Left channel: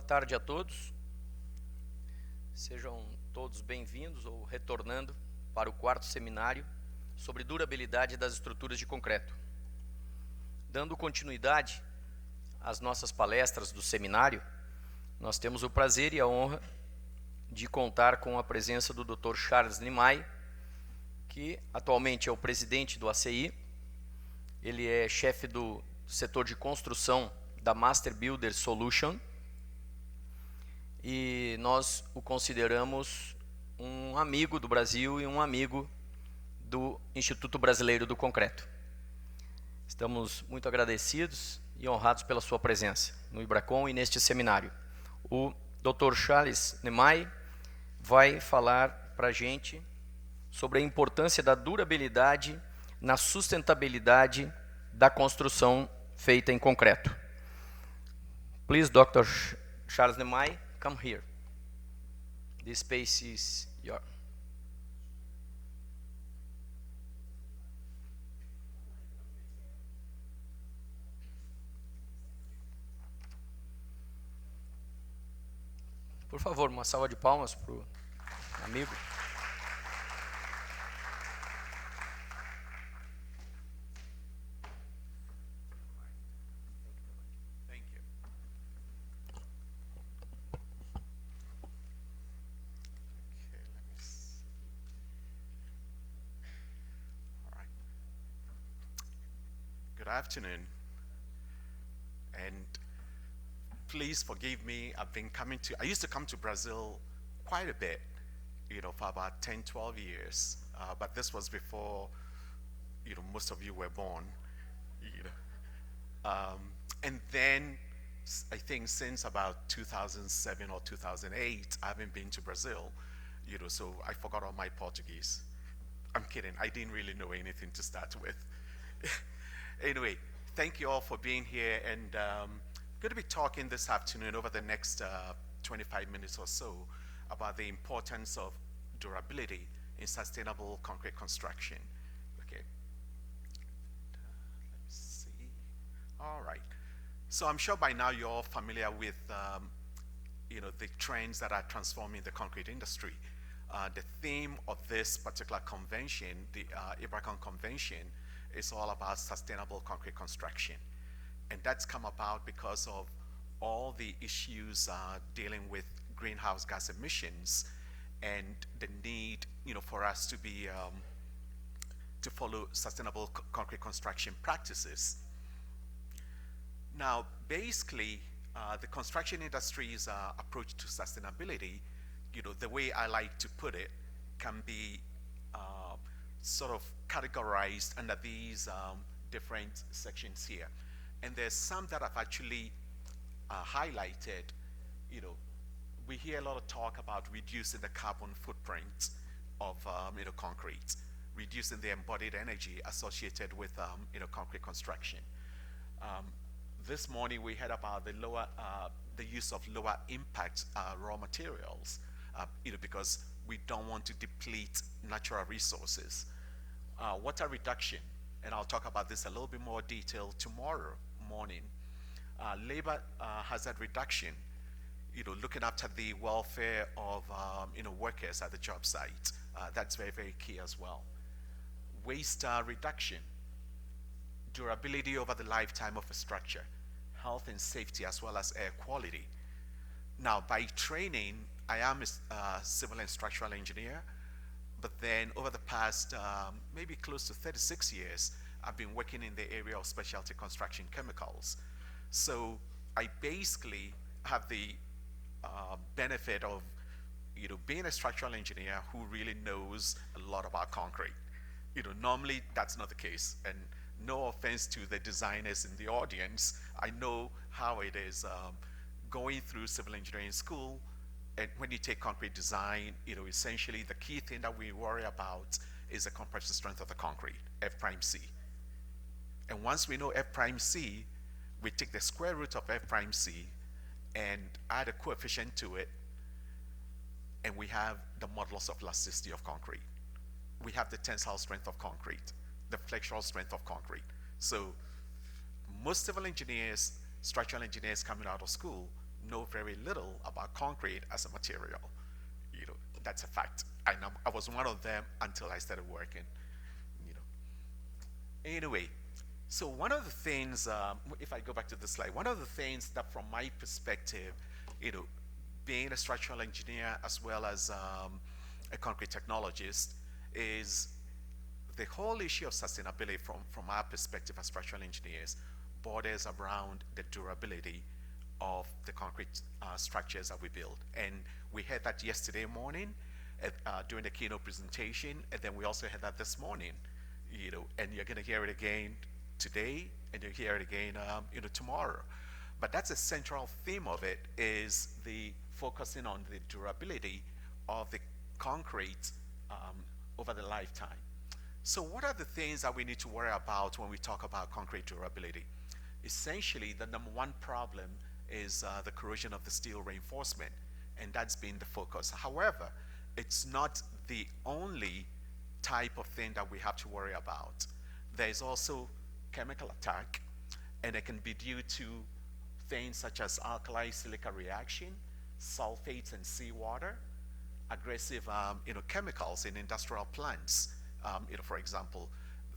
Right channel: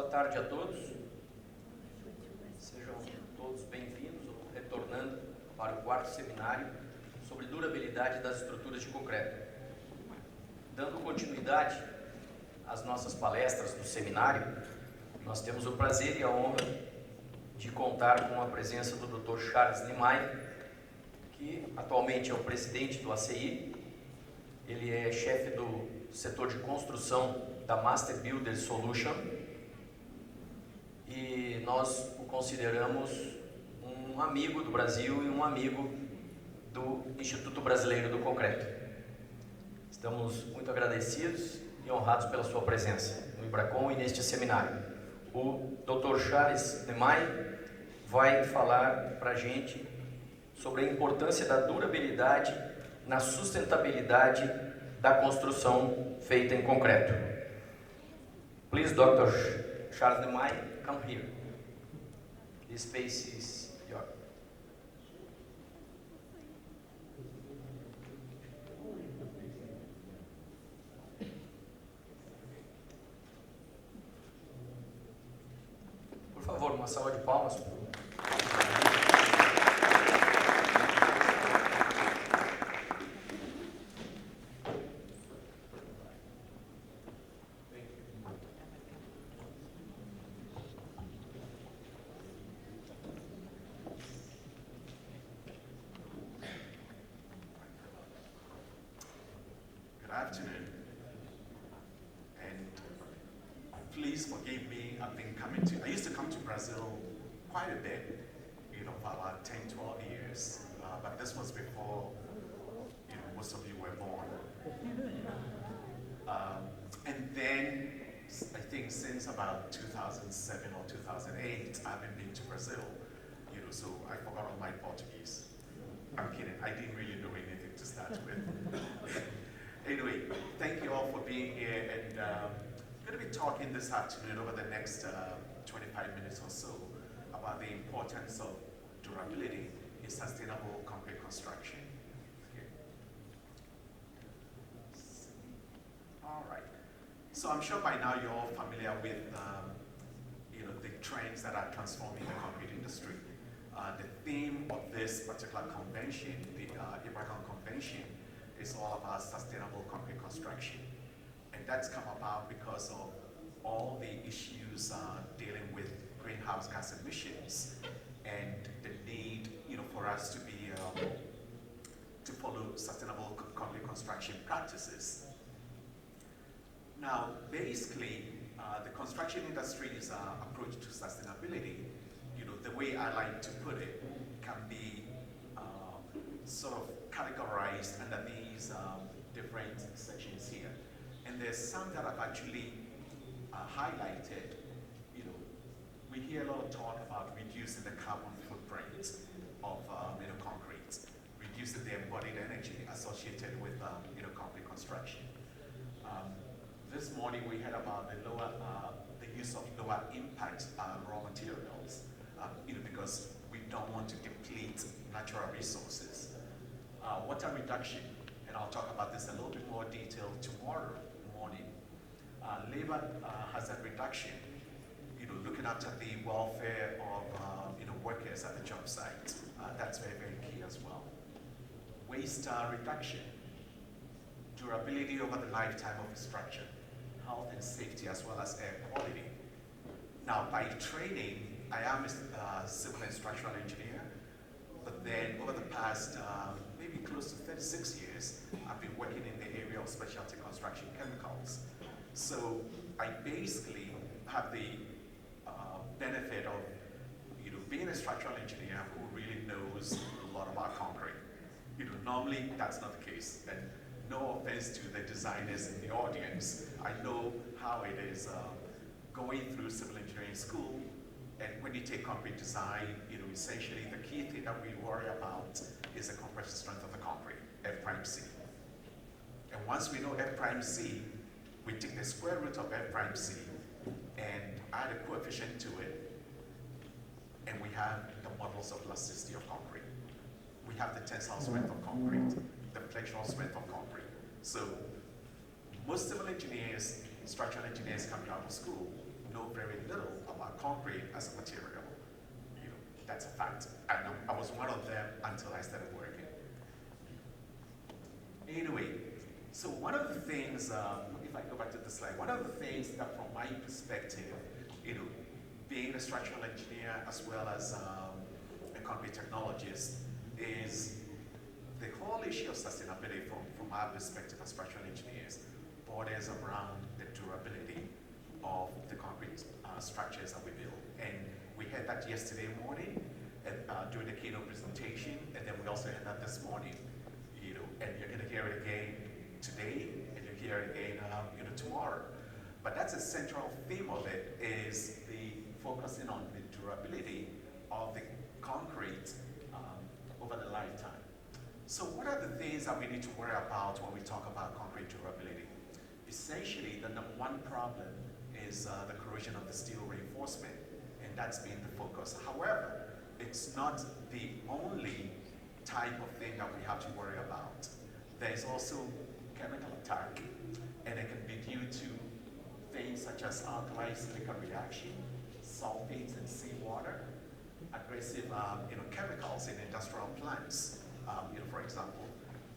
Boa tarde a todos. Sejam todos bem-vindos ou retornando para o quarto seminário sobre durabilidade das estruturas de concreto. Dando continuidade às nossas palestras do seminário, nós temos o prazer e a honra de contar com a presença do Dr. Charles Nimay, que atualmente é o presidente do ACI. Ele é chefe do setor de construção da Master Builder Solution e nós o consideramos um amigo do Brasil e um amigo do Instituto Brasileiro do Concreto. Estamos muito agradecidos e honrados pela sua presença no Ibracon e neste seminário. O Dr. Charles Nimay vai falar para a gente sobre a importância da durabilidade na sustentabilidade da construção feita em concreto. Please, Dr. Charles Nimay, come here. This space is yours. Por favor, uma salva de palmas para o afternoon, and please forgive me. I used to come to Brazil quite a bit, for about 10, 12 years, but this was before, most of you were born, and then I think since about 2007 or 2008, I haven't been to Brazil, so I forgot all my Portuguese. I'm kidding, I didn't really know anything to start with. Anyway, thank you all for being here, and I'm going to be talking this afternoon over the next 25 minutes or so about the importance of durability in sustainable concrete construction. Okay. All right. So I'm sure by now you're all familiar with the trends that are transforming the concrete industry. The theme of this particular convention, the Ibracon Convention, is all about sustainable concrete construction. And that's come about because of all the issues dealing with greenhouse gas emissions and the need, for us to be to follow sustainable concrete construction practices. Now, basically, the construction industry's approach to sustainability, the way I like to put it, can be sort of categorized under these different sections here. And there's some that I've actually highlighted. We hear a lot of talk about reducing the carbon footprint of concrete, reducing the embodied energy associated with concrete construction. This morning we heard about the use of lower impact raw materials, because we don't want to deplete natural resources. Water reduction, and I'll talk about this a little bit more detail tomorrow morning. Labor hazard reduction, looking after the welfare of workers at the job site. That's very, very key as well. Waste reduction, durability over the lifetime of a structure, health and safety as well as air quality. Now, by training, I am a civil and structural engineer, but then over the past maybe close to 36 years, I've been working in the area of specialty construction chemicals. So I basically have the benefit of being a structural engineer who really knows a lot about concrete. Normally that's not the case, and no offense to the designers in the audience. I know how it is going through civil engineering school, and when you take concrete design, essentially the key thing that we worry about is the compression strength of the concrete, F prime C. And once we know F prime C, we take the square root of F prime C and add a coefficient to it, and we have the modulus of elasticity of concrete. We have the tensile strength of concrete, the flexural strength of concrete. So most civil engineers, structural engineers coming out of school know very little about concrete as a material. You know, that's a fact. I was one of them until I started working. Anyway, so one of the things, if I go back to the slide, one of the things that from my perspective, you know, being a structural engineer as well as a concrete technologist, is the whole issue of sustainability from our perspective as structural engineers borders around the durability of the concrete structures that we build. And we had that yesterday morning during the keynote presentation, and then we also had that this morning, you know, and you're gonna hear it again today, and you'll hear it again, you know, tomorrow. But that's a central theme of it, is the focusing on the durability of the concrete over the lifetime. So what are the things that we need to worry about when we talk about concrete durability? Essentially, the number one problem is the corrosion of the steel reinforcement, and that's been the focus. However, it's not the only type of thing that we have to worry about. There's also chemical attack, and it can be due to things such as alkali-silica reaction, sulfates in seawater, aggressive you know, chemicals in industrial plants. You know, for example,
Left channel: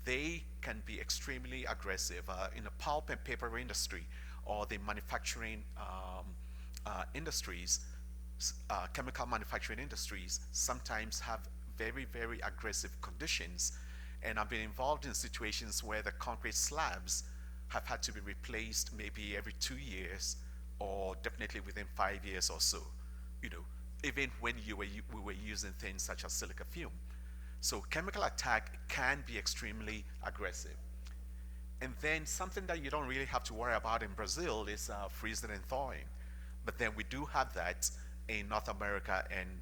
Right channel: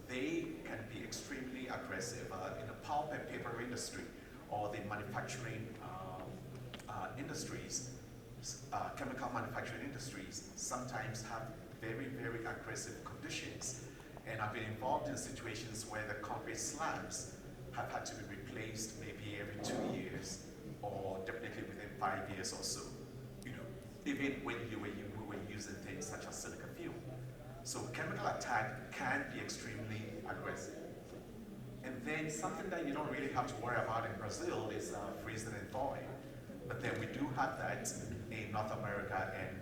they can be extremely aggressive in the pulp and paper industry or the manufacturing industries. Chemical manufacturing industries sometimes have very, very aggressive conditions. And I've been involved in situations where the concrete slabs have had to be replaced maybe every 2 years, or definitely within 5 years or so. You know, even when we were using things such as silica fuel. So chemical attack can be extremely aggressive. And then something that you don't really have to worry about in Brazil is freezing and thawing. But then we do have that in North America and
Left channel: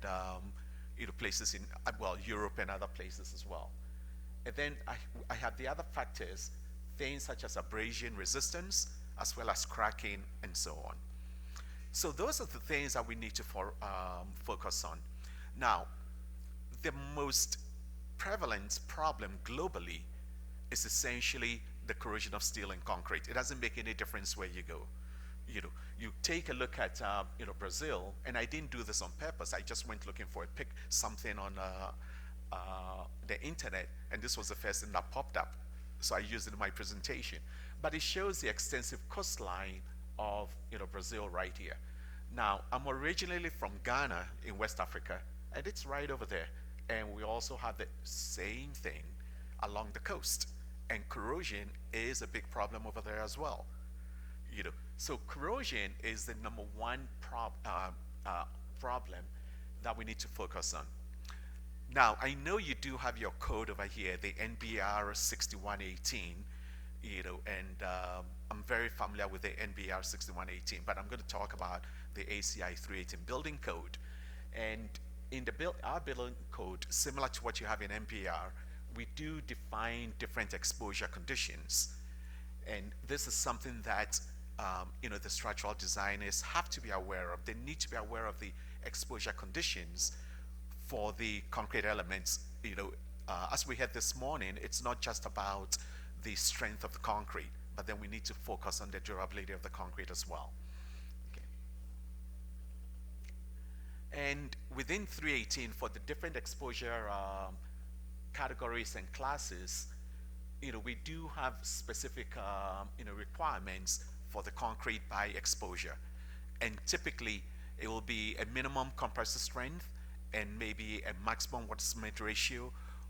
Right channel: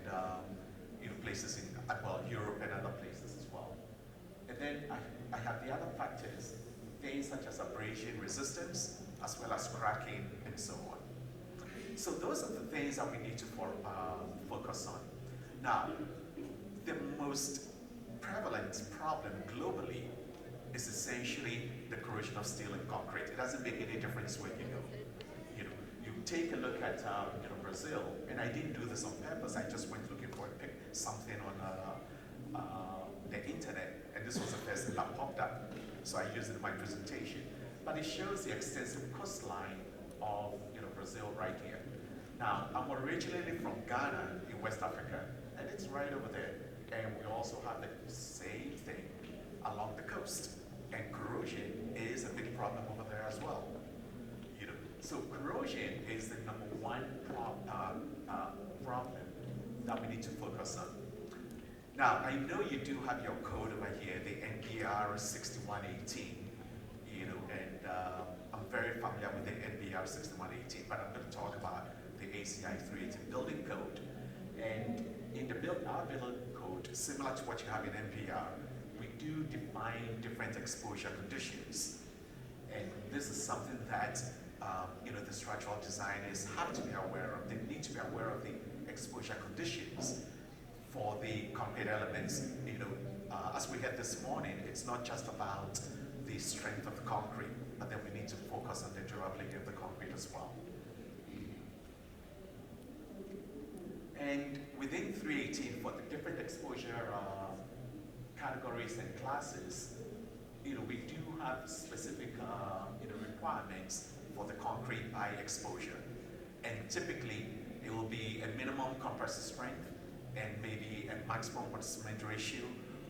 you know, places in, well, Europe and other places as well. And then I have the other factors, things such as abrasion resistance, as well as cracking and so on. So those are the things that we need to focus on. Now, the most prevalent problem globally is essentially the corrosion of steel and concrete. It doesn't make any difference where you go. You know, you take a look at you know, Brazil, and I didn't do this on purpose. I just went looking for something on the internet, and this was the first thing that popped up. So I used it in my presentation. But it shows the extensive coastline of, you know, Brazil right here. Now, I'm originally from Ghana in West Africa, and it's right over there. And we also have the same thing along the coast. And corrosion is a big problem over there as well. You know, so corrosion is the number one problem that we need to focus on. Now, I know you do have your code over here, the NBR 6118, you know, and I'm very familiar with the NBR 6118, but I'm going to talk about the ACI 380 building code. And in our building code, similar to what you have in NPR, we do define different exposure conditions. And this is something that you know, the structural designers have to be aware of. They need to be aware of the exposure conditions for the concrete elements. You know, as we had this morning, it's not just about the strength of the concrete, but then we need to focus on the durability of the concrete as well. And within 318, for the different exposure categories and classes, you know, we do have specific you know, requirements for the concrete by exposure. And typically, it will be a minimum compressive strength and maybe a maximum water cement ratio,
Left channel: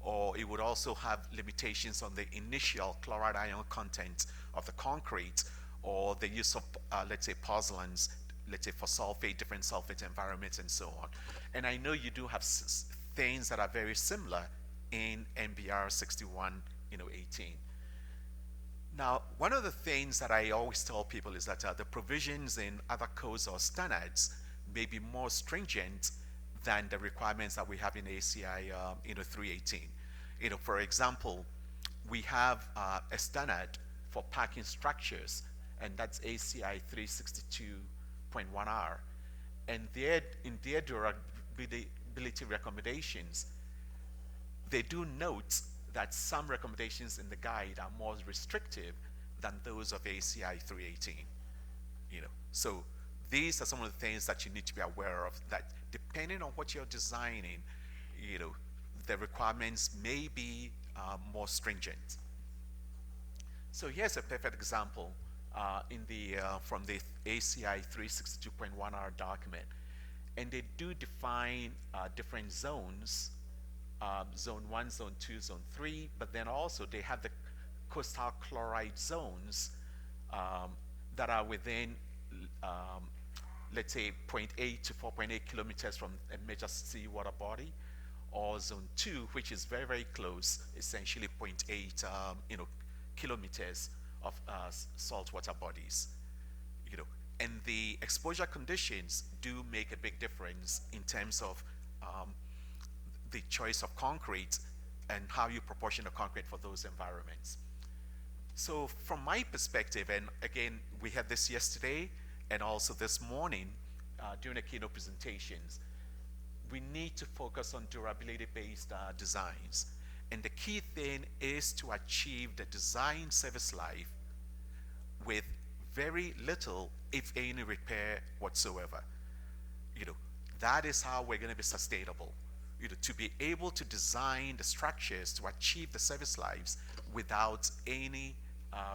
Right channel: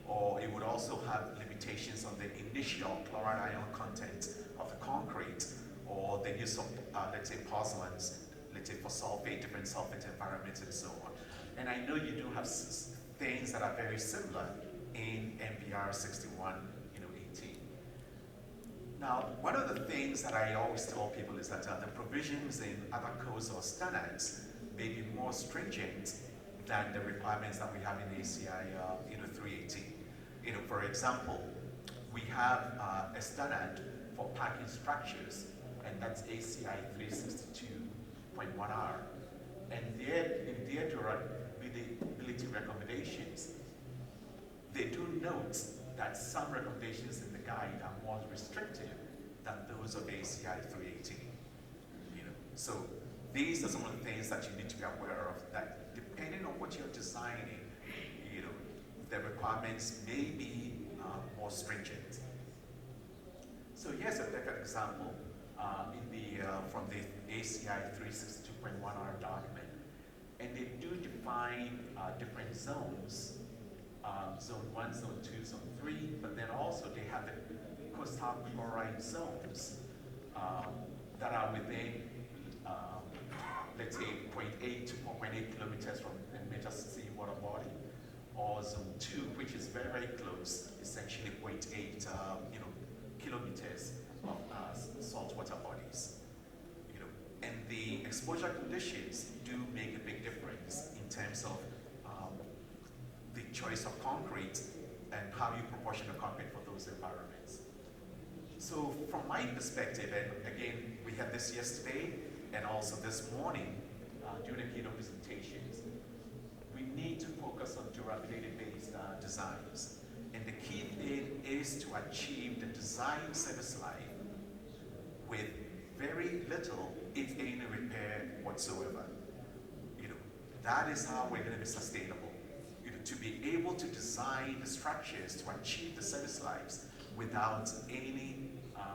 or it would also have limitations on the initial chloride ion content of the concrete, or the use of, let's say, pozzolans, let's say for sulfate, different sulfate environments and so on. And I know you do have things that are very similar in NBR 61, you know, 18. Now, one of the things that I always tell people is that the provisions in other codes or standards may be more stringent than the requirements that we have in ACI you know, 318. You know, for example, we have a standard for parking structures, and that's ACI 362.1R. And in their durability recommendations, they do note that some recommendations in the guide are more restrictive than those of ACI 318. You know, so these are some of the things that you need to be aware of, that depending on what you're designing, you know, the requirements may be more stringent. So here's a perfect example from the ACI 362.1R document. And they do define different zones, zone 1, zone 2, zone 3, but then also they have the coastal chloride zones that are within, let's say, 0.8 to 4.8 kilometers from a major seawater body, or zone 2, which is very, very close, essentially 0.8 kilometers of saltwater bodies. And the exposure conditions do make a big difference in terms of the choice of concrete and how you proportion the concrete for those environments. So from my perspective, and again, we had this yesterday and also this morning during the keynote presentations, we need to focus on durability-based designs. And the key thing is to achieve the design service life with very little, if any, repair whatsoever. That is how we're going to be sustainable. To be able to design the structures to achieve the service lives without any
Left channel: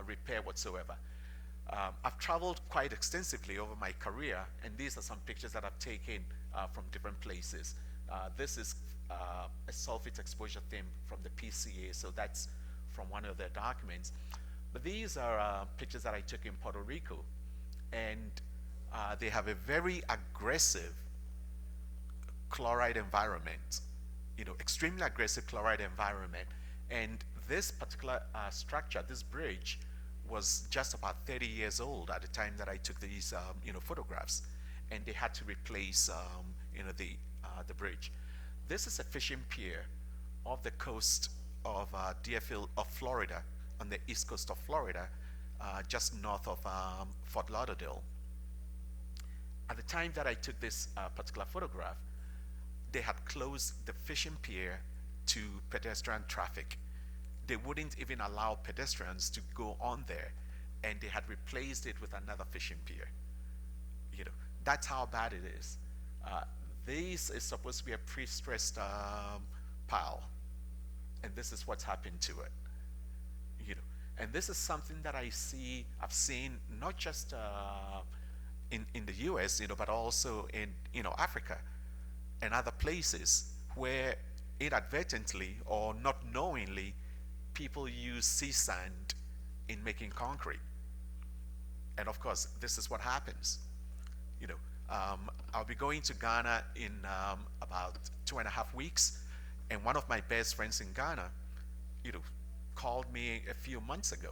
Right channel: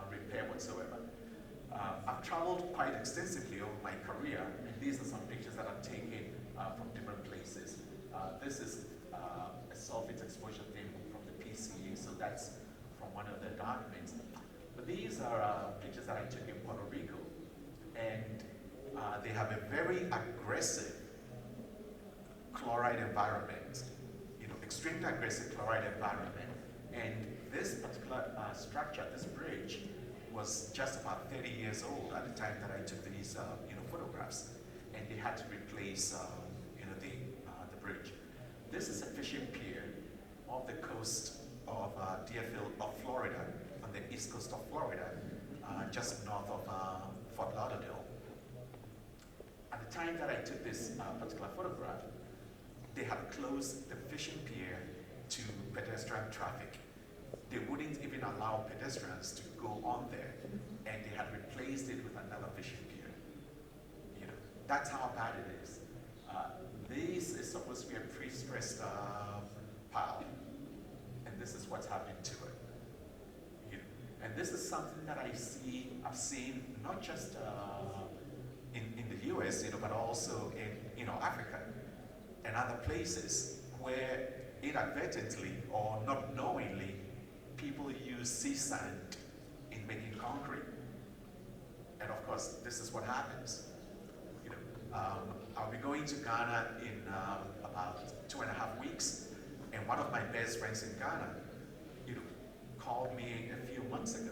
repair whatsoever. I've traveled quite extensively over my career, and these are some pictures that I've taken from different places. This is a solvent exposure thing from the PCA, so that's from one of their documents. But these are pictures that I took in Puerto Rico, and they have a very aggressive chloride environment, extremely aggressive chloride environment. And this particular structure, this bridge, was just about 30 years old at the time that I took these photographs, and they had to replace the bridge. This is a fishing pier off the coast of Deerfield of Florida, on the east coast of Florida, just north of Fort Lauderdale. At the time that I took this particular photograph, they had closed the fishing pier to pedestrian traffic. They wouldn't even allow pedestrians to go on there, and they had replaced it with another fishing pier. That's how bad it is. This is supposed to be a pre-stressed pile, and this is what's happened to it. And this is something that I've seen not just in the US, but also in Africa and other places where inadvertently or not knowingly people use sea sand in making concrete. And of course, this is what happens. I'll be going to Ghana in about 2.5 weeks, and one of my best friends in Ghana, called me a few months ago.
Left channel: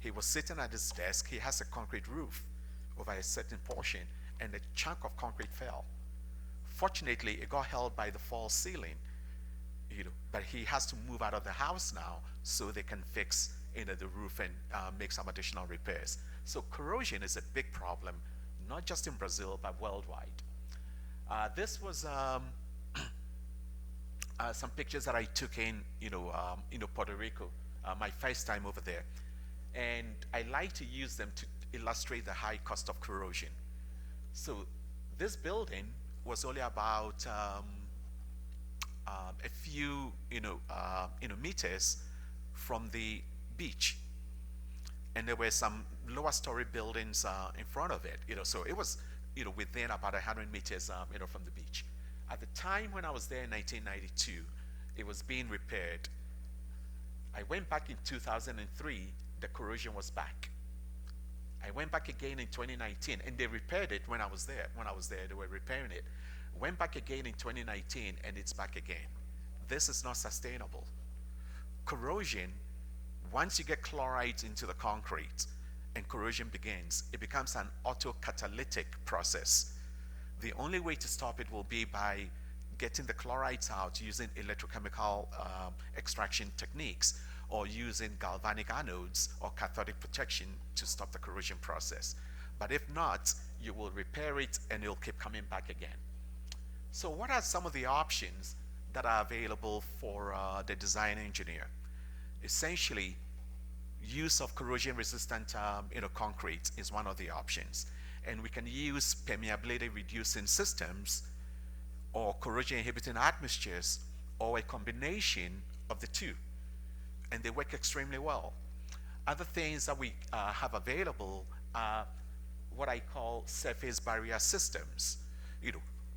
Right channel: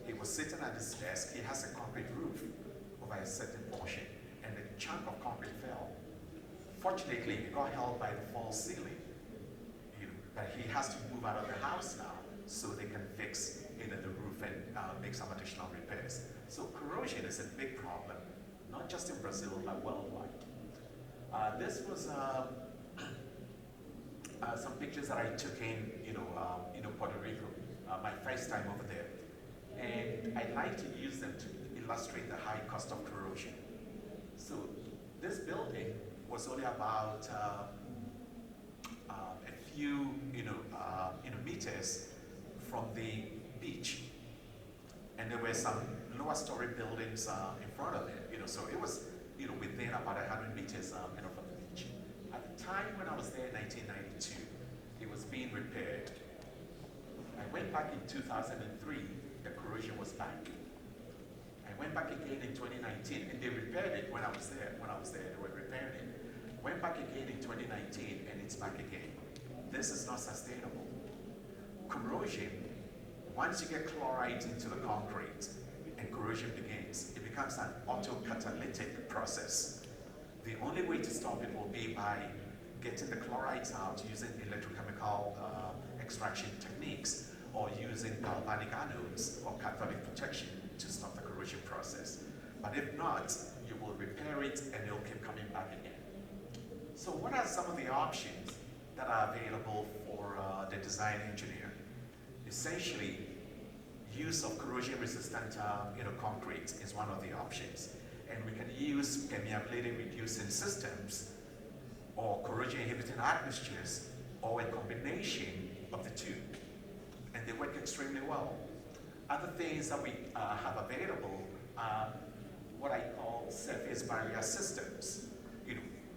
He was sitting at his desk. He has a concrete roof over a certain portion, and a chunk of concrete fell. Fortunately, it got held by the false ceiling, but he has to move out of the house now so they can fix the roof and make some additional repairs. So corrosion is a big problem, not just in Brazil, but worldwide. This was some pictures that I took in Puerto Rico, my first time over there. And I like to use them to illustrate the high cost of corrosion. So this building was only about a few meters from the beach, and there were some lower story buildings in front of it. So it was within about 100 meters from the beach. At the time when I was there in 1992, it was being repaired. I went back in 2003. The corrosion was back. I went back again in 2019, and they repaired it when I was there. They were repairing it. Went back again in 2019, and it's back again. This is not sustainable. Corrosion, once you get chloride into the concrete and corrosion begins, it becomes an autocatalytic process. The only way to stop it will be by getting the chlorides out using electrochemical extraction techniques, or using galvanic anodes or cathodic protection to stop the corrosion process. But if not, you will repair it and it'll keep coming back again. So what are some of the options that are available for the design engineer? Essentially, use of corrosion resistant concrete is one of the options. And we can use permeability reducing systems or corrosion inhibiting admixtures or a combination of the two. And they work extremely well. Other things that we have available are what I call surface barrier systems.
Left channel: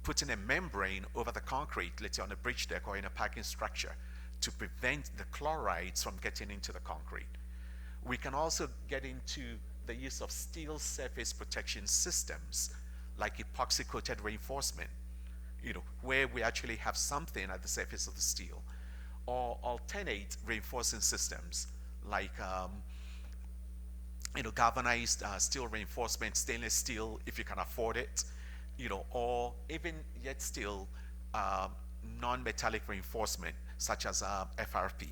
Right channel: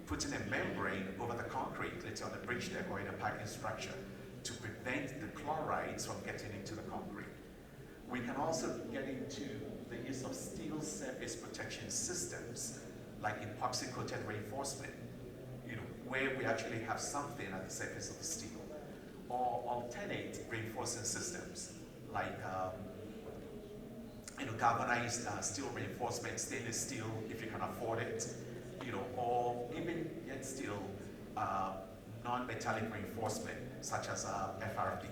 Putting a membrane over the concrete, let's say on a bridge deck or in a parking structure, to prevent the chlorides from getting into the concrete. We can also get into the use of steel surface protection systems, like epoxy-coated reinforcement, where we actually have something at the surface of the steel, or alternate reinforcing systems, like galvanized steel reinforcement, stainless steel, if you can afford it, or even yet still non-metallic reinforcement, such as FRP.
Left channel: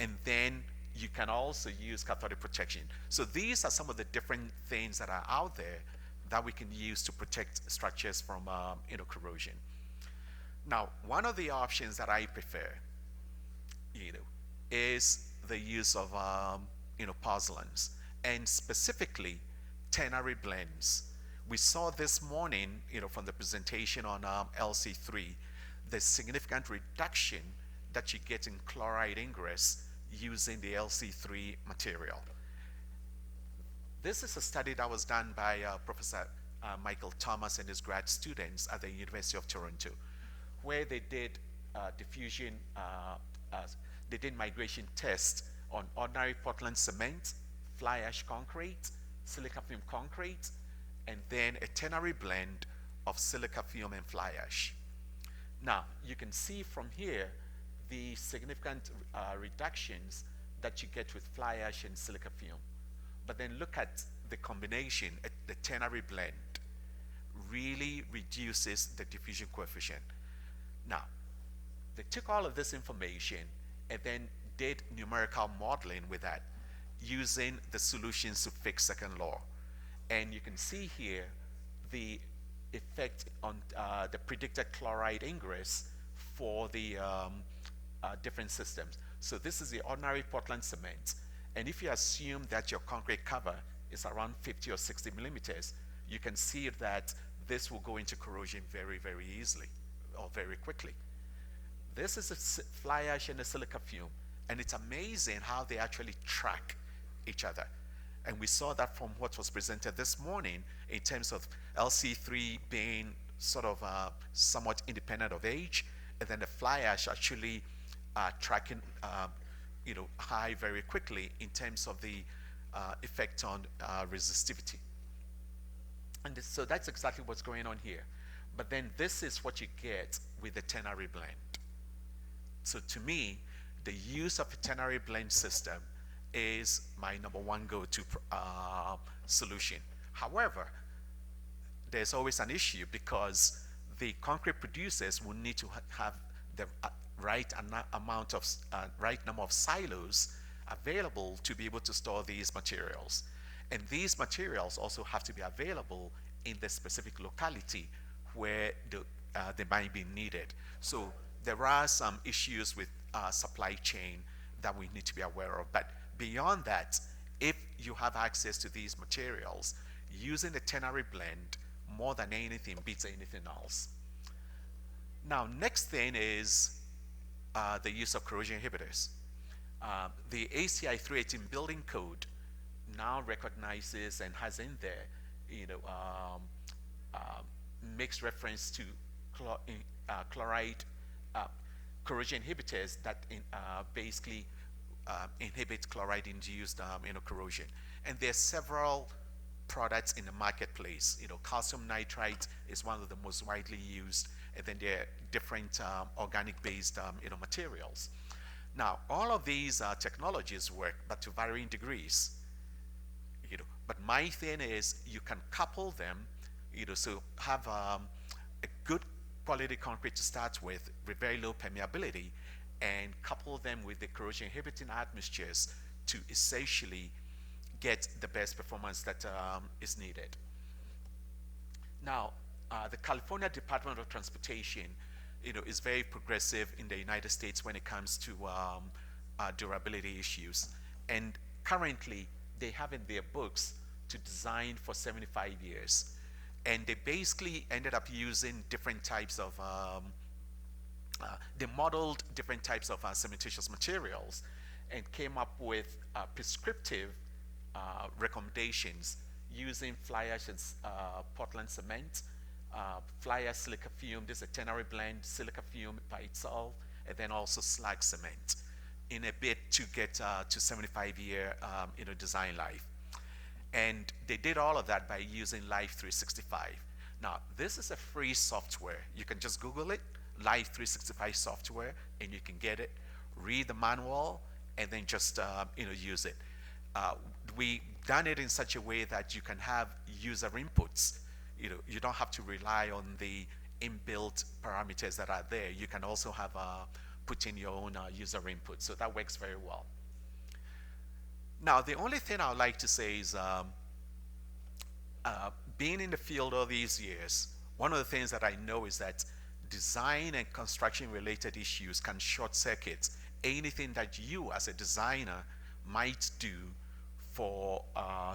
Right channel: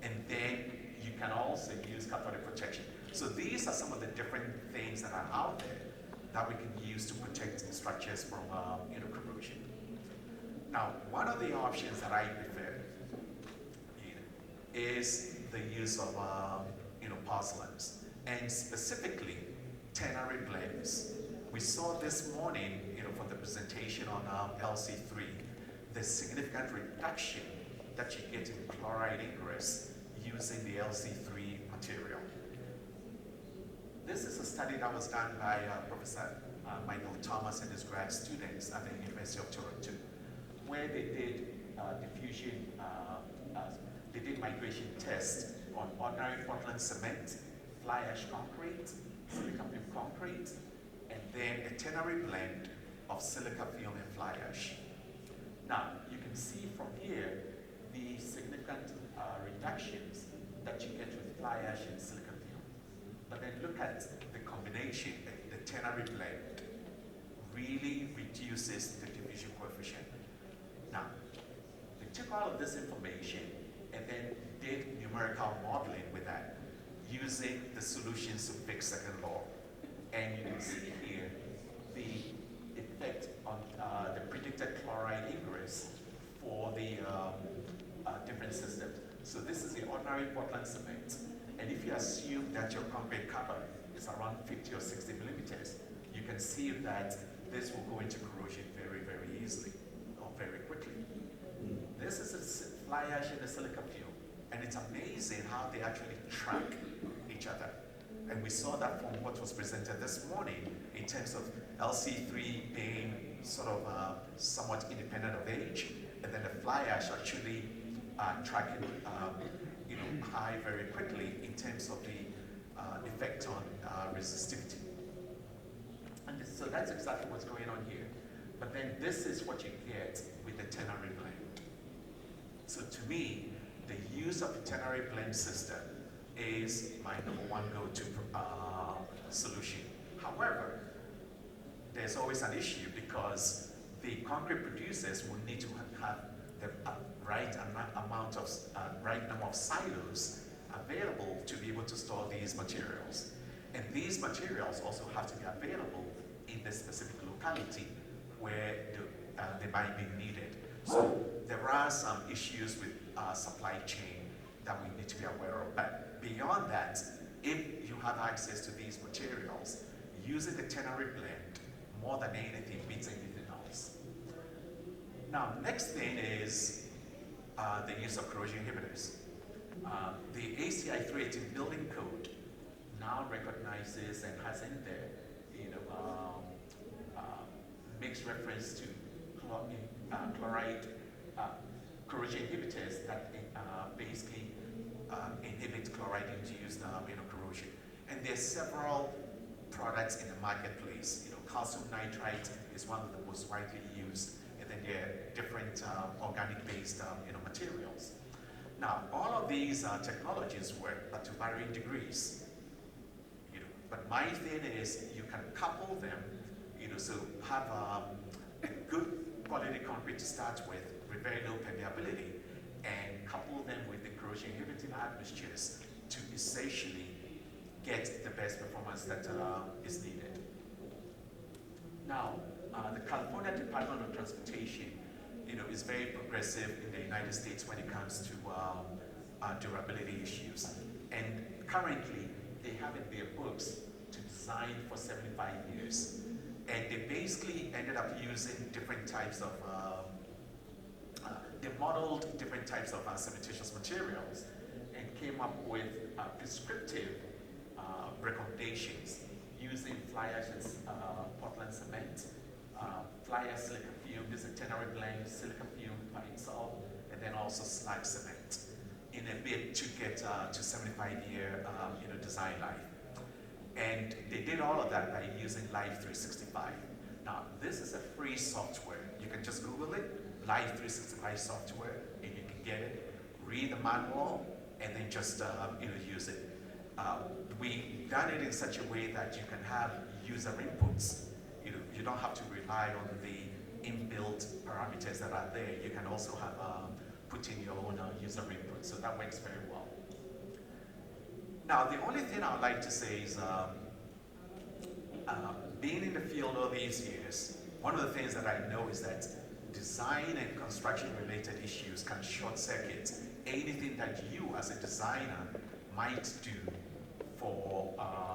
And then you can also use cathodic protection. So these are some of the different things that are out there that we can use to protect structures from corrosion. Now, one of the options that I prefer, is the use of pozzolans, and specifically ternary blends. We saw this morning, from the presentation on LC3, the significant reduction that you get in chloride ingress using the LC3 material. This is a study that was done by Professor Michael Thomas and his grad students at the University of Toronto, where they did diffusion, they did migration tests on ordinary Portland cement, fly ash concrete, silica film concrete, and then a ternary blend of silica film and fly ash. Now, you can see from here the significant reductions that you get with fly ash and silica film. But then look at the combination, the ternary blend really reduces the diffusion coefficient. Now, they took all of this information and then did numerical modeling with that using the solutions to Fick's second law. And you can see here the effect on the predicted chloride ingress for the different systems. So this is the ordinary Portland cement. And if you assume that your concrete cover is around 50 or 60 millimeters, you can see that this will go into corrosion very, very easily or very quickly. This is a fly ash and a silica fuel. And it's amazing how they actually track each other. And we saw that from what was presented this morning in terms of LC3 being sort of somewhat independent of age, and then the fly ash actually tracking high very quickly in terms of the effect on resistivity. And so that's exactly what's going on here. But then this is what you get with the ternary blend. So to me, the use of the ternary blend system is my number one go-to solution. However, there's always an issue because the concrete producers will need to have the right number of silos available to be able to store these materials. And these materials also have to be available in the specific locality where they might be needed. So there are some issues with supply chain that we need to be aware of. But beyond that, if you have access to these materials, using the ternary blend more than anything beats anything else. Now, next thing is the use of corrosion inhibitors. The ACI 318 building code now recognizes and has in there, makes reference to chloride corrosion inhibitors that basically inhibit chloride-induced corrosion. And there are several products in the marketplace. Calcium nitrite is one of the most widely used, and then there are different organic-based materials. Now, all of these technologies work, but to varying degrees. But my thing is, you can couple them. So have a good quality concrete to start with very low permeability, and couple them with the corrosion inhibiting admixtures to essentially get the best performance that is needed. Now, the California Department of Transportation, is very progressive in the United States when it comes to durability issues. And currently, they have in their books to design designed for 75 years. And they basically ended up using different types of, they modeled different types of cementitious materials and came up with prescriptive recommendations using fly ash Portland cement, fly ash silica fume, this is a ternary blend, silica fume by itself, and then also slag cement in a bid to get to 75-year design life. And they did all of that by using Live 365. Now, this is a free software. You can just Google it, Live 365 software, and you can get it, read the manual, and then just use it. We've done it in such a way that you can have user inputs. You don't have to rely on the inbuilt parameters that are there. You can also have put in your own user input, so that works very well. Now, the only thing I would like to say is being in the field all these years, one of the things that I know is that design and construction related issues can short circuit anything that you as a designer might do for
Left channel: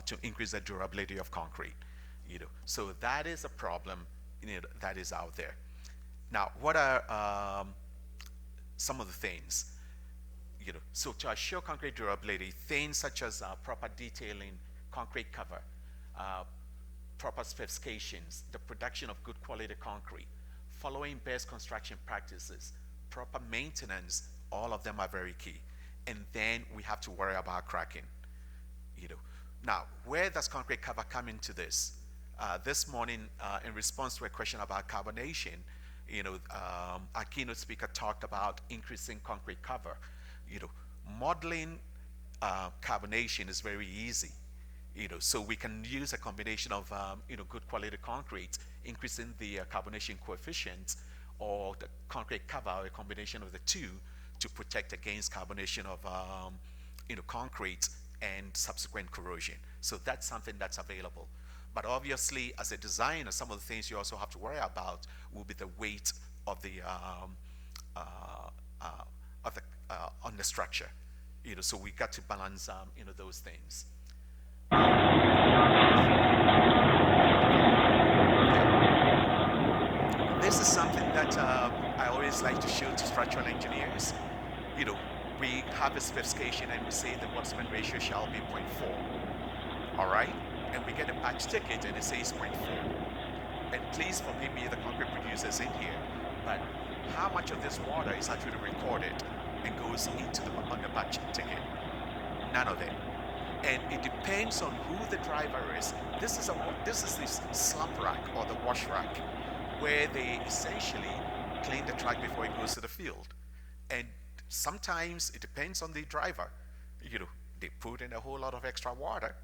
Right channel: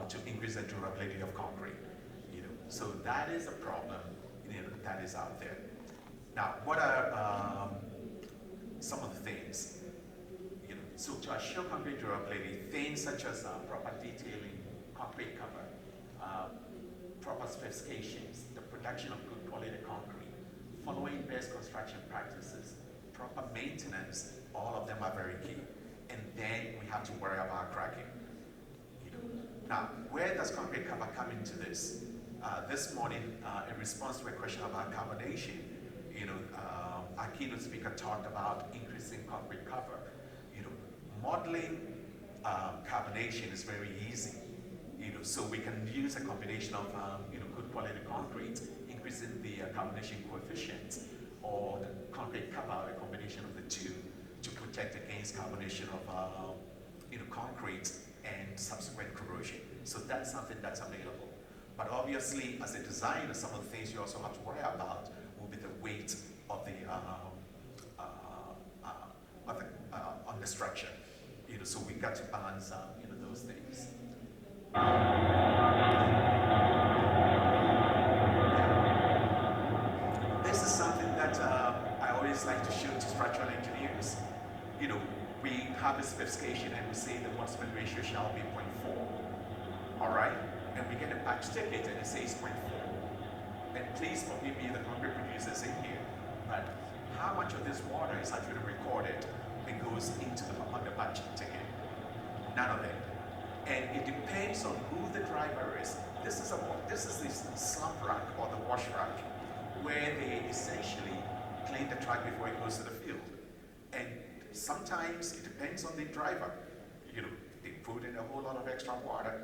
to increase the durability of concrete. So that is a problem that is out there. Now, what are some of the things? So to assure concrete durability, things such as proper detailing, concrete cover, proper specifications, the production of good quality concrete, following best construction practices, proper maintenance, all of them are very key. And then we have to worry about cracking. Now, where does concrete cover come into this? This morning, in response to a question about carbonation, our keynote speaker talked about increasing concrete cover. Modeling carbonation is very easy. So we can use a combination of good quality concrete, increasing the carbonation coefficient, or the concrete cover, or a combination of the two, to protect against carbonation of concrete and subsequent corrosion. So that's something that's available. But obviously, as a designer, some of the things you also have to worry about will be the weight of the on the structure. So we got to balance those things. This is something that I always like to show to structural engineers. We have a specification and we say the Boltzmann ratio shall be 0.4. All right? And we get a batch ticket and it says 0.4. And please forgive me, the concrete producers in here, but how much of this water is actually recorded and goes into the batch ticket? None of it. And it depends on who the driver is. This is the slump rack or the wash rack where they essentially clean the track before it goes to the field. And sometimes it depends on the driver. They put in a whole lot of extra water.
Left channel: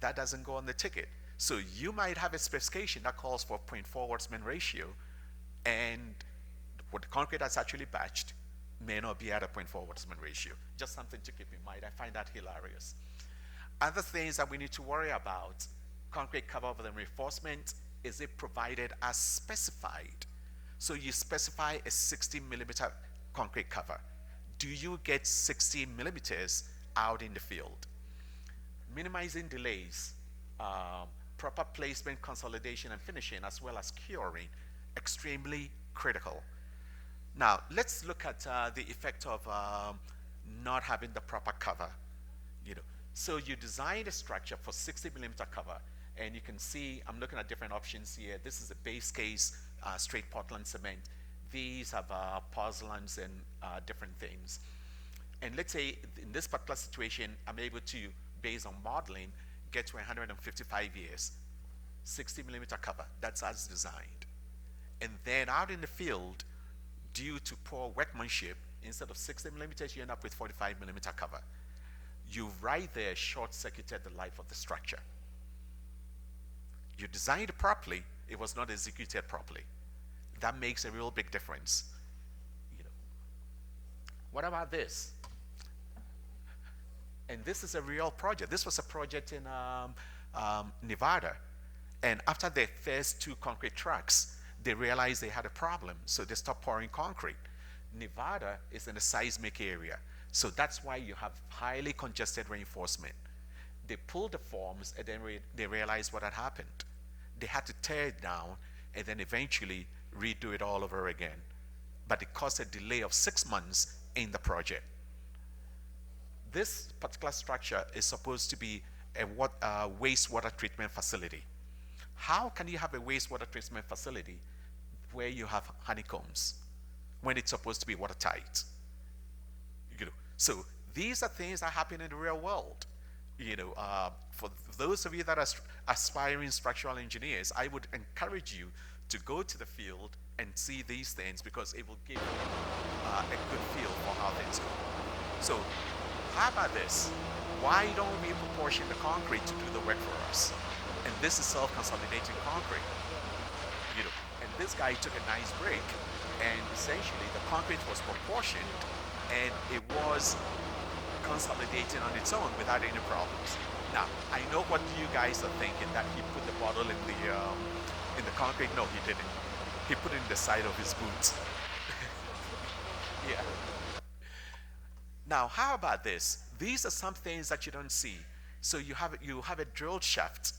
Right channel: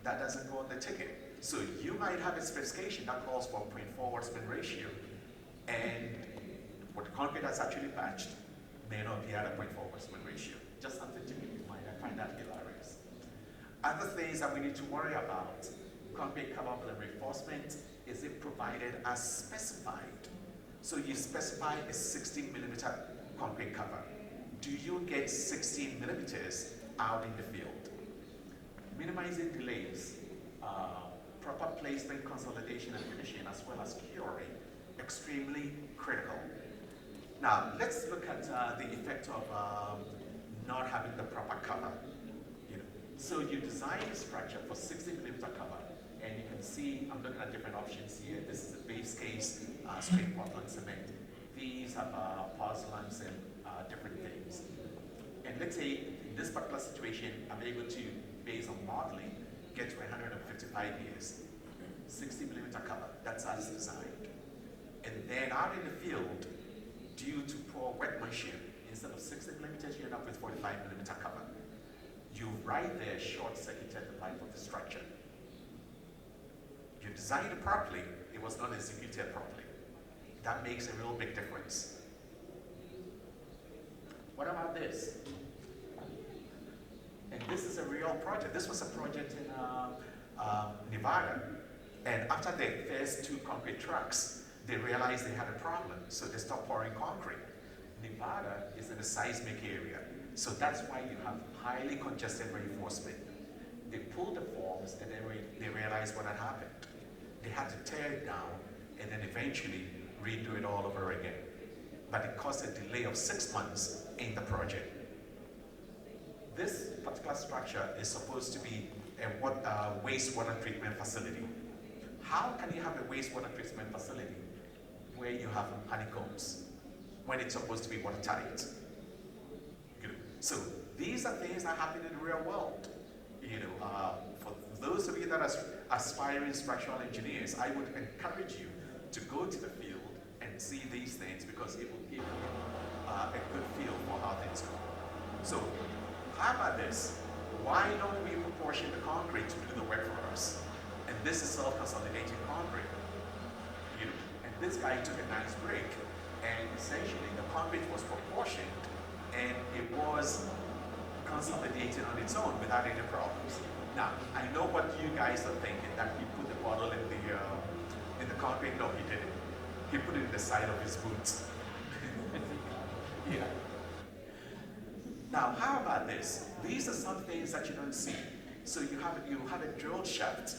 That doesn't go on the ticket. So you might have a specification that calls for 0.4 Boltzmann ratio, and what the concrete that's actually batched may not be at a 0.4 Boltzmann ratio. Just something to keep in mind. I find that hilarious. Other things that we need to worry about: concrete cover for the reinforcement, is it provided as specified? So you specify a 60 millimeter concrete cover. Do you get 60 millimeters out in the field? Minimizing delays, proper placement, consolidation, and finishing, as well as curing, extremely critical. Now, let's look at the effect of not having the proper cover. So you design a structure for 60 millimeter cover, and you can see, I'm looking at different options here. This is the base case, straight Portland cement. These have pozzolans and different things. And let's say in this particular situation, I'm able to, based on modeling, get to 155 years, 60 millimeter cover, that's as designed. And then out in the field, due to poor workmanship, instead of 60 millimeters, you end up with 45 millimeter cover. You right there short-circuited the life of the structure. You designed it properly, it was not executed properly. That makes a real big difference. What about this? And this is a real project. This was a project in Nevada. And after their first 2 concrete trucks, they realized they had a problem, so they stopped pouring concrete. Nevada is in a seismic area, so that's why you have highly congested reinforcement. They pulled the forms and then they realized what had happened. They had to tear it down and then eventually redo it all over again. But it caused a delay of 6 months in the project. This particular structure is supposed to be a wastewater treatment facility. How can you have a wastewater treatment facility where you have honeycombs when it's supposed to be watertight? So these are things that happen in the real world. For those of you that are aspiring structural engineers, I would encourage you to go to the field and see these things because it will give you a good feel for how things go. So how about this? Why don't we proportion the concrete to do the work for us? And this is self-consolidating concrete. And this guy took a nice break, and essentially the concrete was proportioned, and it was consolidating on its own without any problems. Now, I know what you guys are thinking, that he put the bottle in the concrete. No, he didn't. He put it in the side of his boots. Yeah. Now, how about this? These are some things that you don't see. So you have a drill shaft,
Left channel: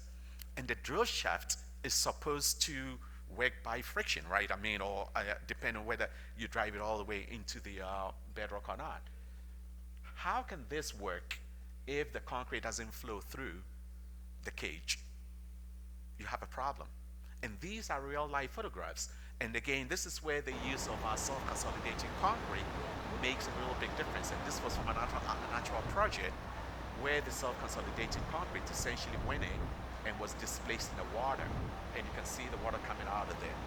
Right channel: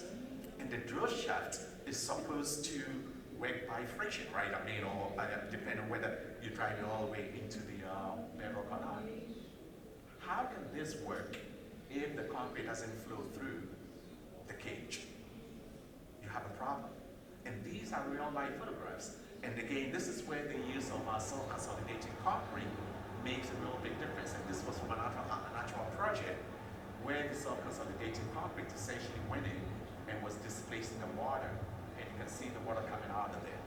and the drill shaft is supposed to work by friction, right? I mean, or depending on whether you drive it all the way into the bedrock or not. How can this work if the concrete doesn't flow through the cage? You have a problem. And these are real life photographs. And again, this is where the use of our self-consolidating concrete makes a real big difference. And this was from a natural project where the self-consolidating concrete essentially went in and was displaced in the water. And you can see the water coming out of there.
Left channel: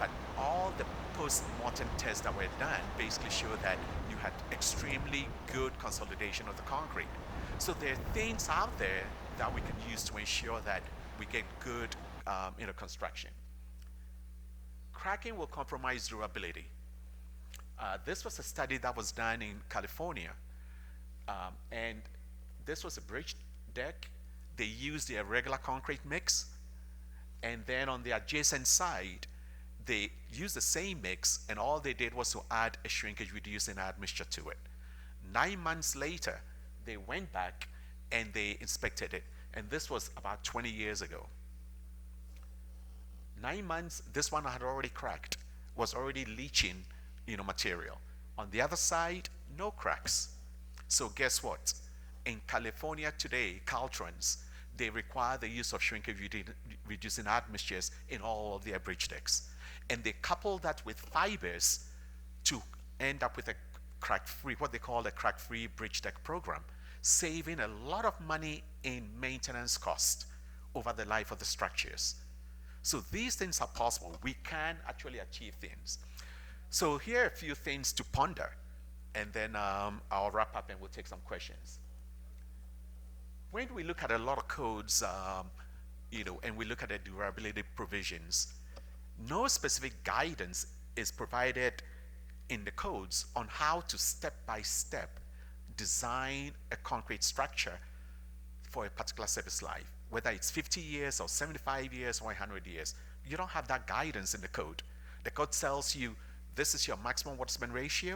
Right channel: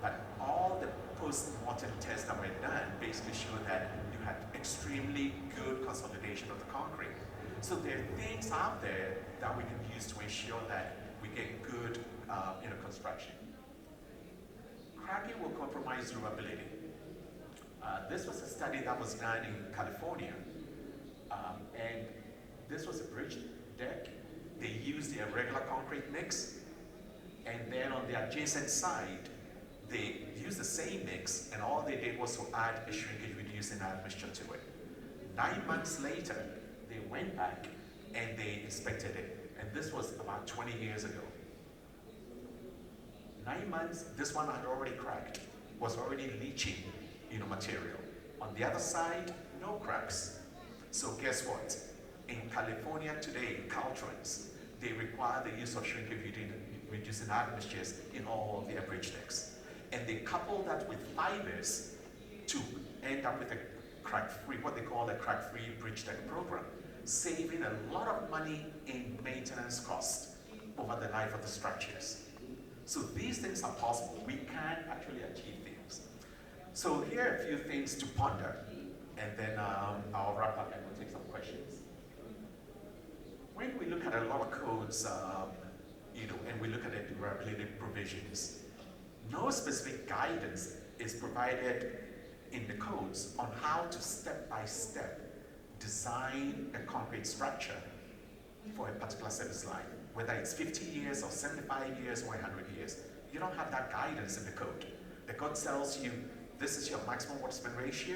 But all the post-mortem tests that were done basically show that you had extremely good consolidation of the concrete. So there are things out there that we can use to ensure that we get good construction. Cracking will compromise durability. This was a study that was done in California, and this was a bridge deck. They used the irregular concrete mix, and then on the adjacent side, they used the same mix, and all they did was to add a shrinkage reducing admixture to it. 9 months later, they went back and they inspected it, and this was about 20 years ago. 9 months, this one had already cracked, was already leaching material. On the other side, no cracks. So guess what? In California today, Caltrans, they require the use of shrinkage reducing admixtures in all their bridge decks. And they couple that with fibers to end up with a crack-free, what they call a crack-free bridge deck program, saving a lot of money in maintenance cost over the life of the structures. So these things are possible. We can actually achieve things. So here are a few things to ponder, and then I'll wrap up and we'll take some questions. When we look at a lot of codes, and we look at the durability provisions, no specific guidance is provided in the codes on how to step-by-step design a concrete structure for a particular service life, whether it's 50 years or 75 years or 100 years. You don't have that guidance in the code. The code tells you this is your maximum water spend ratio.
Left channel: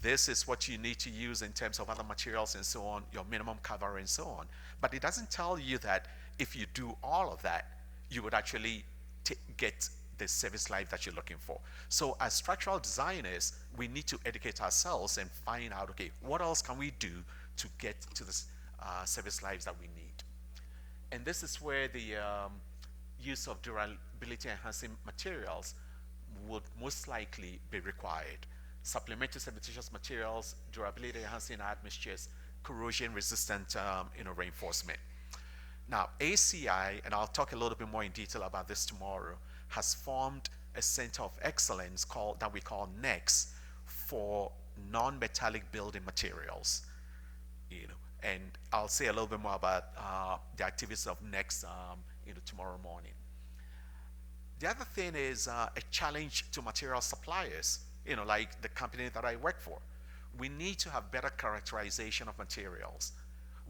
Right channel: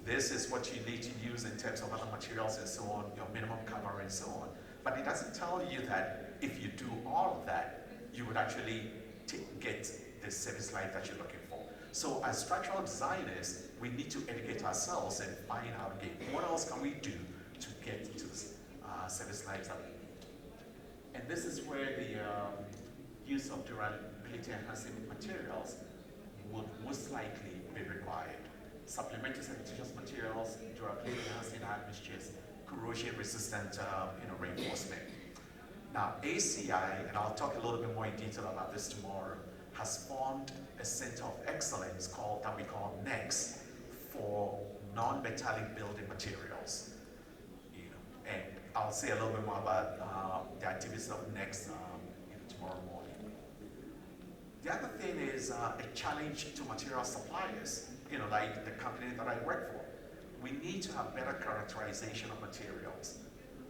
This is what you need to use in terms of other materials and so on, your minimum cover and so on. But it doesn't tell you that if you do all of that, you would actually get the service life that you're looking for. So as structural designers, we need to educate ourselves and find out, okay, what else can we do to get to the service lives that we need? And this is where the use of durability enhancing materials would most likely be required. Supplementary cementitious materials, durability enhancing admixtures, corrosion resistant reinforcement. Now, ACI, and I'll talk a little bit more in detail about this tomorrow, has formed a center of excellence that we call NEX for non-metallic building materials. And I'll say a little bit more about the activities of NEX tomorrow morning. The other thing is a challenge to material suppliers, like the company that I work for. We need to have better characterization of materials.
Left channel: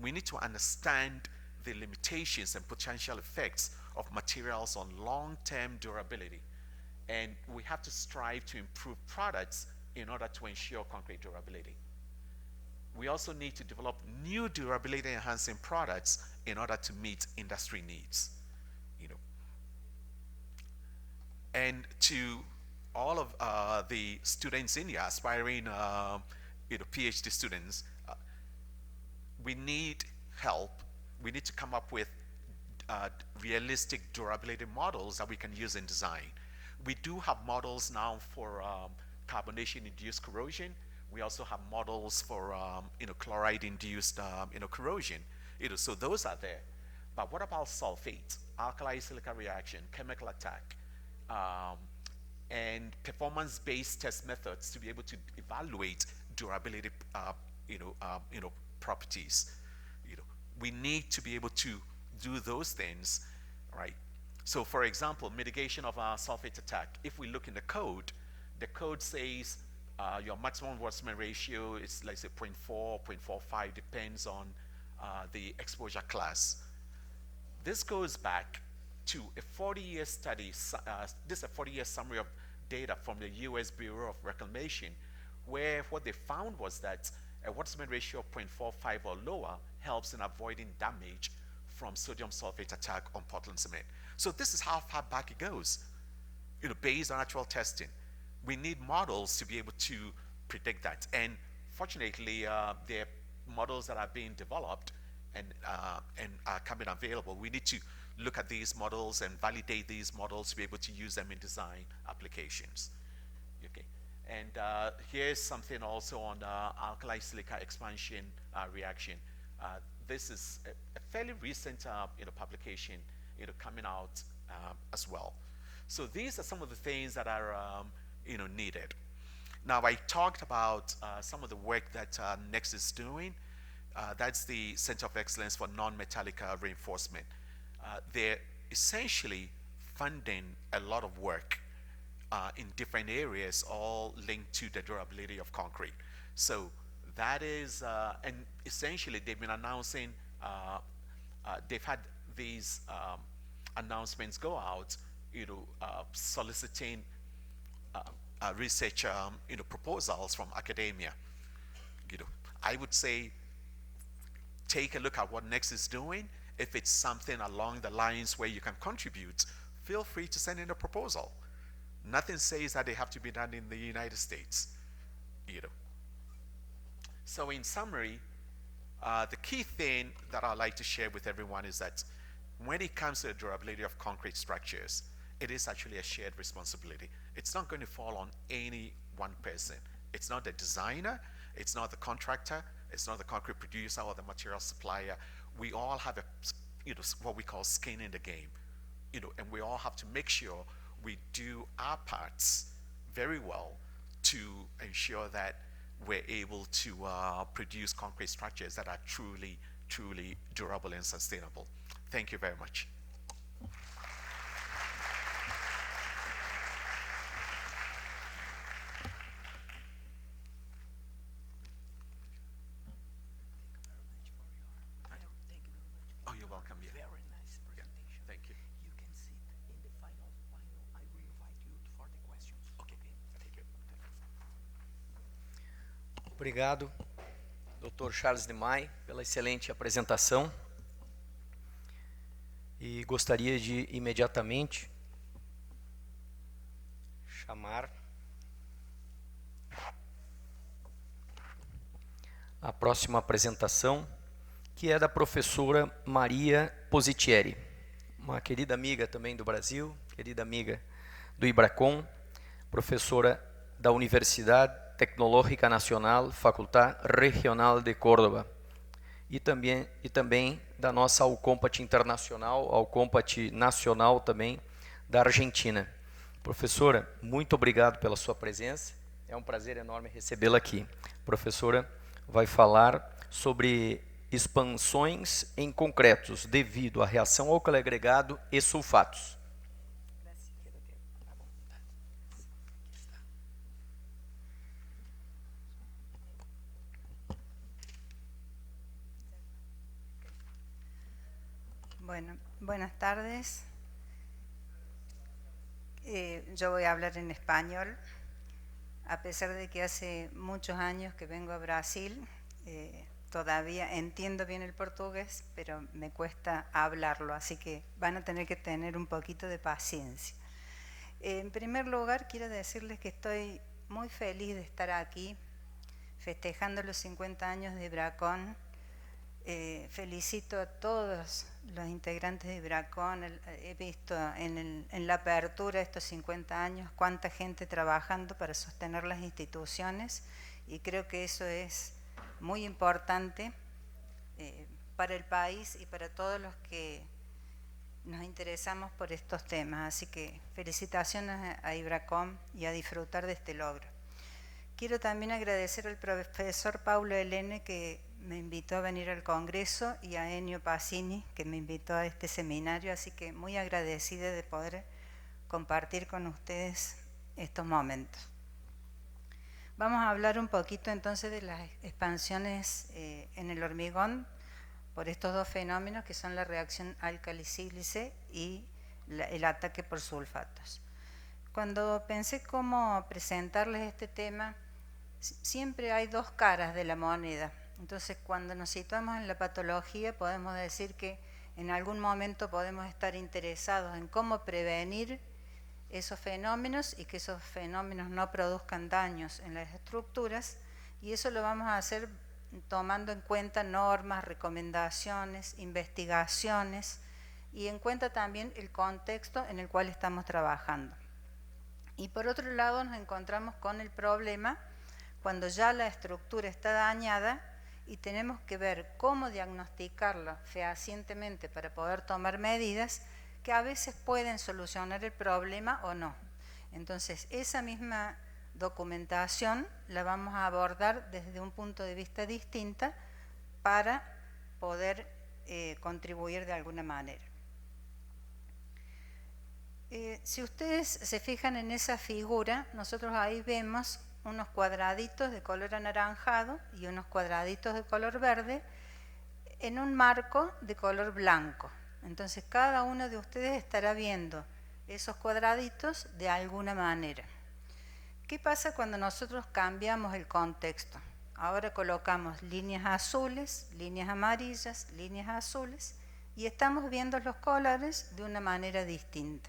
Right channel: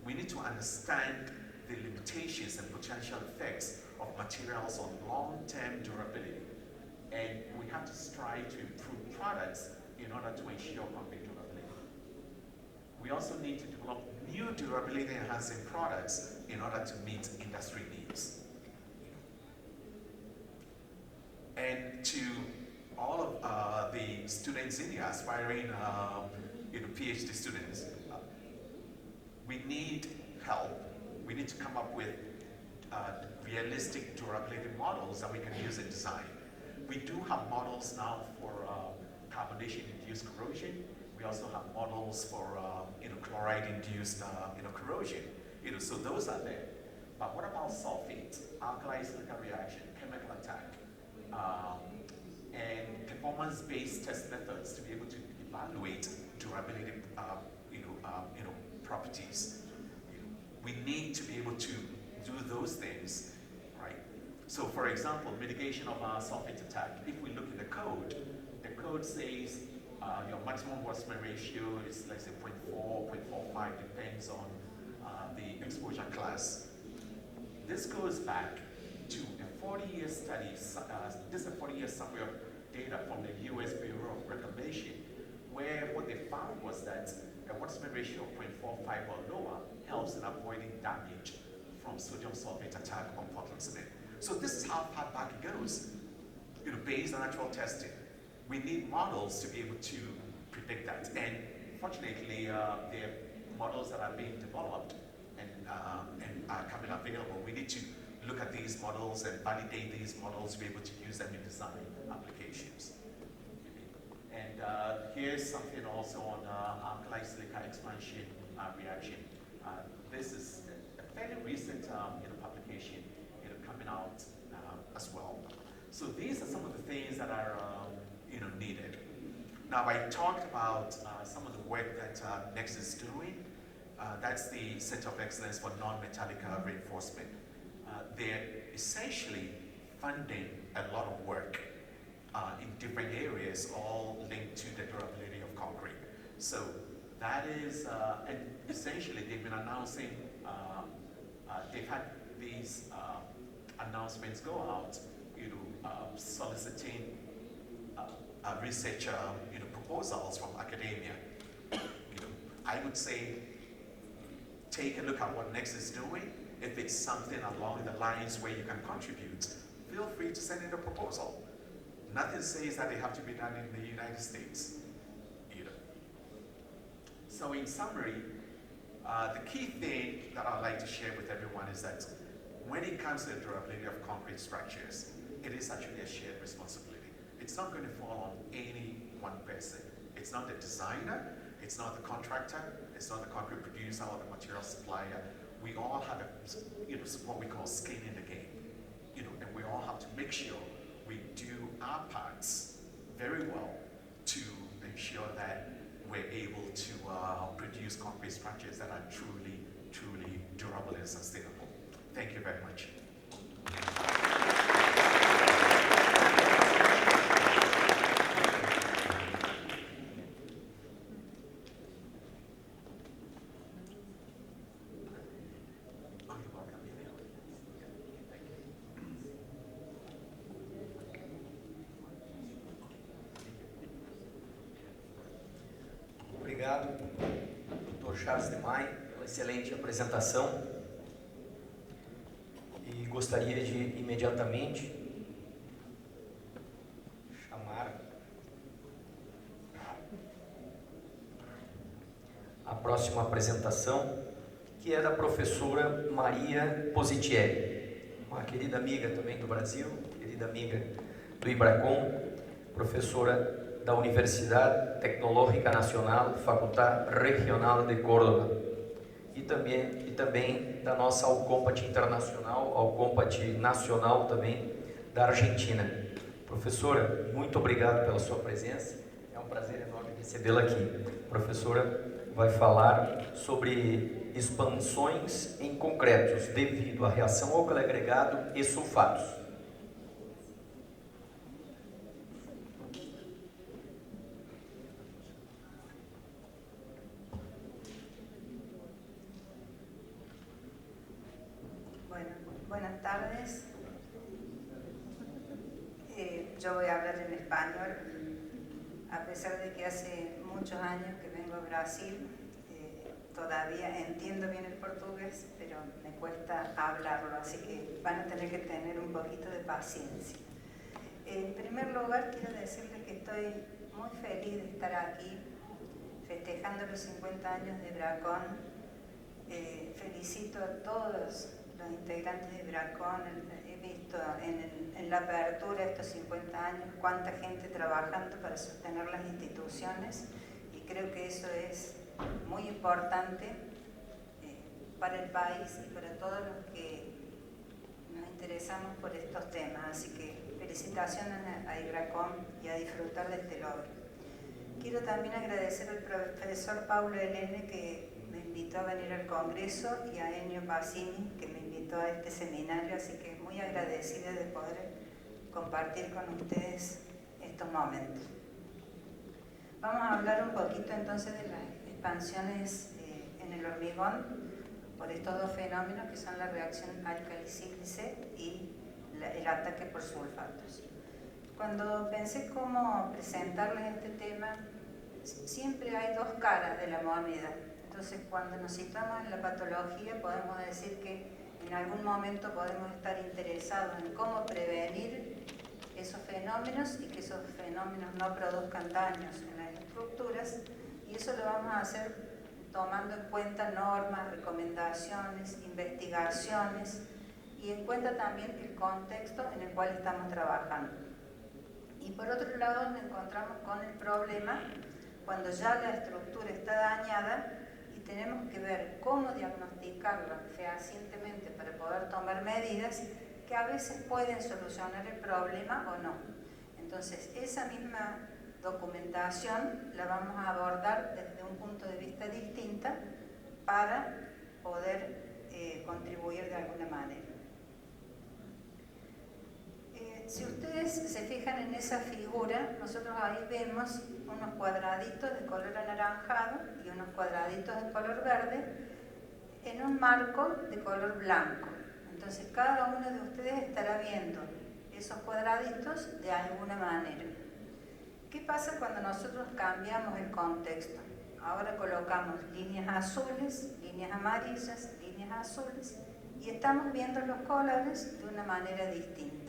We need to understand the limitations and potential effects of materials on long-term durability. And we have to strive to improve products in order to ensure concrete durability. And this is where the use of we also need to develop new durability enhancing products in order to meet industry needs. You know. And to all of the students in here, aspiring PhD students, we need help. We need to come up with realistic durability models that we can use in design. We do have models now for carbonation-induced corrosion. We also have models for chloride-induced corrosion. So those are there. But what about sulfate, alkali silica reaction, chemical attack, and performance-based test methods to be able to evaluate durability, properties? We need to be able to do those things, right? So, for example, mitigation of sulfate attack. If we look in the code says your maximum Boltzmann ratio is, let's say, 0.4, 0.45, depends on the exposure class. This goes back to a 40-year study. This is a 40-year summary of data from the U.S. Bureau of Reclamation, where what they found was that a Boltzmann ratio of 0.45 or lower helps in avoiding damage from sodium sulfate attack on Portland cement. So this is how far back it goes, based on actual testing. We need models to be able to predict that. And fortunately, there are models that are being developed and are coming available. We need to look at these models and validate these models to be able to use them in design applications. And here's something also on alkali silica expansion reaction. This is a fairly recent publication coming out as well. So these are some of the things that are needed. Now, I talked about some of the work that NEXT is doing. That's the Center of Excellence for Non-Metallic Reinforcement. They're essentially funding a lot of work in different areas, all linked to the durability of concrete. So that is, and essentially they've been announcing, they've had these announcements go out, soliciting research, proposals from academia. I would say, take a look at what NEXT is doing. If it's something along the lines where you can contribute, feel free to send in a proposal. Nothing says that they have to be done in the United States either. So in summary, the key thing that I'd like to share with everyone is that when it comes to the durability of concrete structures, it is actually a shared responsibility. It's not going to fall on any one person. It's not the designer, it's not the contractor, it's not the concrete producer or the material supplier. We all have what we call skin in the game, and we all have to make sure we do our parts very well to ensure that we're able to produce concrete structures that are truly, truly durable and sustainable. Thank you very much. Obrigado, Dr. Charles de May, pela excelente apresentação. E gostaria de imediatamente chamar a próxima apresentação, que é da professora Maria Positieri, uma querida amiga também do Brasil, querida amiga do IBRACON, professora da Universidade Tecnológica Nacional, Faculdade Regional de Córdoba, e também da nossa Alcompat Internacional, Alcompat Nacional também da Argentina. Professora, muito obrigado pela sua presença, é um prazer enorme recebê-la aqui. A professora vai falar sobre expansões em concretos devido à reação álcali agregado e sulfatos. Buenas tardes. Yo voy a hablar en español, a pesar de que hace muchos años que vengo a Brasil. todavía entiendo bien el portugués, pero me cuesta hablarlo, así que van a tener que tener un poquito de paciencia. En primer lugar, quiero decirles que estoy muy feliz de estar aquí festejando los 50 años de Ibracon. Felicito a todos los integrantes de Ibracon. He visto en la apertura de estos 50 años cuánta gente trabajando para sostener las instituciones, y creo que eso es muy importante para el país y para todos los que nos interesamos por estos temas. Así que felicitaciones a Ibracon y a disfrutar de este logro. Quiero también agradecer al profesor Paulo Elene, que me invitó a venir al Congreso, y a Ennio Pacini, que me invitó a este seminario, así que muy agradecida de poder compartir con ustedes estos momentos. Vamos a hablar un poquito entonces de las expansiones en el hormigón por estos dos fenómenos que son la reacción álcali-sílice y el ataque por sulfatos. Cuando pensé cómo presentarles este tema, siempre hay dos caras de la moneda. Entonces, cuando nos situamos en la patología, podemos decir que en algún momento podemos estar interesados en cómo prevenir esos fenómenos y que esos fenómenos no produzcan daños en las estructuras, y eso lo vamos a hacer tomando en cuenta normas, recomendaciones, investigaciones, y en cuenta también el contexto en el cual estamos trabajando. Y por otro lado nos encontramos con el problema cuando ya la estructura está dañada y tenemos que ver cómo diagnosticarla fehacientemente para poder tomar medidas que a veces pueden solucionar el problema o no. Entonces, esa misma documentación la vamos a abordar desde un punto de vista distinto para poder contribuir de alguna manera. Si ustedes se fijan en esa figura, nosotros ahí vemos unos cuadraditos de color anaranjado y unos cuadraditos de color verde en un marco de color blanco. Entonces cada uno de ustedes estará viendo esos cuadraditos de alguna manera. ¿Qué pasa cuando nosotros cambiamos el contexto? Ahora colocamos líneas azules, líneas amarillas, líneas azules, y estamos viendo los colores de una manera distinta.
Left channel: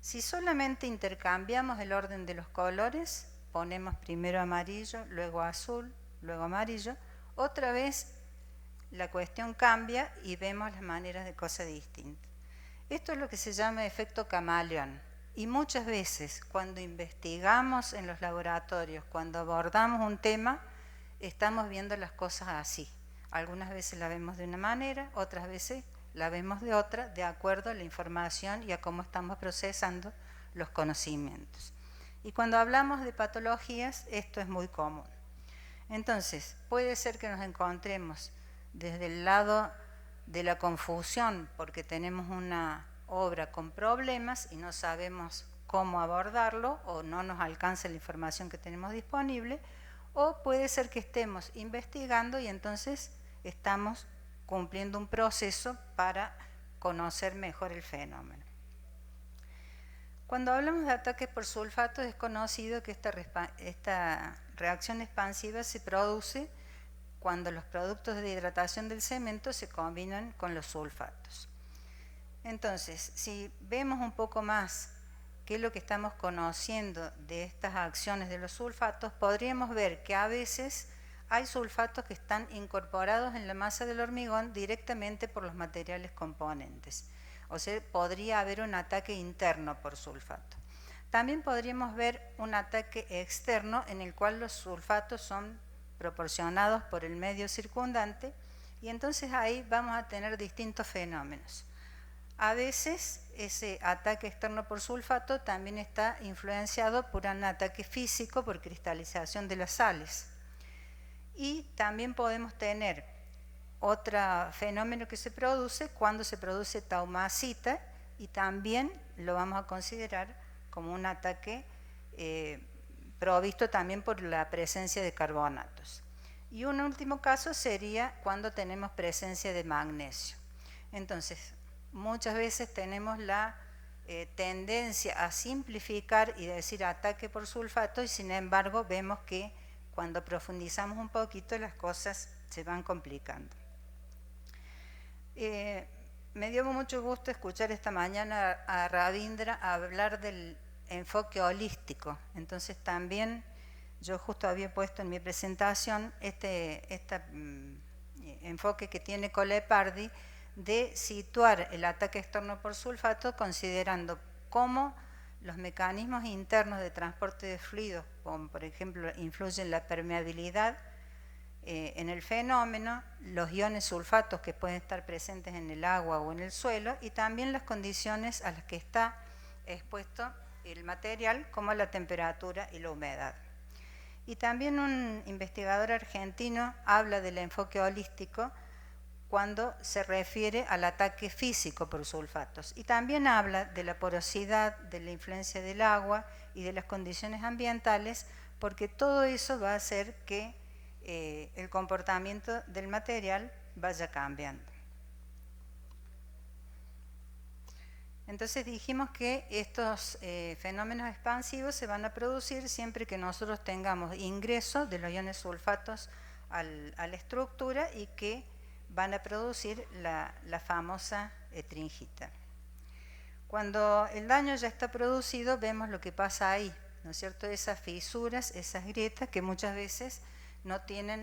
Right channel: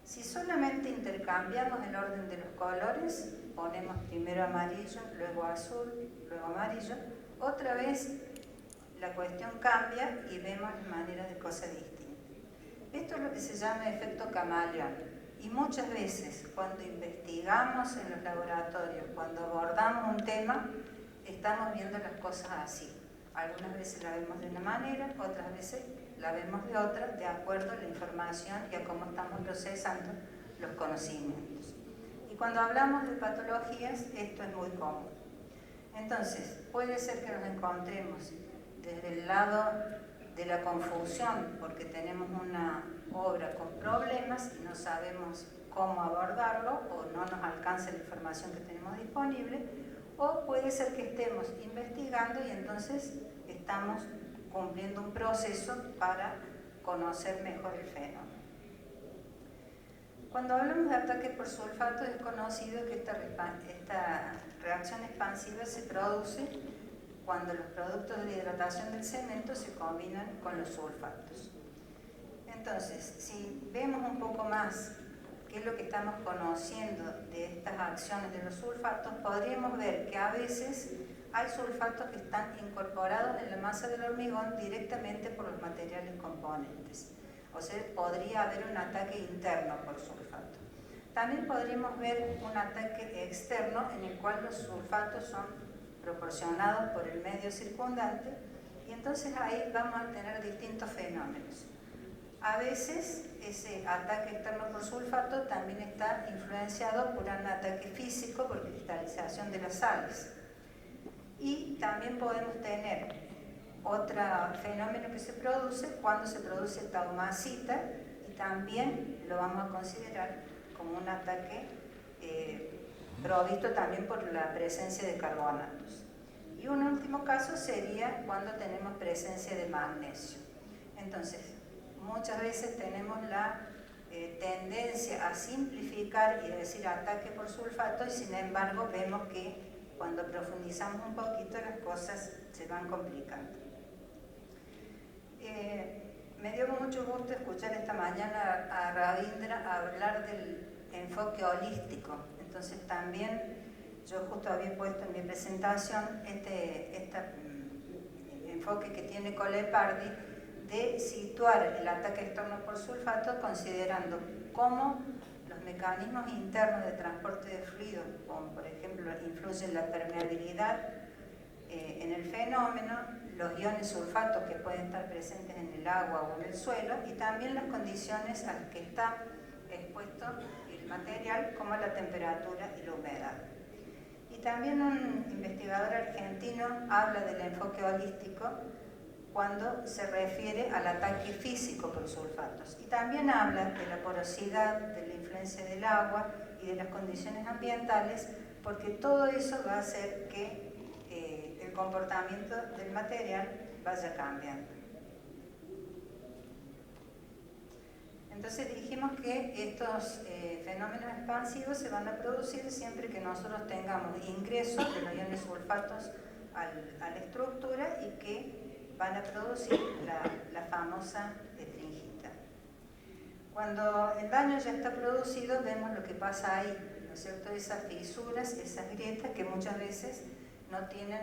Si solamente intercambiamos el orden de los colores, ponemos primero amarillo, luego azul, luego amarillo, otra vez la cuestión cambia y vemos las maneras de cosas distintas. Esto es lo que se llama efecto camaleón, y muchas veces cuando investigamos en los laboratorios, cuando abordamos un tema, estamos viendo las cosas así. Algunas veces la vemos de una manera, otras veces la vemos de otra, de acuerdo a la información y a cómo estamos procesando los conocimientos. Y cuando hablamos de patologías, esto es muy común. Entonces, puede ser que nos encontremos desde el lado de la confusión, porque tenemos una obra con problemas y no sabemos cómo abordarlo, o no nos alcanza la información que tenemos disponible, o puede ser que estemos investigando y entonces estamos cumpliendo un proceso para conocer mejor el fenómeno. Cuando hablamos de ataques por sulfato, es conocido que esta reacción expansiva se produce cuando los productos de hidratación del cemento se combinan con los sulfatos. Entonces, si vemos un poco más qué es lo que estamos conociendo de estas acciones de los sulfatos, podríamos ver que a veces hay sulfatos que están incorporados en la masa del hormigón directamente por los materiales componentes. O sea, podría haber un ataque interno por sulfato. También podríamos ver un ataque externo en el cual los sulfatos son proporcionados por el medio circundante, y entonces ahí vamos a tener distintos fenómenos. A veces ese ataque externo por sulfato también está influenciado por un ataque físico por cristalización de las sales. Y también podemos tener otro fenómeno que se produce cuando se produce taumacita, y también lo vamos a considerar como un ataque provisto también por la presencia de carbonatos. Y un último caso sería cuando tenemos presencia de magnesio. Entonces, muchas veces tenemos la tendencia a simplificar y decir ataque por sulfato, y sin embargo vemos que cuando profundizamos un poquito las cosas se van complicando. Me dio mucho gusto escuchar esta mañana a Ravindra hablar del enfoque holístico. Entonces también yo justo había puesto en mi presentación este enfoque que tiene Colepardi de situar el ataque externo por sulfato considerando cómo los mecanismos internos de transporte de fluidos, como por ejemplo influyen la permeabilidad en el fenómeno, los iones sulfatos que pueden estar presentes en el agua o en el suelo, y también las condiciones a las que está expuesto el material, como la temperatura y la humedad. Y también un investigador argentino habla del enfoque holístico cuando se refiere al ataque físico por sulfatos. Y también habla de la porosidad, de la influencia del agua y de las condiciones ambientales, porque todo eso va a hacer que el comportamiento del material vaya cambiando. Entonces dijimos que estos fenómenos expansivos se van a producir siempre que nosotros tengamos ingreso de los iones sulfatos a la estructura y que van a producir la famosa etringita. Cuando el daño ya está producido, vemos lo que pasa ahí, ¿no es cierto? Esas fisuras, esas grietas que muchas veces no tienen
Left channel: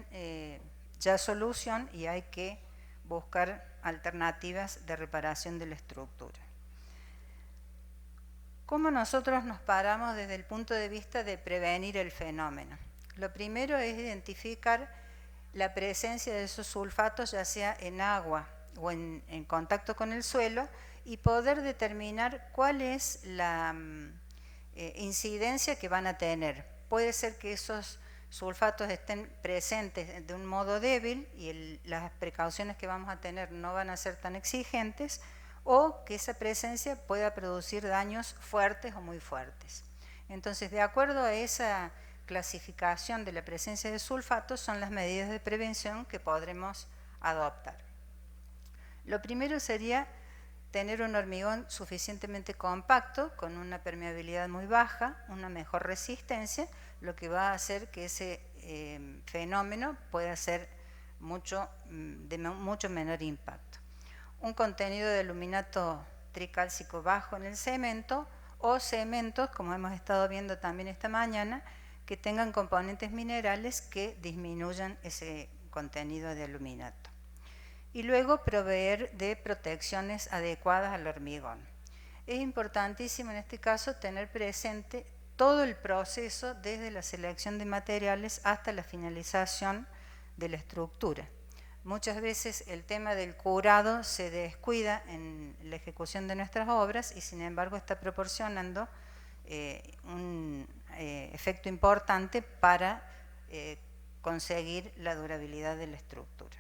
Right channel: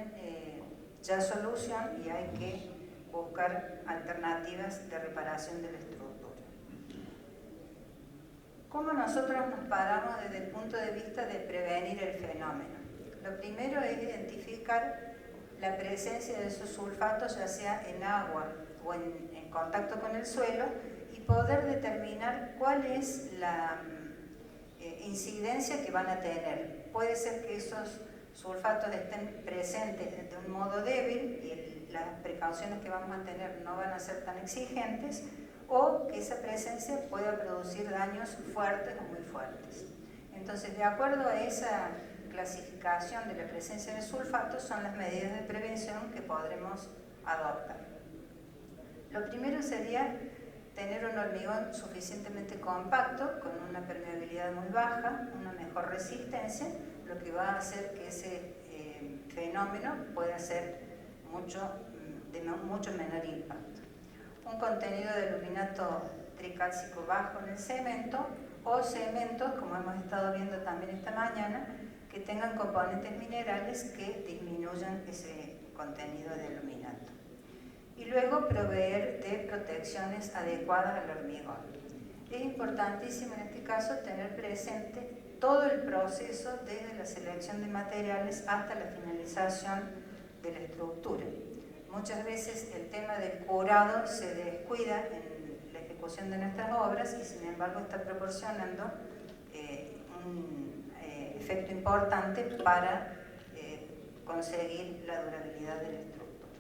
ya solución y hay que buscar alternativas de reparación de la estructura. ¿Cómo nosotros nos paramos desde el punto de vista de prevenir el fenómeno? Lo primero es identificar la presencia de esos sulfatos, ya sea en agua o en contacto con el suelo, y poder determinar cuál es la incidencia que van a tener. Puede ser que esos sulfatos estén presentes de un modo débil y las precauciones que vamos a tener no van a ser tan exigentes, o que esa presencia pueda producir daños fuertes o muy fuertes. Entonces, de acuerdo a esa clasificación de la presencia de sulfatos, son las medidas de prevención que podremos adoptar. Lo primero sería tener un hormigón suficientemente compacto, con una permeabilidad muy baja, una mejor resistencia, lo que va a hacer que ese fenómeno pueda ser de mucho menor impacto. Un contenido de aluminato tricálcico bajo en el cemento, o cementos, como hemos estado viendo también esta mañana, que tengan componentes minerales que disminuyan ese contenido de aluminato. Y luego proveer de protecciones adecuadas al hormigón. Es importantísimo en este caso tener presente todo el proceso desde la selección de materiales hasta la finalización de la estructura. Muchas veces el tema del curado se descuida en la ejecución de nuestras obras y sin embargo está proporcionando un efecto importante para conseguir la durabilidad de la estructura.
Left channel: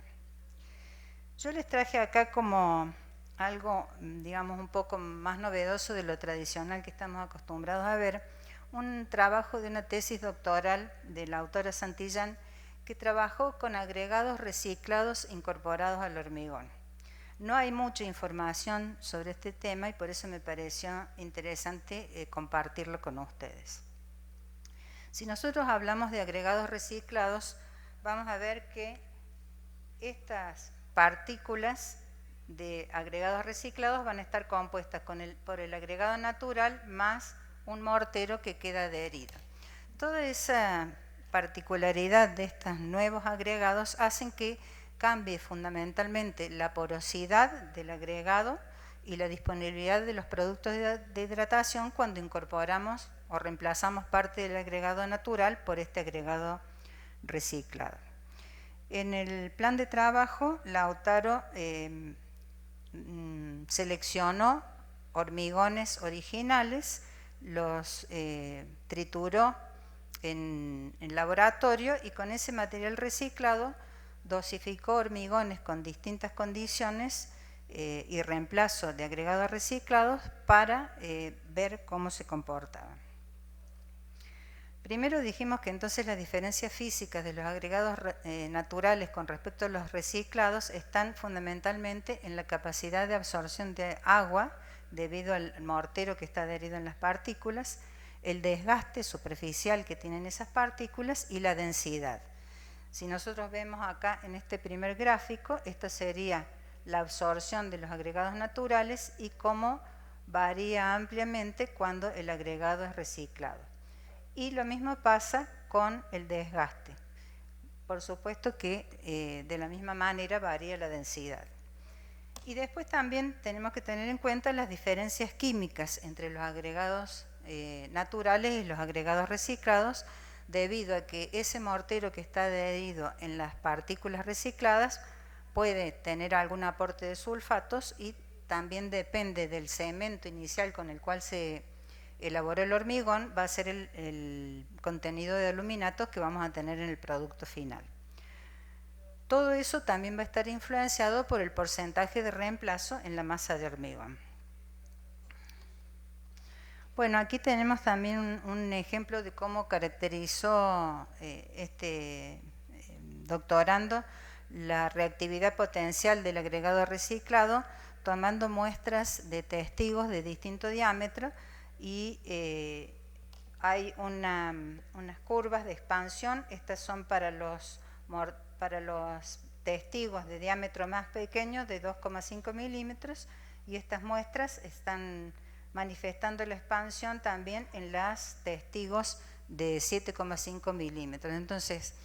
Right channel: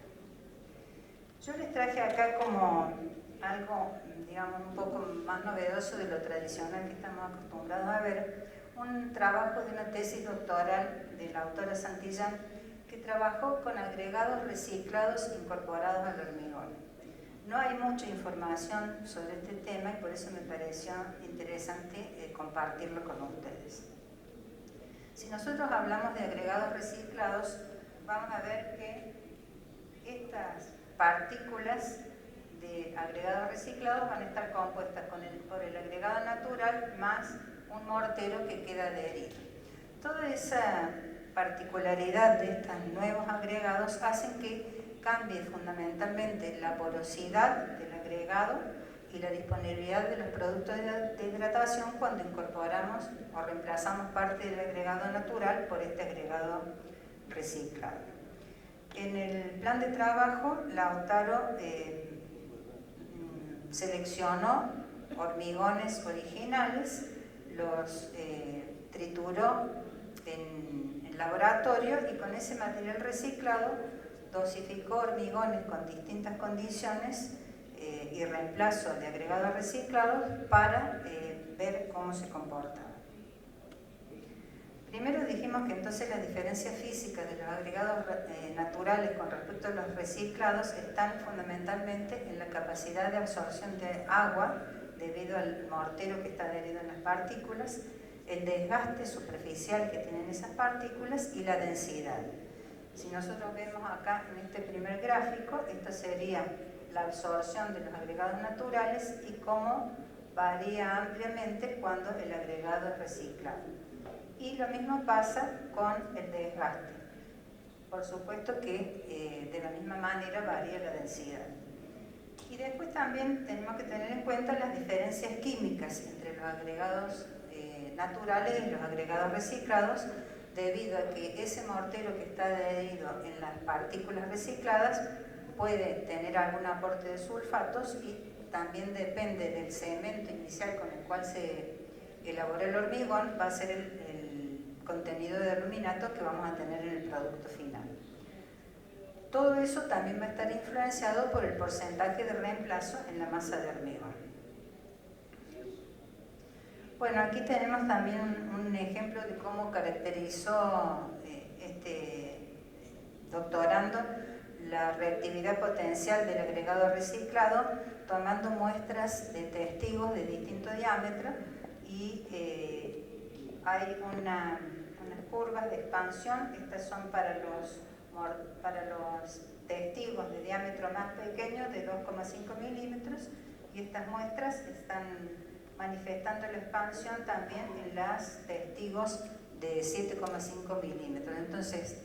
Yo les traje acá como algo, digamos, un poco más novedoso de lo tradicional que estamos acostumbrados a ver, un trabajo de una tesis doctoral de la autora Santillán, que trabajó con agregados reciclados incorporados al hormigón. No hay mucha información sobre este tema y por eso me pareció interesante compartirlo con ustedes. Si nosotros hablamos de agregados reciclados, vamos a ver que estas partículas de agregados reciclados van a estar compuestas por el agregado natural más un mortero que queda adherido. Toda esa particularidad de estos nuevos agregados hacen que cambie fundamentalmente la porosidad del agregado y la disponibilidad de los productos de hidratación cuando incorporamos o reemplazamos parte del agregado natural por este agregado reciclado. En el plan de trabajo, Lautaro seleccionó hormigones originales, los trituró en laboratorio y con ese material reciclado dosificó hormigones con distintas condiciones y reemplazo de agregados reciclados para ver cómo se comportaban. Primero dijimos que entonces las diferencias físicas de los agregados naturales con respecto a los reciclados están fundamentalmente en la capacidad de absorción de agua debido al mortero que está adherido en las partículas, el desgaste superficial que tienen esas partículas y la densidad. Si nosotros vemos acá en este primer gráfico, esta sería la absorción de los agregados naturales y cómo varía ampliamente cuando el agregado es reciclado. Y lo mismo pasa con el desgaste. Por supuesto que de la misma manera varía la densidad. Y después también tenemos que tener en cuenta las diferencias químicas entre los agregados naturales y los agregados reciclados, debido a que ese mortero que está adherido en las partículas recicladas puede tener algún aporte de sulfatos y también depende del cemento inicial con el cual se elaboró el hormigón, va a ser el contenido de aluminatos que vamos a tener en el producto final. Todo eso también va a estar influenciado por el porcentaje de reemplazo en la masa de hormigón. Bueno, aquí tenemos también un ejemplo de cómo caracterizó este doctorando la reactividad potencial del agregado reciclado, tomando muestras de testigos de distinto diámetro y hay unas curvas de expansión. Estas son para los testigos de diámetro más pequeño de 2,5 milímetros y estas muestras están manifestando la expansión también en los testigos de 7,5 milímetros. Entonces,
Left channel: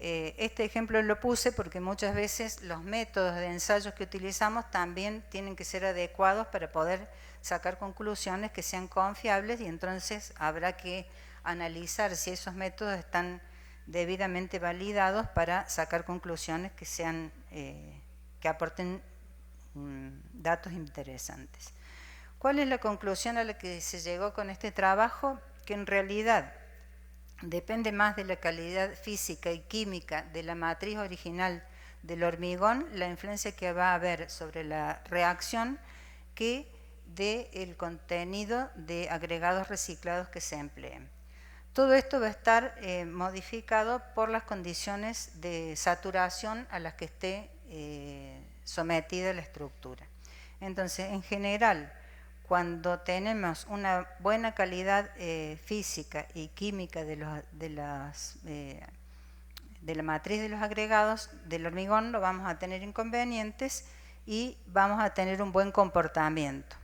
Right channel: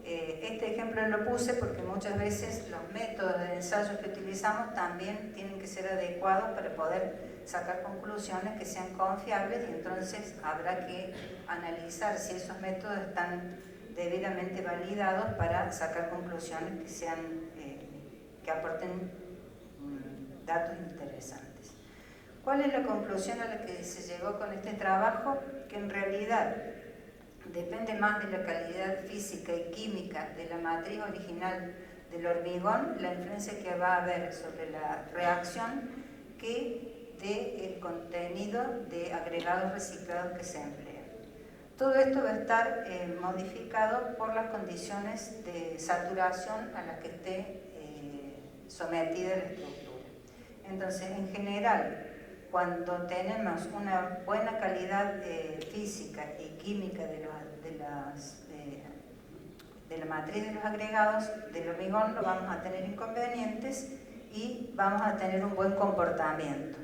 este ejemplo lo puse porque muchas veces los métodos de ensayo que utilizamos también tienen que ser adecuados para poder sacar conclusiones que sean confiables y entonces habrá que analizar si esos métodos están debidamente validados para sacar conclusiones que sean que aporten datos interesantes. ¿Cuál es la conclusión a la que se llegó con este trabajo? Que en realidad depende más de la calidad física y química de la matriz original del hormigón, la influencia que va a haber sobre la reacción, que del contenido de agregados reciclados que se empleen. Todo esto va a estar modificado por las condiciones de saturación a las que esté sometida la estructura. Entonces, en general, cuando tenemos una buena calidad física y química de la matriz de los agregados del hormigón, no vamos a tener inconvenientes y vamos a tener un buen comportamiento.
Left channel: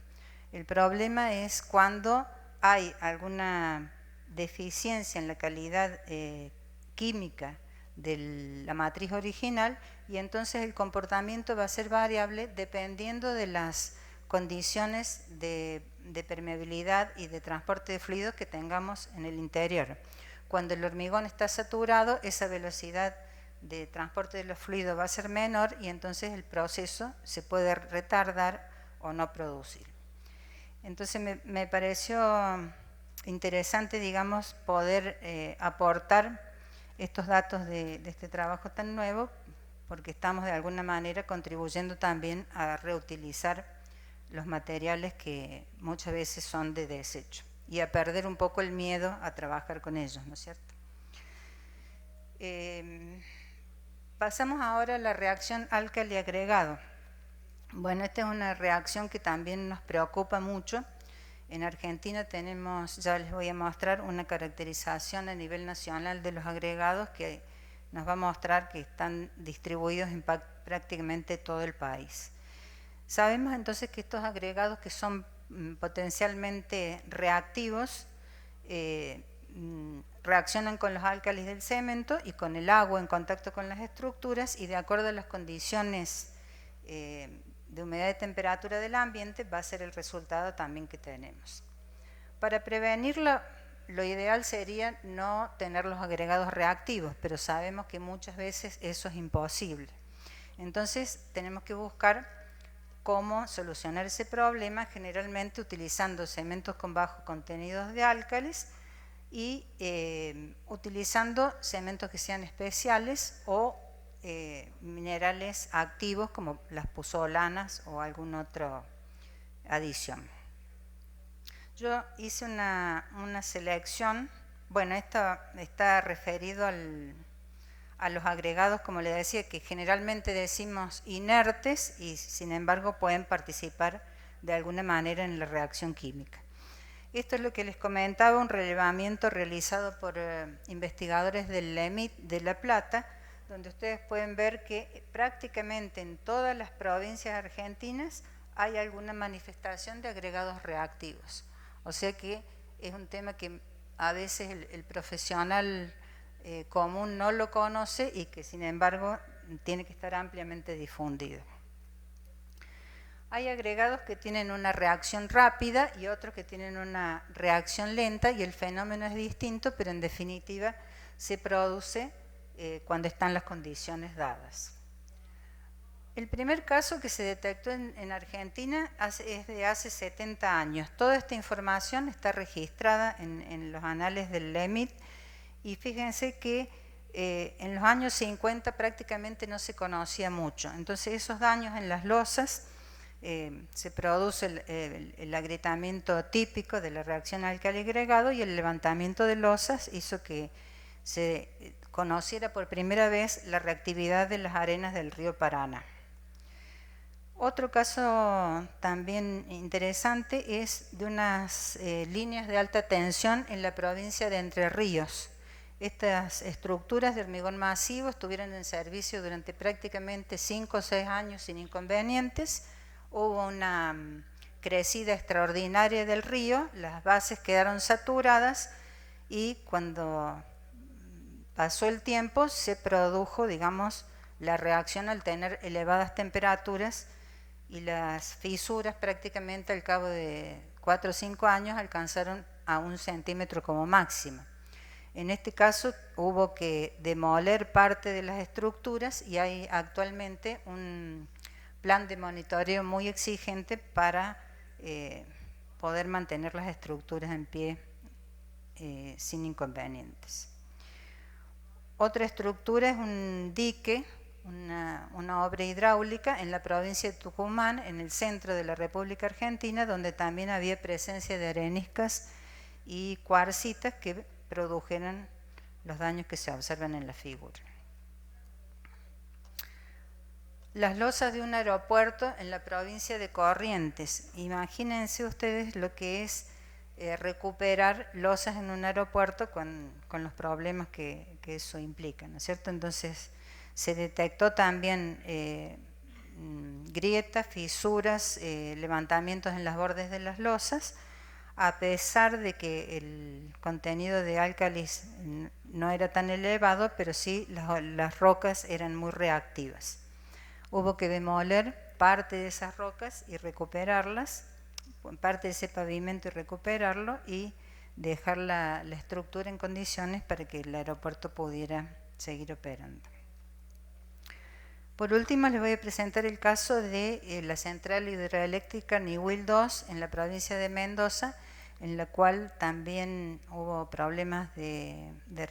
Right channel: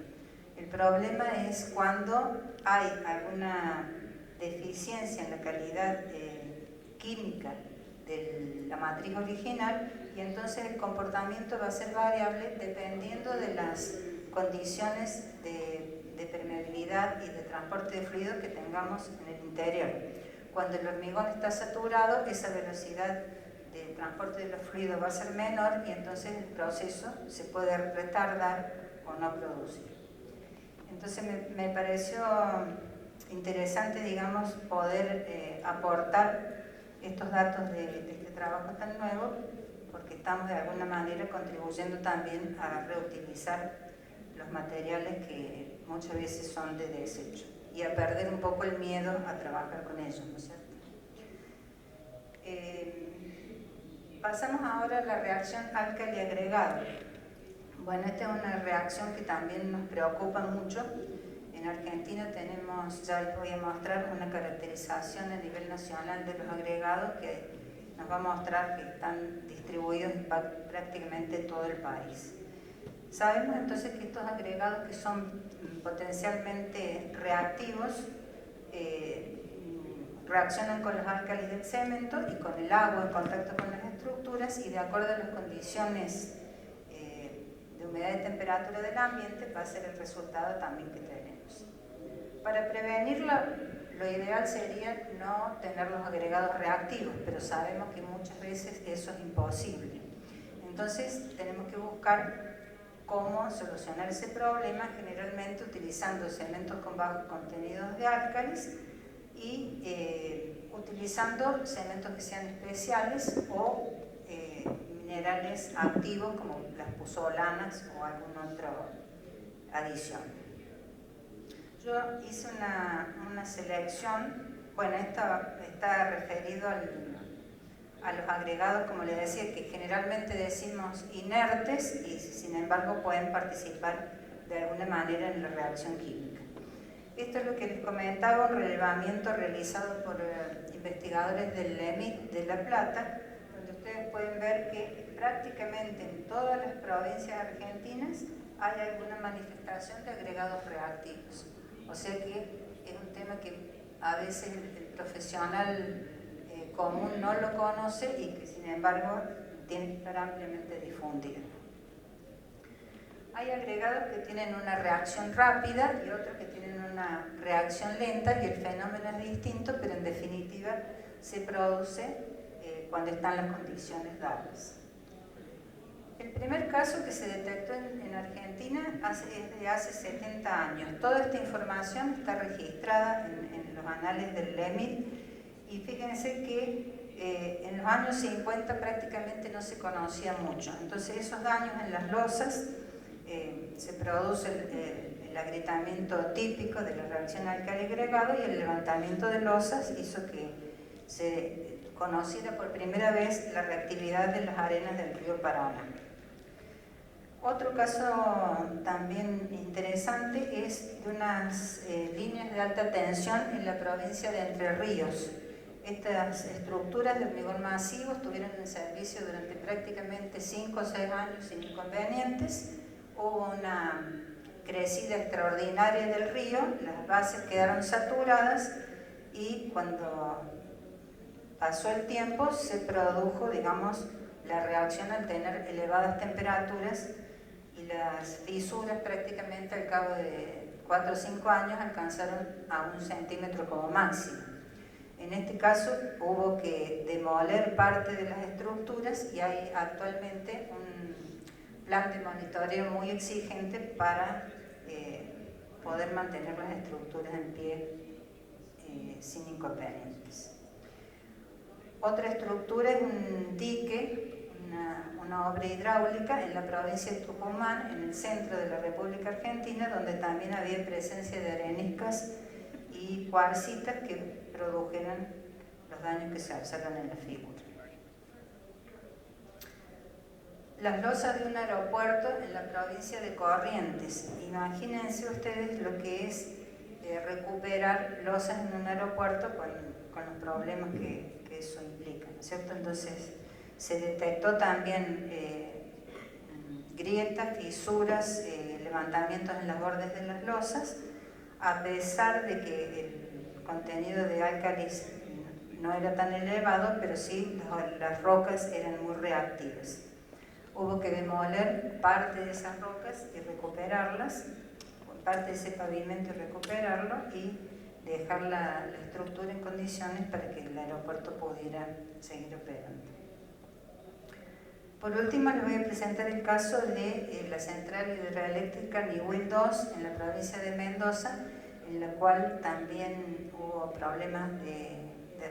El problema es cuando hay alguna deficiencia en la calidad química de la matriz original y entonces el comportamiento va a ser variable dependiendo de las condiciones de permeabilidad y de transporte de fluidos que tengamos en el interior. Cuando el hormigón está saturado, esa velocidad de transporte de los fluidos va a ser menor y entonces el proceso se puede retardar o no producir. Entonces me pareció interesante, digamos, poder aportar estos datos de este trabajo tan nuevo, porque estamos de alguna manera contribuyendo también a reutilizar los materiales que muchas veces son de desecho y a perder un poco el miedo a trabajar con ellos, ¿no es cierto? Pasamos ahora a la reacción álcali-agregado. Bueno, esta es una reacción que también nos preocupa mucho. En Argentina tenemos, ya les voy a mostrar, una caracterización a nivel nacional de los agregados que nos va a mostrar que están distribuidos en prácticamente todo el país. Sabemos entonces que estos agregados que son potencialmente reactivos reaccionan con los álcalis del cemento y con el agua en contacto con las estructuras y de acuerdo a las condiciones de humedad y temperatura del ambiente va a ser el resultado también que tenemos. Para prevenirlo, lo ideal sería no tener los agregados reactivos, pero sabemos que muchas veces eso es imposible. Entonces tenemos que buscar cómo solucionar ese problema, generalmente utilizando cementos con bajos contenidos de álcalis y utilizando cementos que sean especiales o minerales activos como las puzolanas o alguna otra adición. Yo hice una selección, bueno, esto está referido a los agregados, como les decía, que generalmente decimos inertes y sin embargo pueden participar de alguna manera en la reacción química. Esto es lo que les comentaba, un relevamiento realizado por investigadores del LEMIT de La Plata, ustedes pueden ver que prácticamente en todas las provincias argentinas hay alguna manifestación de agregados reactivos. O sea que es un tema que a veces el profesional común no lo conoce y que sin embargo tiene que estar ampliamente difundido. Hay agregados que tienen una reacción rápida y otros que tienen una reacción lenta y el fenómeno es distinto, pero en definitiva se produce cuando están las condiciones dadas. El primer caso que se detectó en Argentina es de hace 70 años. Toda esta información está registrada en los anales del LEMIT y fíjense que en los años 50 prácticamente no se conocía mucho. Entonces esos daños en las losas, se produce el agrietamiento típico de la reacción álcali-agregado y el levantamiento de losas hizo que se conociera por primera vez la reactividad de las arenas del río Paraná. Otro caso también interesante es de unas líneas de alta tensión en la provincia de Entre Ríos. Estas estructuras de hormigón masivo estuvieron en servicio durante prácticamente 5 o 6 años sin inconvenientes. Hubo una crecida extraordinaria del río, las bases quedaron saturadas y cuando pasó el tiempo se produjo, digamos, la reacción al tener elevadas temperaturas y las fisuras prácticamente al cabo de 4 o 5 años alcanzaron a 1 centímetro como máximo. En este caso hubo que demoler parte de las estructuras y hay actualmente un plan de monitoreo muy exigente para poder mantener las estructuras en pie sin inconvenientes. Otra estructura es un dique, una obra hidráulica en la provincia de Tucumán, en el centro de la República Argentina, donde también había presencia de areniscas y cuarcitas que produjeron los daños que se observan en la figura. Las losas de un aeropuerto en la provincia de Corrientes. Imagínense ustedes lo que es recuperar losas en un aeropuerto con los problemas que eso implica, ¿no es cierto? Entonces se detectó también grietas, fisuras, levantamientos en los bordes de las losas, a pesar de que el contenido de álcalis no era tan elevado, pero sí las rocas eran muy reactivas. Hubo que demoler parte de esas rocas y recuperarlas, parte de ese pavimento y recuperarlo y dejar la estructura en condiciones para que el aeropuerto pudiera seguir operando. Por último, les voy a presentar el caso de la central hidroeléctrica Niwil 2 en la provincia de Mendoza, en la cual también hubo problemas de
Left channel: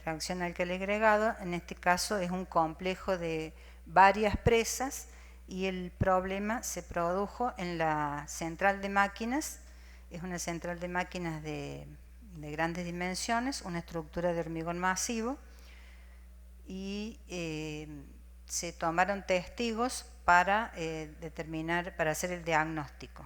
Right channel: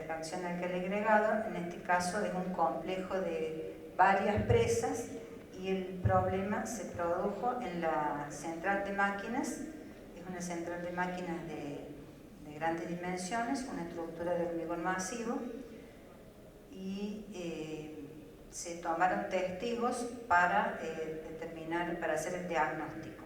reacción álcali-agregado. En este caso es un complejo de varias presas y el problema se produjo en la central de máquinas. Es una central de máquinas de grandes dimensiones, una estructura de hormigón masivo y se tomaron testigos para para hacer el diagnóstico.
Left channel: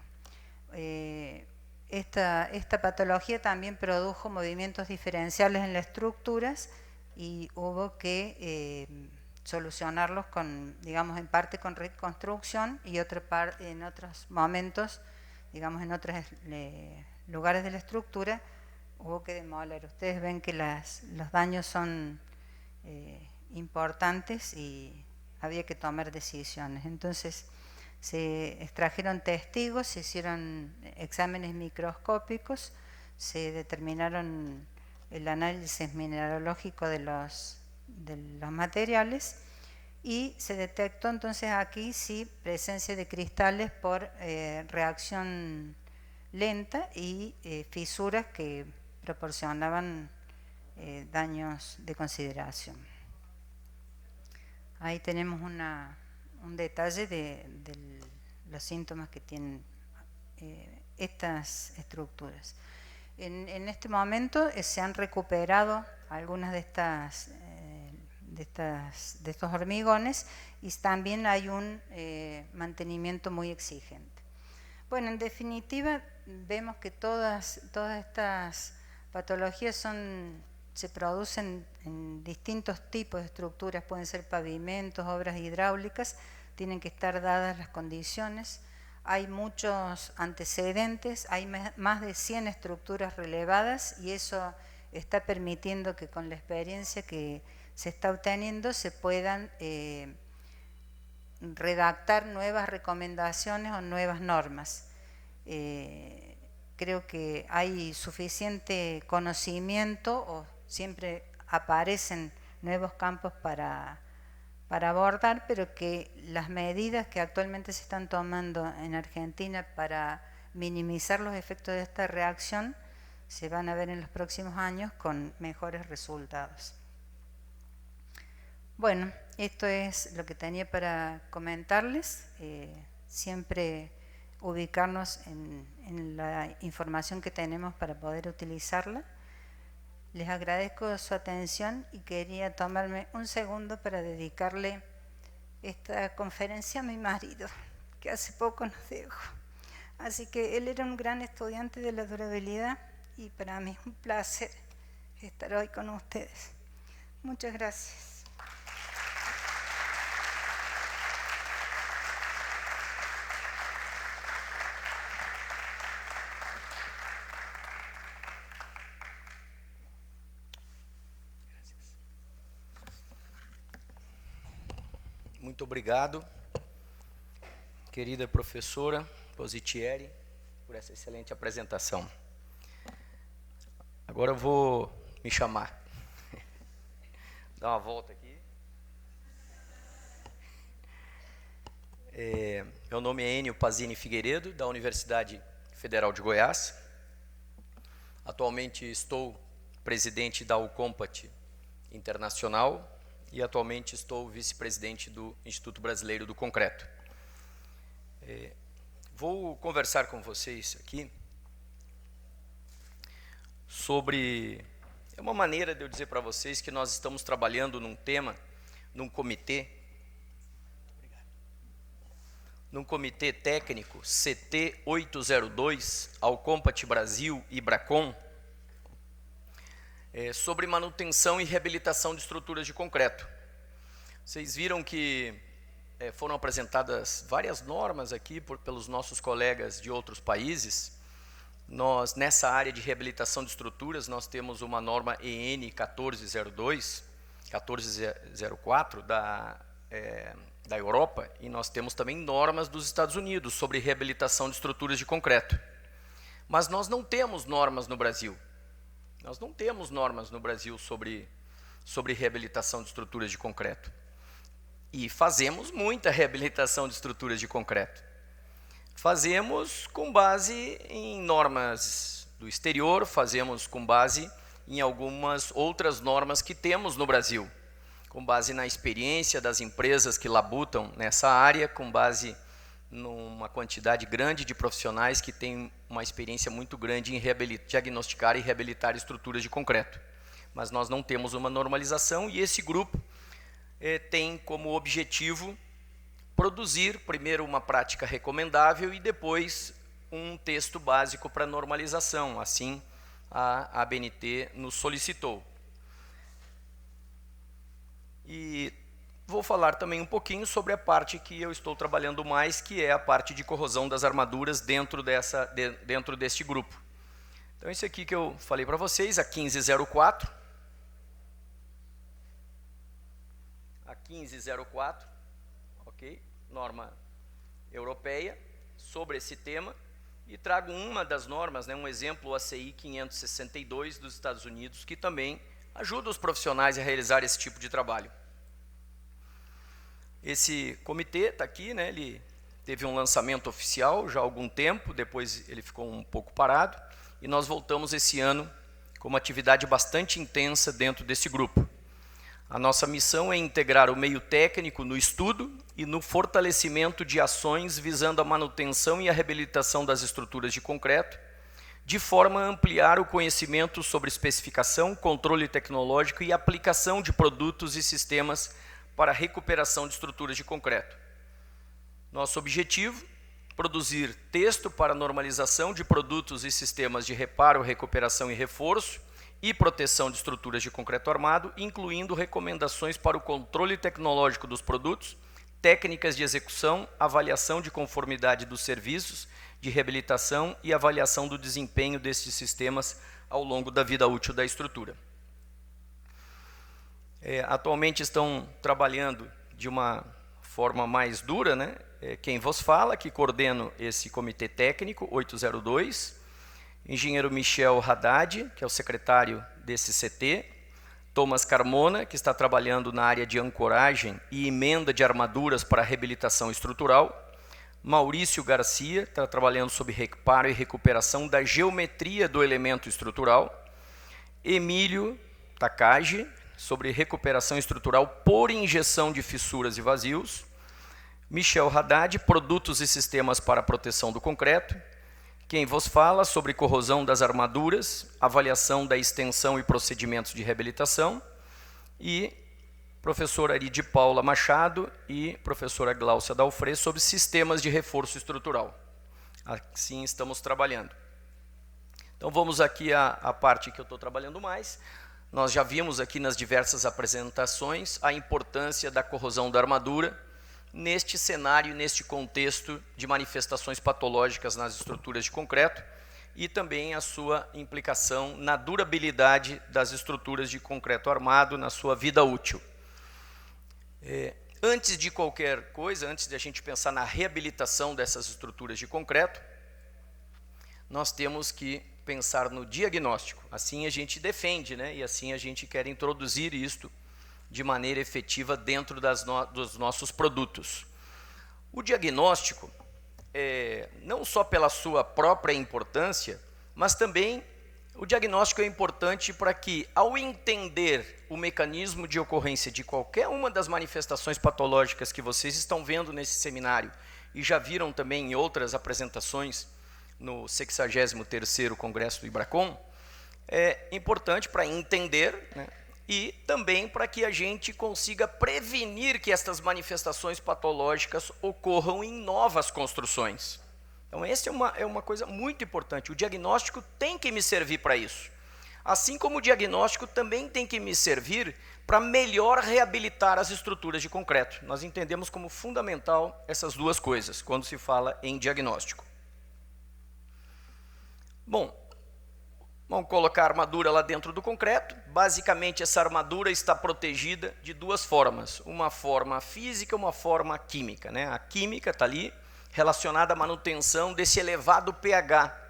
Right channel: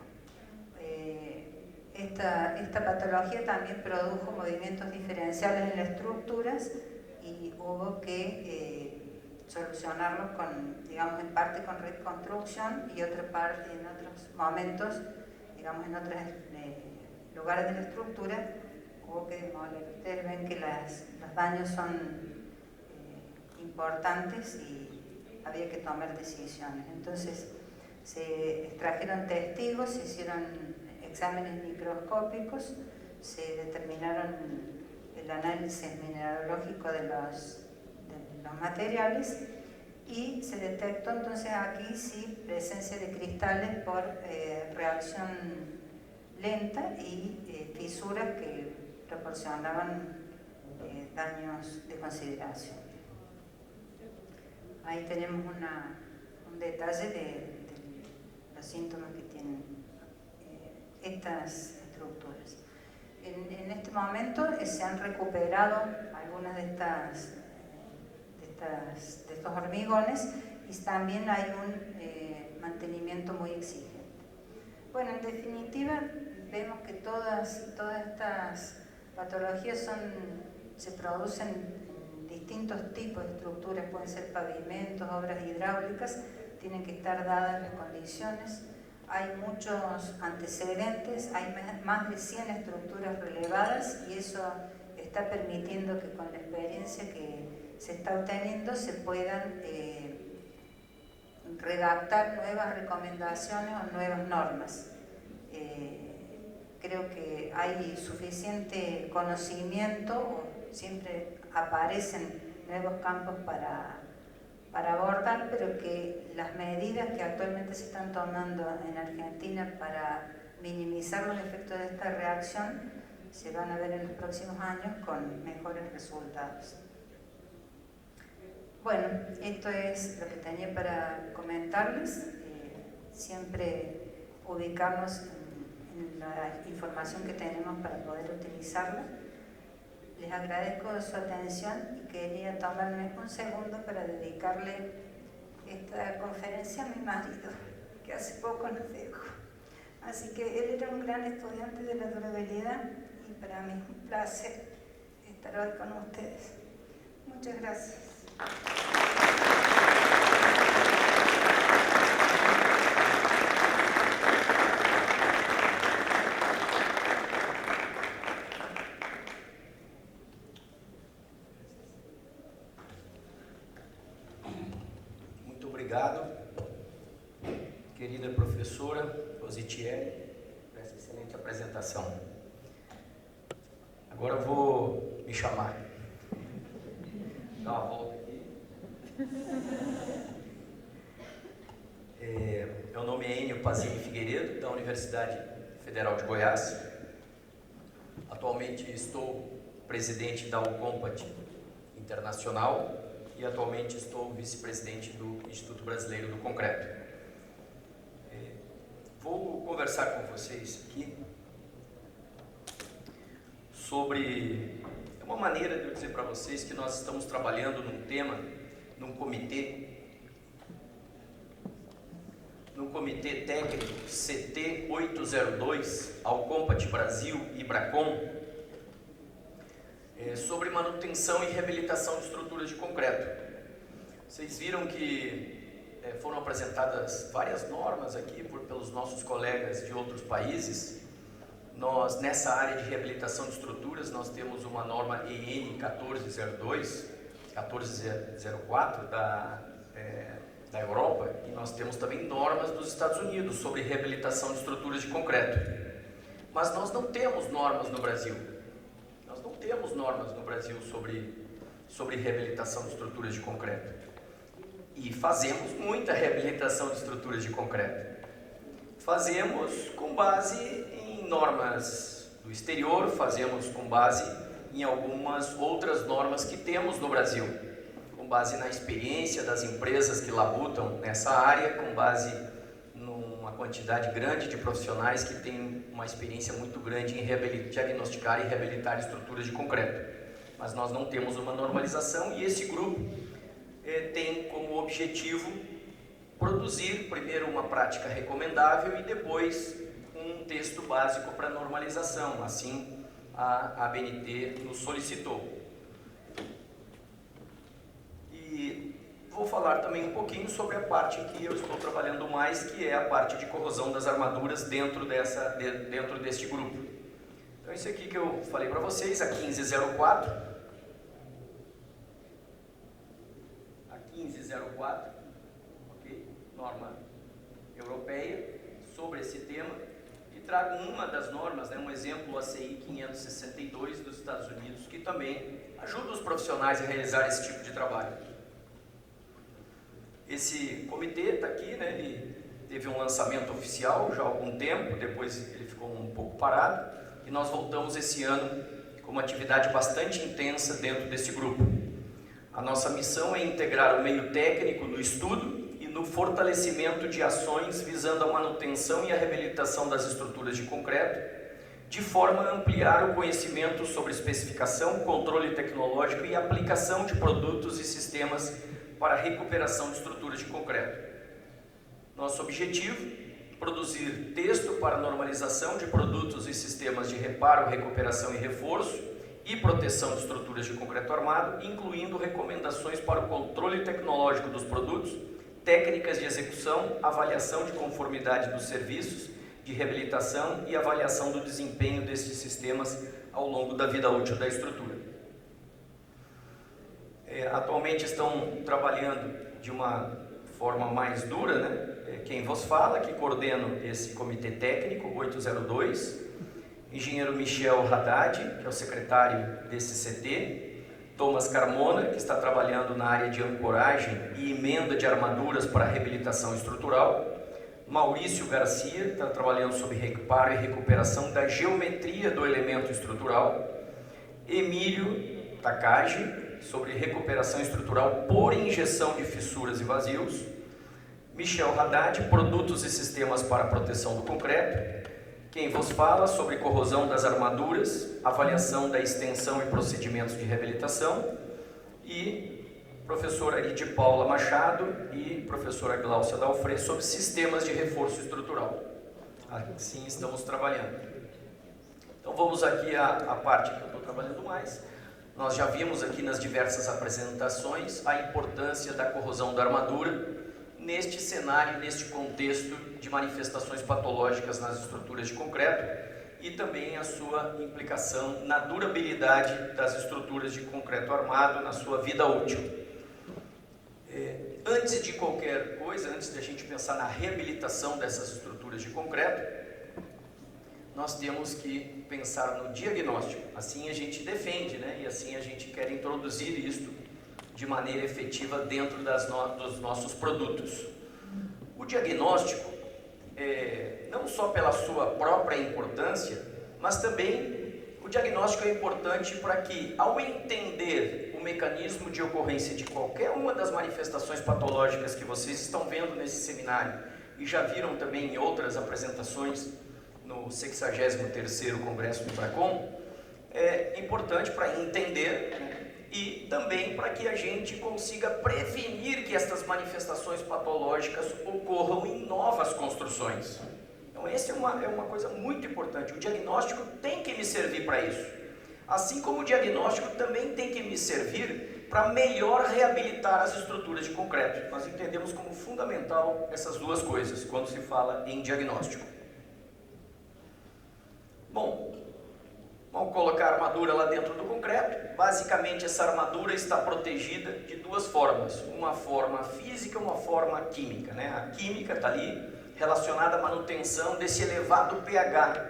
Esta patología también produjo movimientos diferenciales en las estructuras y hubo que solucionarlos digamos, en parte con reconstrucción y en otros momentos, digamos, en otros lugares de la estructura hubo que demoler. Ustedes ven que los daños son importantes y había que tomar decisiones. Entonces se extrajeron testigos, se hicieron exámenes microscópicos, se determinaron el análisis mineralógico de los materiales y se detectó entonces aquí sí presencia de cristales por reacción lenta y fisuras que proporcionaban daños de consideración. Ahí tenemos un detalle de los síntomas que tienen estas estructuras. En este momento se han recuperado algunas de estos hormigones y también hay un mantenimiento muy exigente. Bueno, en definitiva, vemos que todas estas patologías se producen en distintos tipos de estructuras, pueden ser pavimentos, obras hidráulicas, tienen que estar dadas las condiciones. Hay muchos antecedentes, hay más de 100 estructuras relevadas y eso está permitiendo que con la experiencia que se está obteniendo se puedan redactar nuevas recomendaciones o nuevas normas. Creo que hay suficiente conocimiento, o siempre aparecen nuevos campos para abordar, pero que las medidas que actualmente se están tomando en Argentina para minimizar los efectos de esta reacción se van a ver en los próximos años con mejores resultados. Bueno, esto es lo que tenía para comentarles. Siempre ubicarnos en la información que tenemos para poder utilizarla. Les agradezco su atención y quería tomarme un segundo para dedicarle esta conferencia a mi marido, que hace poco nos dejó. Así que él era un gran estudiante de la durabilidad y para mí es un placer estar hoy con ustedes. Muchas gracias. Muito obrigado, querida professora Positieri, por essa excelente apresentação. Agora eu vou me chamar. Dá uma volta aqui. Meu nome é Enio Pazini Figueiredo, da Universidade Federal de Goiás. Atualmente estou presidente da UCOMPAT Internacional e atualmente estou vice-presidente do Instituto Brasileiro do Concreto. Vou conversar com vocês aqui sobre uma maneira de eu dizer para vocês que nós estamos trabalhando num tema, num comitê técnico CT 802, Alcompat Brasil e Bracon, sobre manutenção e reabilitação de estruturas de concreto. Vocês viram que foram apresentadas várias normas aqui pelos nossos colegas de outros países. Nós, nessa área de reabilitação de estruturas, nós temos uma norma EN 1402, 1404 da Europa, e nós temos também normas dos Estados Unidos sobre reabilitação de estruturas de concreto. Mas nós não temos normas no Brasil. Nós não temos normas no Brasil sobre reabilitação de estruturas de concreto. E fazemos muita reabilitação de estruturas de concreto. Fazemos com base em normas do exterior, fazemos com base em algumas outras normas que temos no Brasil, com base na experiência das empresas que labutam nessa área, com base numa quantidade grande de profissionais que têm uma experiência muito grande em diagnosticar e reabilitar estruturas de concreto. Mas nós não temos uma normalização e esse grupo tem como objetivo produzir primeiro uma prática recomendável e depois um texto básico para normalização. Assim, a ABNT nos solicitou. E vou falar também um pouquinho sobre a parte que eu estou trabalhando mais, que é a parte de corrosão das armaduras dentro deste grupo. Então, esse aqui que eu falei para vocês, a 1504. A 1504, ok? Norma europeia sobre esse tema. E trago uma das normas, um exemplo, a CI 562 dos Estados Unidos, que também ajuda os profissionais a realizar esse tipo de trabalho. Esse comitê está aqui, ele teve um lançamento oficial já há algum tempo, depois ele ficou um pouco parado, e nós voltamos esse ano com uma atividade bastante intensa dentro desse grupo. A nossa missão é integrar o meio técnico no estudo e no fortalecimento de ações visando a manutenção e a reabilitação das estruturas de concreto, de forma a ampliar o conhecimento sobre especificação, controle tecnológico e aplicação de produtos e sistemas para a recuperação de estruturas de concreto. Nosso objetivo: produzir texto para normalização de produtos e sistemas de reparo, recuperação e reforço e proteção de estruturas de concreto armado, incluindo recomendações para o controle tecnológico dos produtos, técnicas de execução, avaliação de conformidade dos serviços, de reabilitação e avaliação do desempenho desses sistemas ao longo da vida útil da estrutura. Atualmente estão trabalhando de uma forma mais dura, né? Quem vos fala, que coordeno esse comitê técnico 802, engenheiro Michel Haddad, que é o secretário desse CT, Thomas Carmona, que está trabalhando na área de ancoragem e emenda de armaduras para reabilitação estrutural, Maurício Garcia, que está trabalhando sobre reparo e recuperação da geometria do elemento estrutural, Emílio Takagi, sobre recuperação estrutural por injeção de fissuras e vazios, Michel Haddad, produtos e sistemas para proteção do concreto, quem vos fala sobre corrosão das armaduras, avaliação da extensão e procedimentos de reabilitação, e professora Aride Paula Machado e professora Gláucia Dalfré sobre sistemas de reforço estrutural. Assim estamos trabalhando. Então vamos aqui à parte que eu estou trabalhando mais. Nós já vimos aqui nas diversas apresentações a importância da corrosão da armadura neste cenário, neste contexto de manifestações patológicas nas estruturas de concreto e também a sua implicação na durabilidade das estruturas de concreto armado na sua vida útil. Antes de qualquer coisa, antes de a gente pensar na reabilitação dessas estruturas de concreto, nós temos que pensar no diagnóstico. Assim a gente defende, né? E assim a gente quer introduzir isto de maneira efetiva dentro dos nossos produtos. O diagnóstico, não só pela sua própria importância, mas também o diagnóstico é importante para que, ao entender o mecanismo de ocorrência de qualquer uma das manifestações patológicas que vocês estão vendo nesse seminário e já viram também em outras apresentações no 63º Congresso do IBRACON, é importante para entender, né, e também para que a gente consiga prevenir que estas manifestações patológicas ocorram em novas construções. Então essa é uma coisa muito importante. O diagnóstico tem que me servir para isso. Assim como o diagnóstico também tem que me servir para melhor reabilitar as estruturas de concreto. Nós entendemos como fundamental essas duas coisas quando se fala em diagnóstico. Bom, vamos colocar a armadura lá dentro do concreto. Basicamente, essa armadura está protegida de duas formas. Uma forma física e uma forma química, né? A química está ali, relacionada à manutenção desse elevado pH,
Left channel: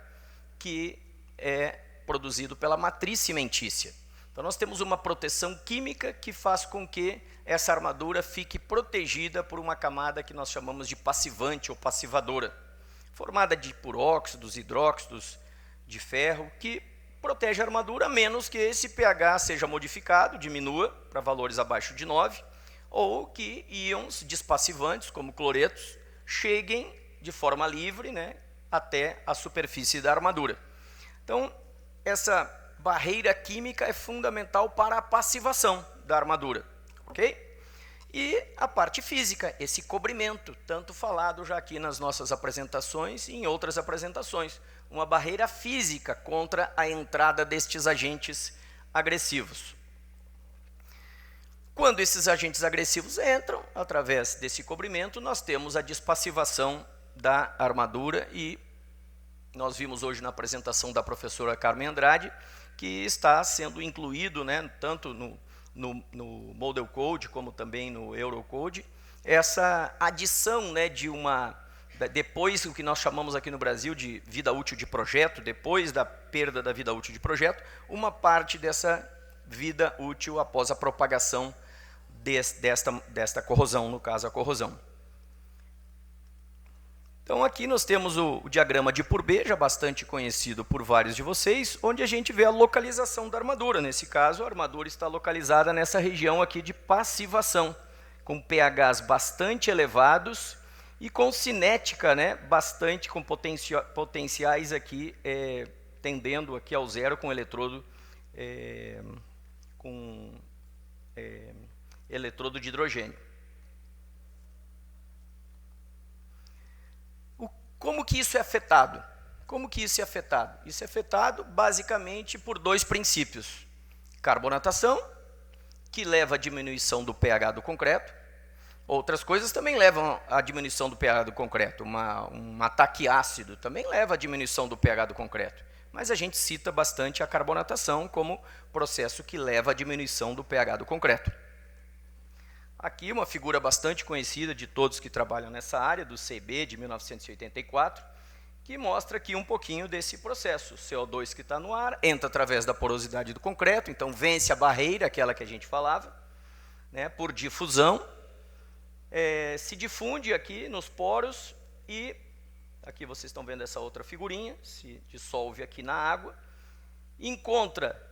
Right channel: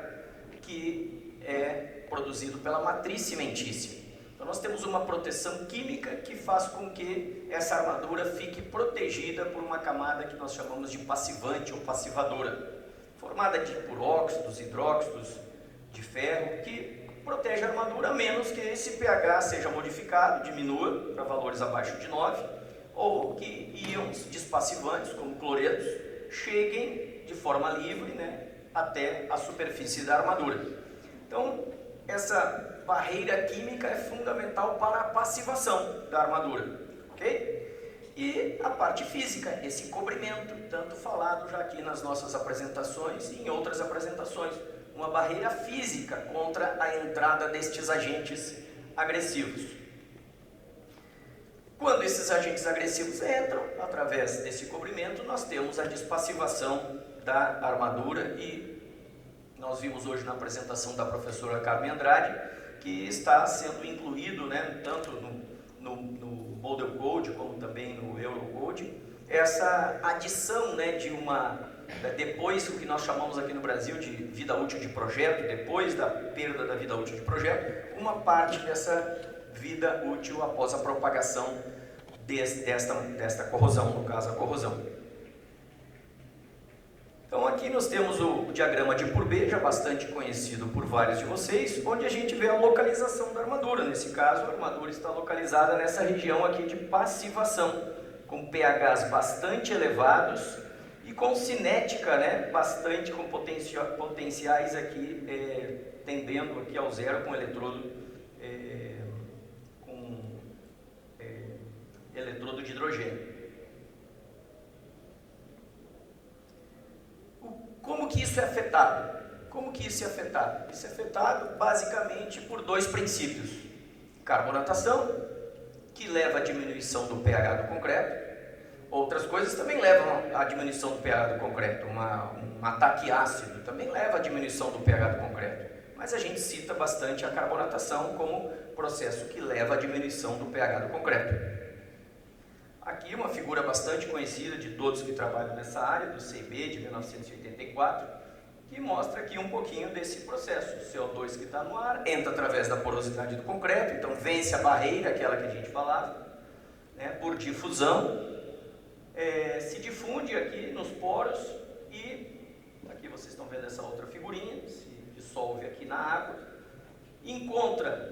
que é produzido pela matriz cimentícia. Então, nós temos uma proteção química que faz com que essa armadura fique protegida por uma camada que nós chamamos de passivante ou passivadora, formada por óxidos, hidróxidos de ferro, que protege a armadura a menos que esse pH seja modificado, diminua para valores abaixo de 9, ou que íons despassivantes, como cloretos, cheguem de forma livre, né, até a superfície da armadura. Então, essa barreira química é fundamental para a passivação da armadura, ok? E a parte física, esse cobrimento, tanto falado já aqui nas nossas apresentações e em outras apresentações. Uma barreira física contra a entrada destes agentes agressivos. Quando esses agentes agressivos entram, através desse cobrimento, nós temos a despassivação da armadura e nós vimos hoje na apresentação da professora Carmen Andrade que está sendo incluído, né, tanto no Model Code como também no Eurocode, essa adição, né, de depois o que nós chamamos aqui no Brasil de vida útil de projeto, depois da perda da vida útil de projeto, uma parte dessa vida útil após a propagação desta corrosão, no caso a corrosão. Então aqui nós temos o diagrama de Pourbet, já bastante conhecido por vários de vocês, onde a gente vê a localização da armadura. Nesse caso, a armadura está localizada nessa região aqui de passivação, com pHs bastante elevados, e com cinética, né, bastante, com potenciais aqui, tendendo aqui ao zero com eletrodo, eletrodo de hidrogênio. Como que isso é afetado? Como que isso é afetado? Isso é afetado basicamente por dois princípios. Carbonatação, que leva à diminuição do pH do concreto. Outras coisas também levam à diminuição do pH do concreto. Um ataque ácido também leva à diminuição do pH do concreto. Mas a gente cita bastante a carbonatação como processo que leva à diminuição do pH do concreto. Aqui uma figura bastante conhecida de todos que trabalham nessa área, do CB de 1984, que mostra aqui um pouquinho desse processo. O CO2 que está no ar entra através da porosidade do concreto, então vence a barreira, aquela que a gente falava, né, por difusão, se difunde aqui nos poros e, aqui vocês estão vendo essa outra figurinha, se dissolve aqui na água, encontra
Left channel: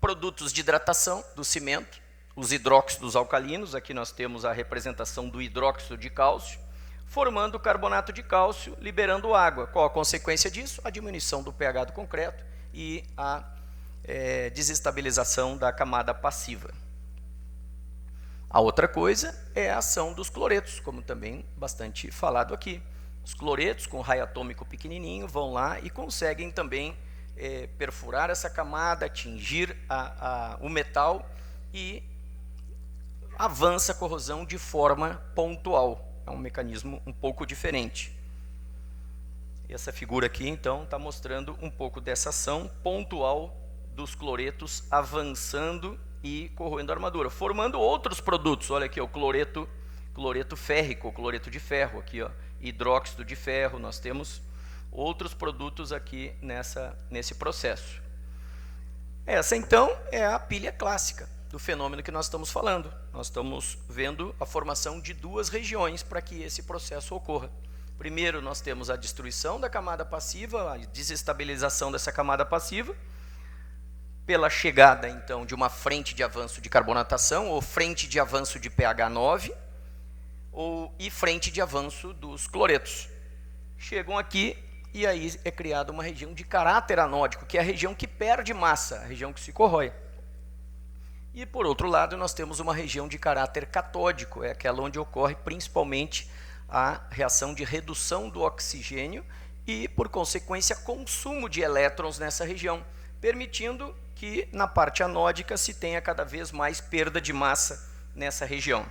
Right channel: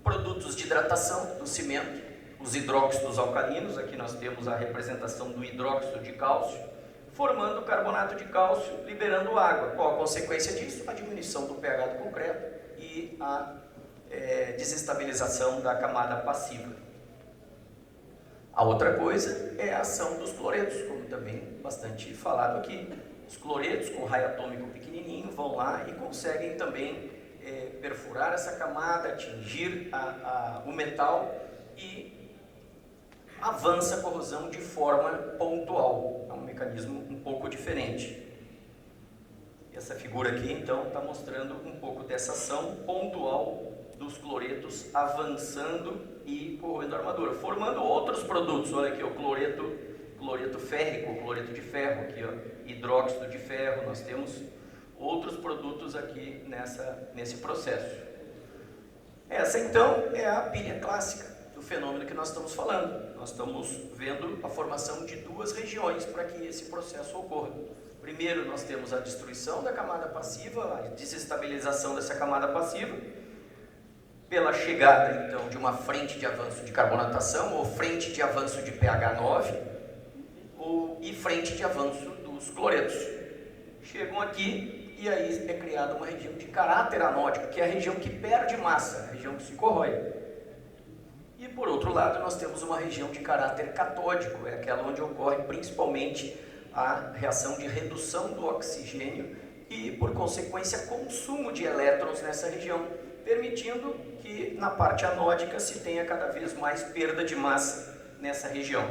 produtos de hidratação do cimento, os hidróxidos alcalinos, aqui nós temos a representação do hidróxido de cálcio, formando carbonato de cálcio, liberando água. Qual a consequência disso? A diminuição do pH do concreto e a desestabilização da camada passiva. A outra coisa é a ação dos cloretos, como também bastante falado aqui. Os cloretos, com raio atômico pequenininho, vão lá e conseguem também perfurar essa camada, atingir o metal e avança a corrosão de forma pontual. É um mecanismo um pouco diferente. Essa figura aqui, então, está mostrando um pouco dessa ação pontual dos cloretos avançando e corroendo a armadura, formando outros produtos. Olha aqui, o cloreto férrico, o cloreto de ferro, aqui, ó, hidróxido de ferro. Nós temos outros produtos aqui nesse processo. Essa, então, é a pilha clássica do fenômeno que nós estamos falando. Nós estamos vendo a formação de duas regiões para que esse processo ocorra. Primeiro, nós temos a destruição da camada passiva, a desestabilização dessa camada passiva, pela chegada, então, de uma frente de avanço de carbonatação, ou frente de avanço de pH 9, e frente de avanço dos cloretos. Chegam aqui e aí é criada uma região de caráter anódico, que é a região que perde massa, a região que se corrói. E por outro lado, nós temos uma região de caráter catódico, é aquela onde ocorre principalmente a reação de redução do oxigênio e, por consequência, consumo de elétrons nessa região, permitindo que na parte anódica se tenha cada vez mais perda de massa nessa região.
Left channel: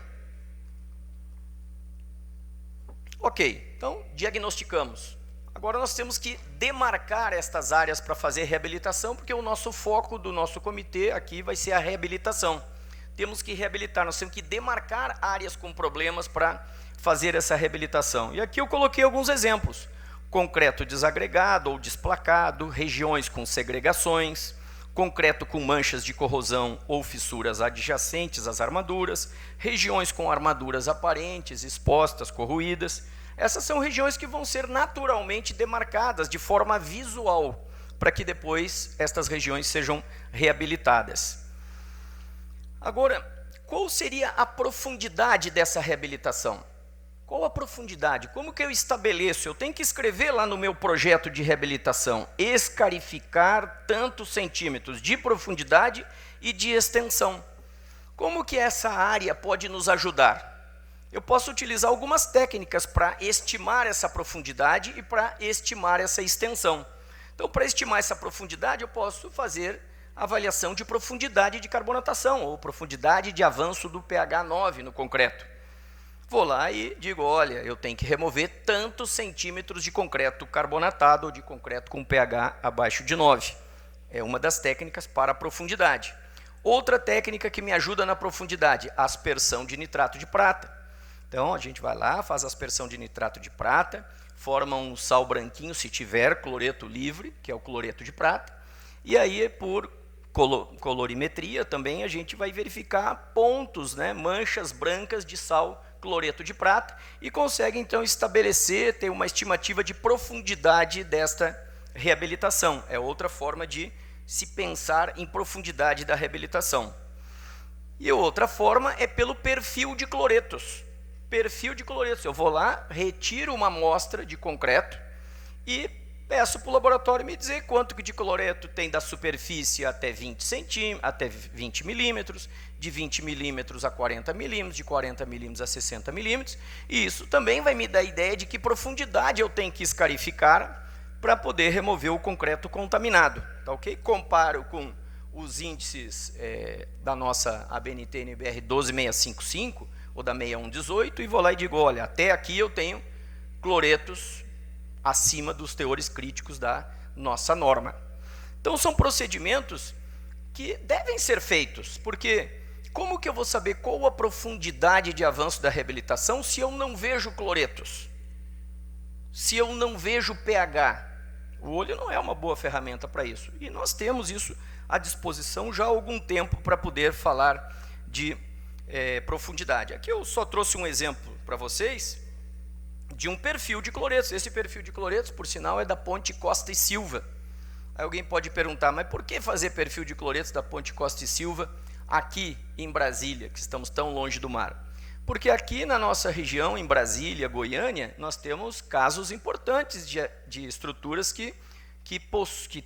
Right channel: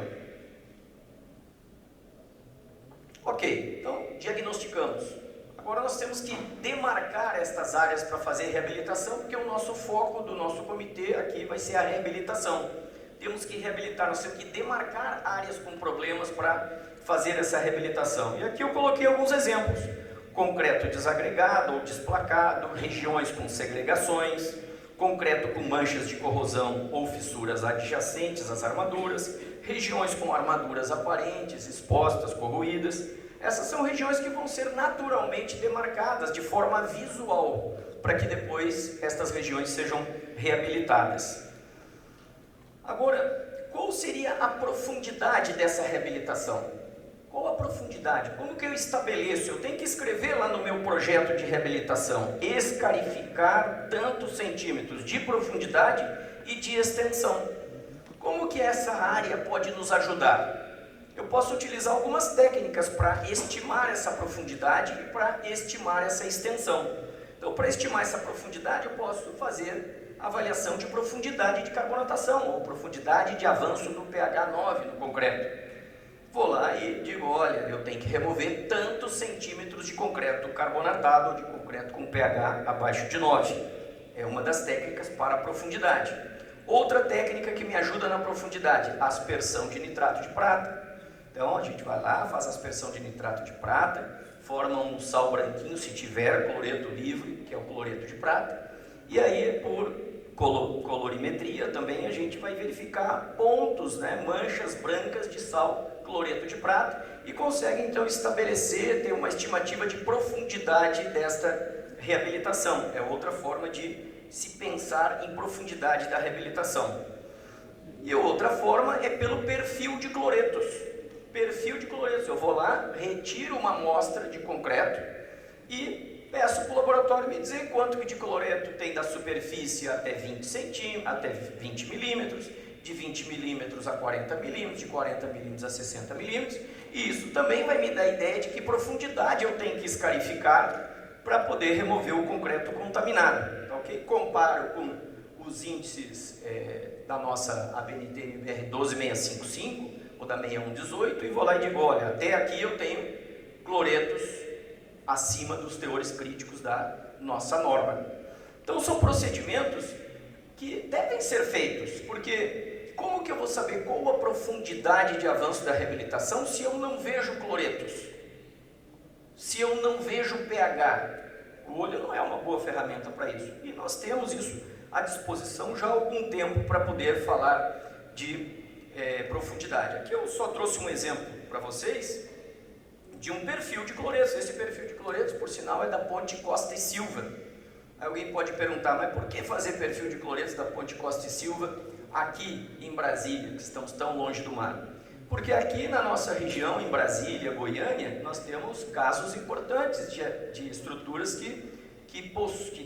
Ok, então diagnosticamos. Agora nós temos que demarcar estas áreas para fazer reabilitação, porque o nosso foco do nosso comitê aqui vai ser a reabilitação. Temos que reabilitar, nós temos que demarcar áreas com problemas para fazer essa reabilitação. E aqui eu coloquei alguns exemplos. Concreto desagregado ou desplacado, regiões com segregações, concreto com manchas de corrosão ou fissuras adjacentes às armaduras, regiões com armaduras aparentes, expostas, corroídas. Essas são regiões que vão ser naturalmente demarcadas de forma visual, para que depois estas regiões sejam reabilitadas. Agora, qual seria a profundidade dessa reabilitação? Qual a profundidade? Como que eu estabeleço? Eu tenho que escrever lá no meu projeto de reabilitação, escarificar tantos centímetros de profundidade e de extensão. Como que essa área pode nos ajudar? Eu posso utilizar algumas técnicas para estimar essa profundidade e para estimar essa extensão. Então, para estimar essa profundidade, eu posso fazer avaliação de profundidade de carbonatação ou profundidade de avanço do pH 9 no concreto. Vou lá e digo, olha, eu tenho que remover tantos centímetros de concreto carbonatado ou de concreto com pH abaixo de 9. É uma das técnicas para a profundidade. Outra técnica que me ajuda na profundidade, aspersão de nitrato de prata. Então, a gente vai lá, faz aspersão de nitrato de prata, forma um sal branquinho, se tiver cloreto livre, que é o cloreto de prata, e aí, por colorimetria também, a gente vai verificar pontos, né, manchas brancas de sal cloreto de prata, e consegue, então, estabelecer, ter uma estimativa de profundidade desta reabilitação. É outra forma de se pensar em profundidade da reabilitação. E outra forma é pelo perfil de cloretos. Perfil de cloretos, eu vou lá, retiro uma amostra de concreto e peço para o laboratório me dizer quanto de cloreto tem da superfície até 20 centímetros, até 20 milímetros, de 20 milímetros a 40 milímetros, de 40 milímetros a 60 milímetros, e isso também vai me dar a ideia de que profundidade eu tenho que escarificar para poder remover o concreto contaminado, tá ok? Comparo com os índices da nossa ABNT-NBR 12655 ou da 6118 e vou lá e digo, olha, até aqui eu tenho cloretos acima dos teores críticos da nossa norma. Então são procedimentos que devem ser feitos, porque como que eu vou saber qual a profundidade de avanço da reabilitação se eu não vejo cloretos? Se eu não vejo pH? O olho não é uma boa ferramenta para isso. E nós temos isso à disposição já há algum tempo para poder falar de profundidade. Aqui eu só trouxe um exemplo para vocês de um perfil de cloretos. Esse perfil de cloretos, por sinal, é da Ponte Costa e Silva. Aí alguém pode perguntar, mas por que fazer perfil de cloretos da Ponte Costa e Silva aqui em Brasília, que estamos tão longe do mar? Porque aqui na nossa região, em Brasília, Goiânia, nós temos casos importantes de estruturas que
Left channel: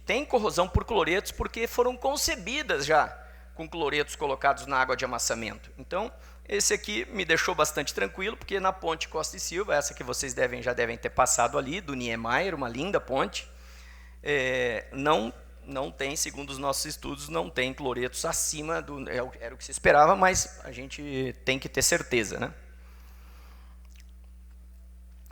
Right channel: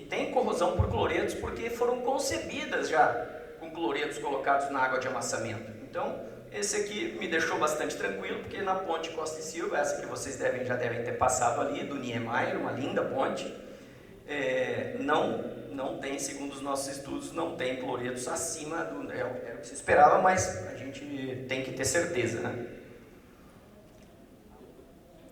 têm corrosão por cloretos, porque foram concebidas já com cloretos colocados na água de amassamento. Então, esse aqui me deixou bastante tranquilo, porque na Ponte Costa e Silva, essa que vocês já devem ter passado ali, do Niemeyer, uma linda ponte, não tem, segundo os nossos estudos, não tem cloretos acima do... Era o que se esperava, mas a gente tem que ter certeza, né?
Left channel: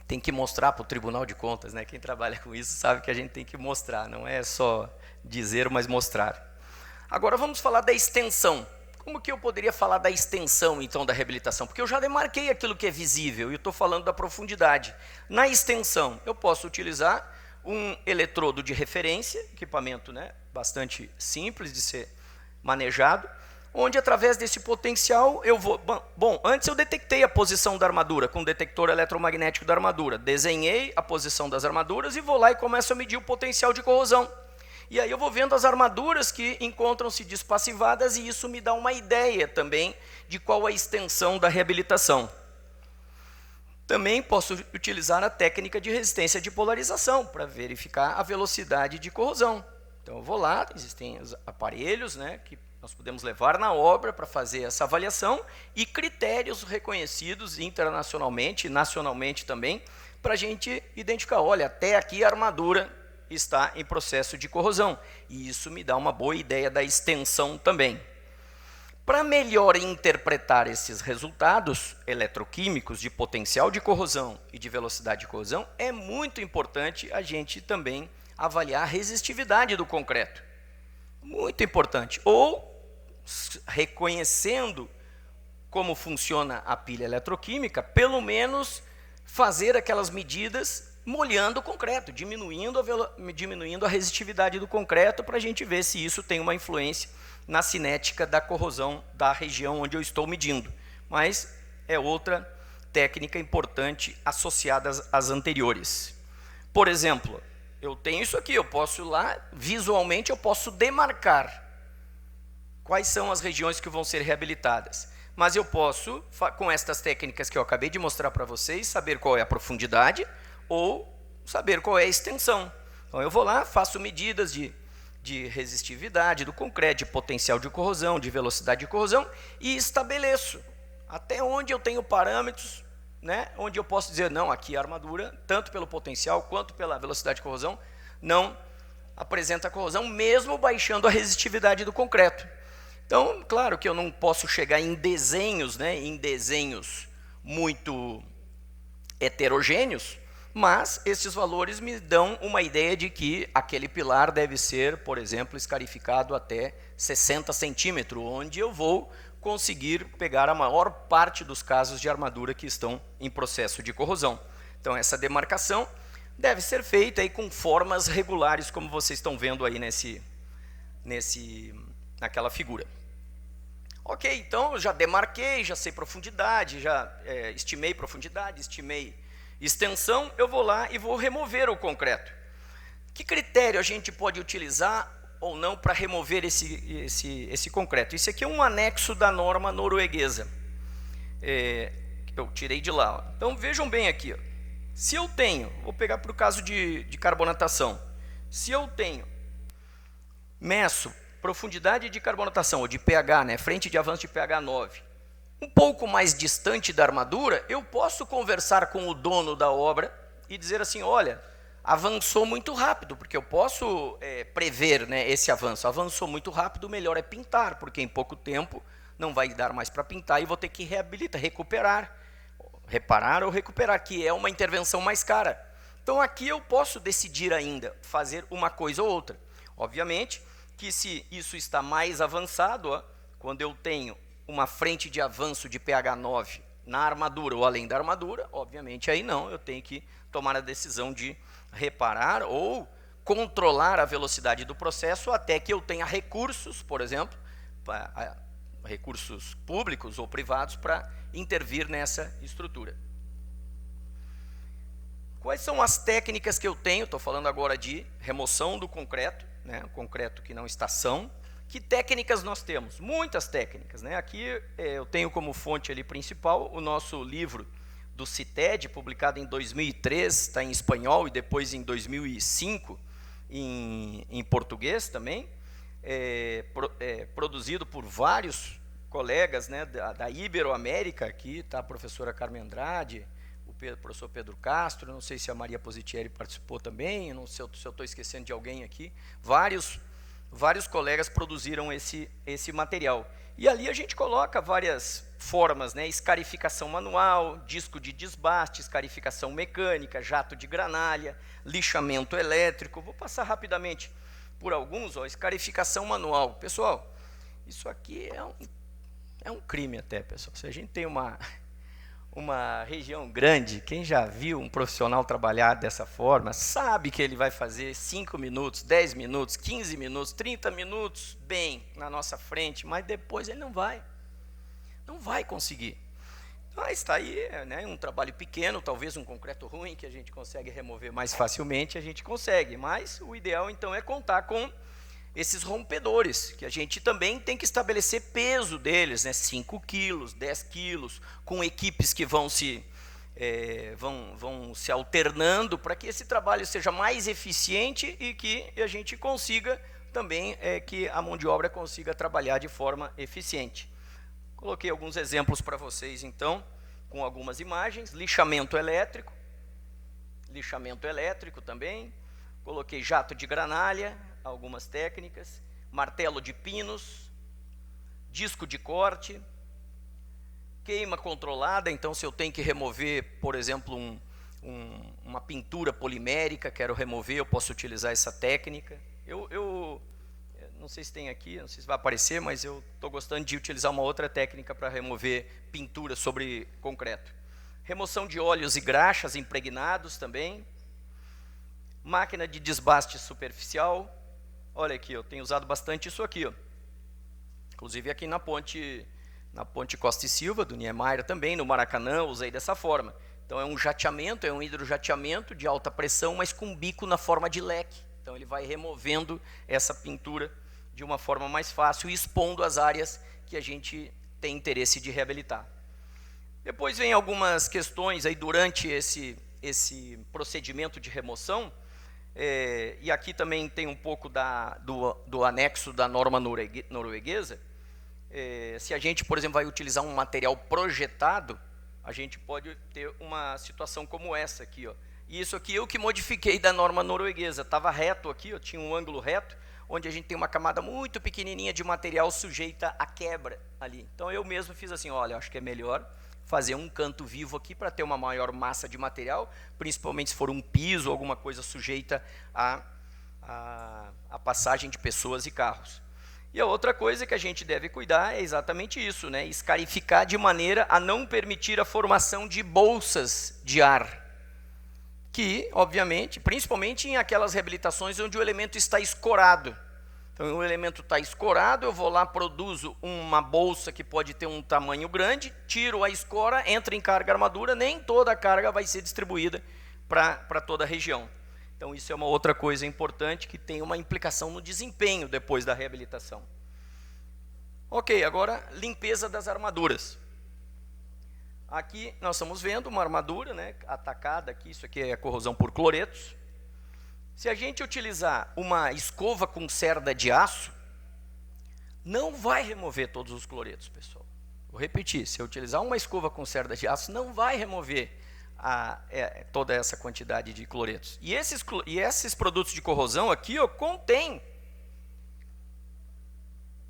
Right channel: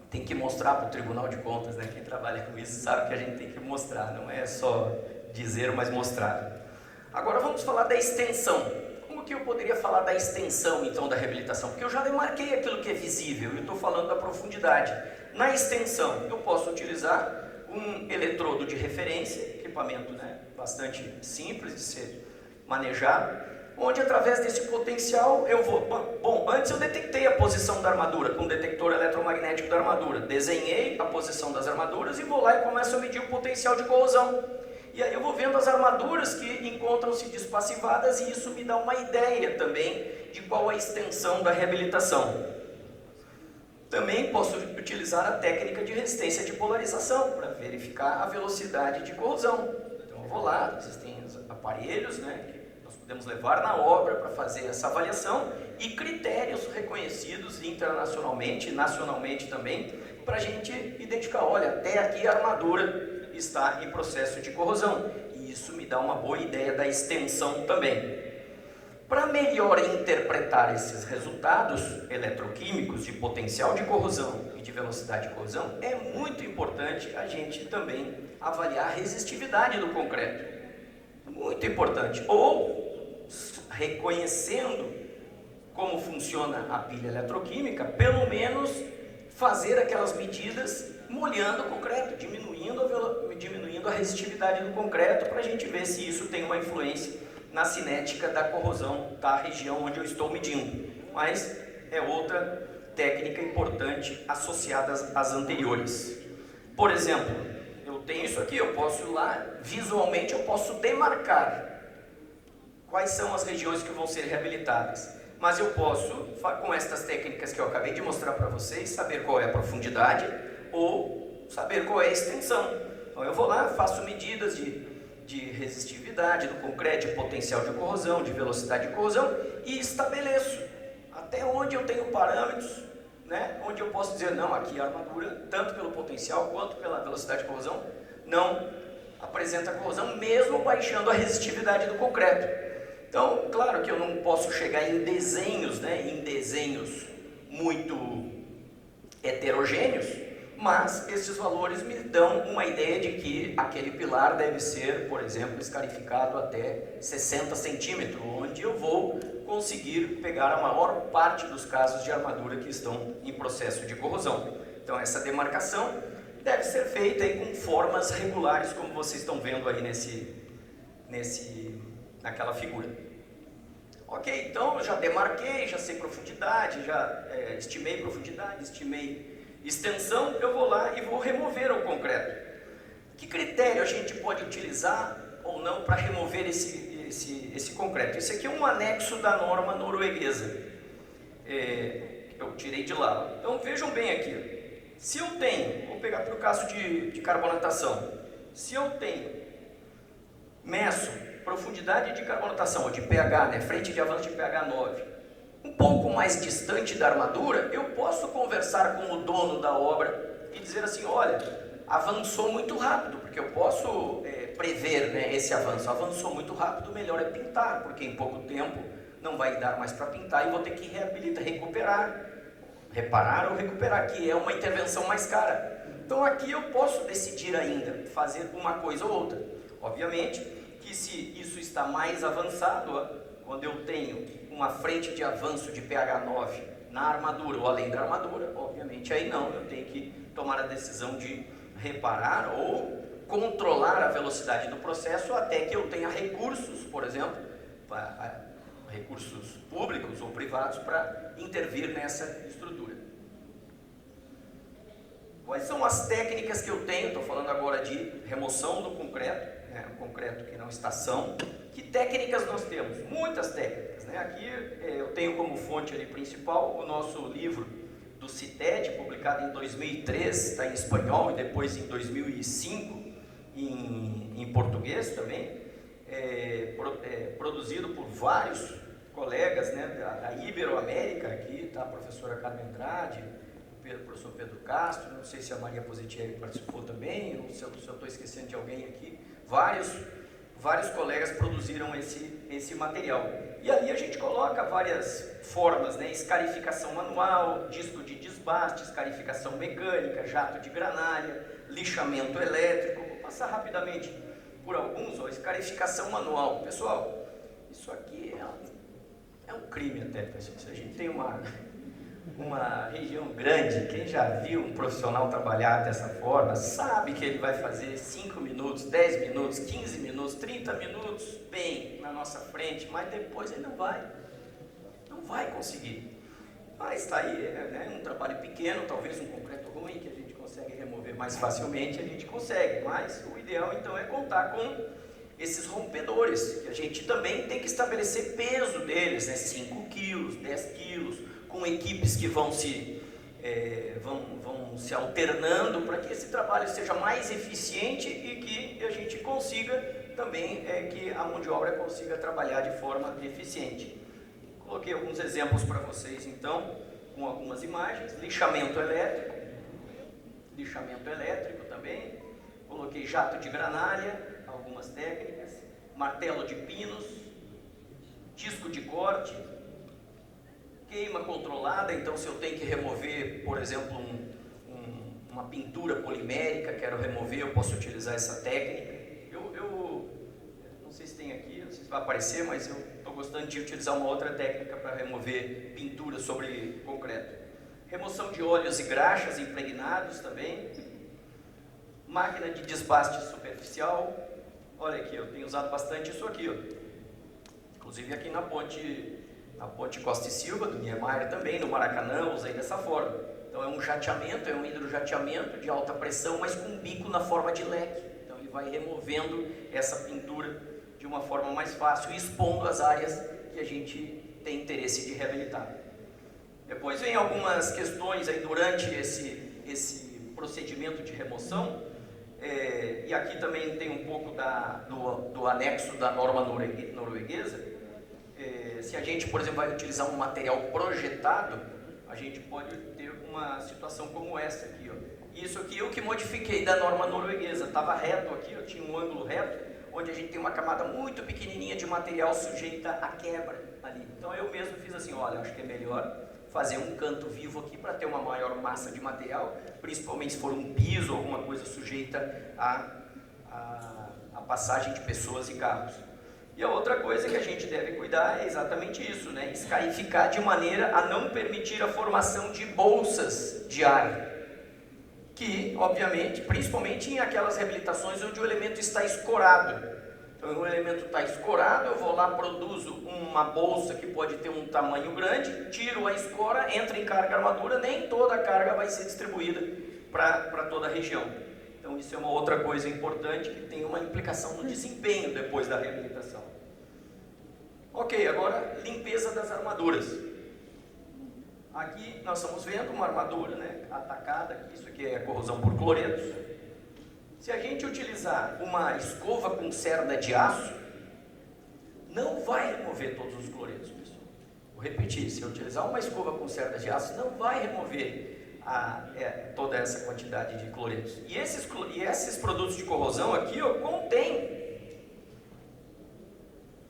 Tem que mostrar para o Tribunal de Contas, né? Quem trabalha com isso sabe que a gente tem que mostrar, não é só dizer, mas mostrar. Agora vamos falar da extensão. Como que eu poderia falar da extensão, então, da reabilitação? Porque eu já demarquei aquilo que é visível e estou falando da profundidade. Na extensão, eu posso utilizar um eletrodo de referência, equipamento, né, bastante simples de ser manejado, onde através desse potencial eu vou... Bom, antes eu detectei a posição da armadura com o detector eletromagnético da armadura, desenhei a posição das armaduras e vou lá e começo a medir o potencial de corrosão. E aí eu vou vendo as armaduras que encontram-se despassivadas e isso me dá uma ideia também de qual a extensão da reabilitação. Também posso utilizar a técnica de resistência de polarização para verificar a velocidade de corrosão. Então eu vou lá, existem aparelhos, né, que nós podemos levar na obra para fazer essa avaliação e critérios reconhecidos internacionalmente, nacionalmente também, para a gente identificar, olha, até aqui a armadura está em processo de corrosão. E isso me dá uma boa ideia da extensão também. Para melhor interpretar esses resultados eletroquímicos de potencial de corrosão e de velocidade de corrosão, é muito importante a gente também avaliar a resistividade do concreto. Muito importante. Ou, reconhecendo como funciona a pilha eletroquímica, pelo menos fazer aquelas medidas molhando o concreto, diminuindo a resistividade do concreto, para a gente ver se isso tem uma influência na cinética da corrosão da região onde eu estou medindo. Mas é outra técnica importante associada às anteriores. Por exemplo, eu tenho isso aqui, eu posso lá, visualmente eu posso demarcar quais são as regiões que vão ser reabilitadas. Mas eu posso, com estas técnicas que eu acabei de mostrar para vocês, saber qual é a profundidade ou saber qual é a extensão. Então eu vou lá, faço medidas de resistividade do concreto, de potencial de corrosão, de velocidade de corrosão e estabeleço até onde eu tenho parâmetros, né, onde eu posso dizer, não, aqui a armadura, tanto pelo potencial quanto pela velocidade de corrosão, não apresenta corrosão, mesmo baixando a resistividade do concreto. Então, claro que eu não posso chegar em desenhos, né, muito heterogêneos, mas esses valores me dão uma ideia de que aquele pilar deve ser, por exemplo, escarificado até 60 centímetros, onde eu vou conseguir pegar a maior parte dos casos de armadura que estão em processo de corrosão. Então essa demarcação deve ser feita aí com formas regulares, como vocês estão vendo aí naquela figura. Ok, então eu já demarquei, já sei profundidade, já estimei profundidade, estimei extensão, eu vou lá e vou remover o concreto. Que critério a gente pode utilizar ou não para remover esse concreto? Isso aqui é um anexo da norma norueguesa, que eu tirei de lá. Então vejam bem aqui, se eu tenho, vou pegar para o caso de carbonatação, se eu meço profundidade de carbonatação, ou de pH, né, frente de avanço de pH 9, um pouco mais distante da armadura, eu posso conversar com o dono da obra e dizer assim, olha, avançou muito rápido, porque eu posso prever, né, esse avanço. Avançou muito rápido, melhor é pintar, porque em pouco tempo não vai dar mais para pintar e vou ter que reabilitar, reparar ou recuperar, que é uma intervenção mais cara. Então aqui eu posso decidir ainda fazer uma coisa ou outra. Obviamente que se isso está mais avançado, quando eu tenho uma frente de avanço de pH 9 na armadura ou além da armadura, obviamente aí não, eu tenho que tomar a decisão de reparar ou controlar a velocidade do processo até que eu tenha recursos, por exemplo, recursos públicos ou privados para intervir nessa estrutura. Quais são as técnicas que eu tenho? Estou falando agora de remoção do concreto, né, concreto que não está são. Que técnicas nós temos? Muitas técnicas, né? Aqui eu tenho como fonte ali principal o nosso livro do CITED, publicado em 2003, está em espanhol, e depois em 2005 em português também, produzido por vários colegas, né, da Iberoamérica. Aqui está a professora Carmen Andrade, o professor Pedro Castro, não sei se a Maria Positieri participou também, não sei se eu estou esquecendo de alguém aqui. Vários colegas produziram esse material. E ali a gente coloca várias formas, né? Escarificação manual, disco de desbaste, escarificação mecânica, jato de granalha, lixamento elétrico. Vou passar rapidamente por alguns. Escarificação manual. Pessoal, isso aqui é um crime até, pessoal. Se a gente tem uma região grande, quem já viu um profissional trabalhar dessa forma, sabe que ele vai fazer 5 minutos, 10 minutos, 15 minutos, 30 minutos bem na nossa frente, mas depois ele não vai conseguir. Mas está aí, né, um trabalho pequeno, talvez um concreto ruim que a gente consegue remover mais facilmente, a gente consegue, mas o ideal então é contar com esses rompedores, que a gente também tem que estabelecer peso deles, né, 5 quilos, 10 quilos, com equipes que vão se alternando para que esse trabalho seja mais eficiente e que a gente consiga também que a mão de obra consiga trabalhar de forma eficiente. Coloquei alguns exemplos para vocês então, com algumas imagens. Lixamento elétrico também. Coloquei jato de granalha, algumas técnicas. Martelo de pinos, disco de corte, queima controlada. Então, se eu tenho que remover, por exemplo, uma pintura polimérica, quero remover, eu posso utilizar essa técnica. Eu não sei se tem aqui, não sei se vai aparecer, mas eu estou gostando de utilizar uma outra técnica para remover pintura sobre concreto. Remoção de óleos e graxas impregnados também. Máquina de desbaste superficial. Olha aqui, eu tenho usado bastante isso aqui, ó. Inclusive aqui na ponte Costa e Silva, do Niemeyer também, no Maracanã, usei dessa forma. Então é um jateamento, é um hidrojateamento de alta pressão, mas com bico na forma de leque. Então ele vai removendo essa pintura de uma forma mais fácil e expondo as áreas que a gente tem interesse de reabilitar. Depois vem algumas questões aí durante esse procedimento de remoção, e aqui também tem um pouco do anexo da norma norueguesa. Se a gente, por exemplo, vai utilizar um material projetado, a gente pode ter uma situação como essa aqui, ó. E isso aqui eu que modifiquei da norma norueguesa. Estava reto aqui, ó, tinha um ângulo reto, onde a gente tem uma camada muito pequenininha de material sujeita à quebra ali. Então eu mesmo fiz assim, olha, acho que é melhor fazer um canto vivo aqui para ter uma maior massa de material, principalmente se for um piso ou alguma coisa sujeita à passagem de pessoas e carros. E a outra coisa que a gente deve cuidar é exatamente isso, né? Escarificar de maneira a não permitir a formação de bolsas de ar, que, obviamente, principalmente em aquelas reabilitações onde o elemento está escorado. Então, o elemento está escorado, eu vou lá, produzo uma bolsa que pode ter um tamanho grande, tiro a escora, entra em carga armadura, nem toda a carga vai ser distribuída para toda a região. Então, isso é uma outra coisa importante que tem uma implicação no desempenho depois da reabilitação. Ok, agora limpeza das armaduras. Aqui nós estamos vendo uma armadura, né, atacada, aqui, isso aqui é corrosão por cloretos. Se a gente utilizar uma escova com cerda de aço, não vai remover todos os cloretos, pessoal. Vou repetir, se eu utilizar uma escova com cerda de aço, não vai remover toda essa quantidade de cloretos. E esses produtos de corrosão aqui, ó, contém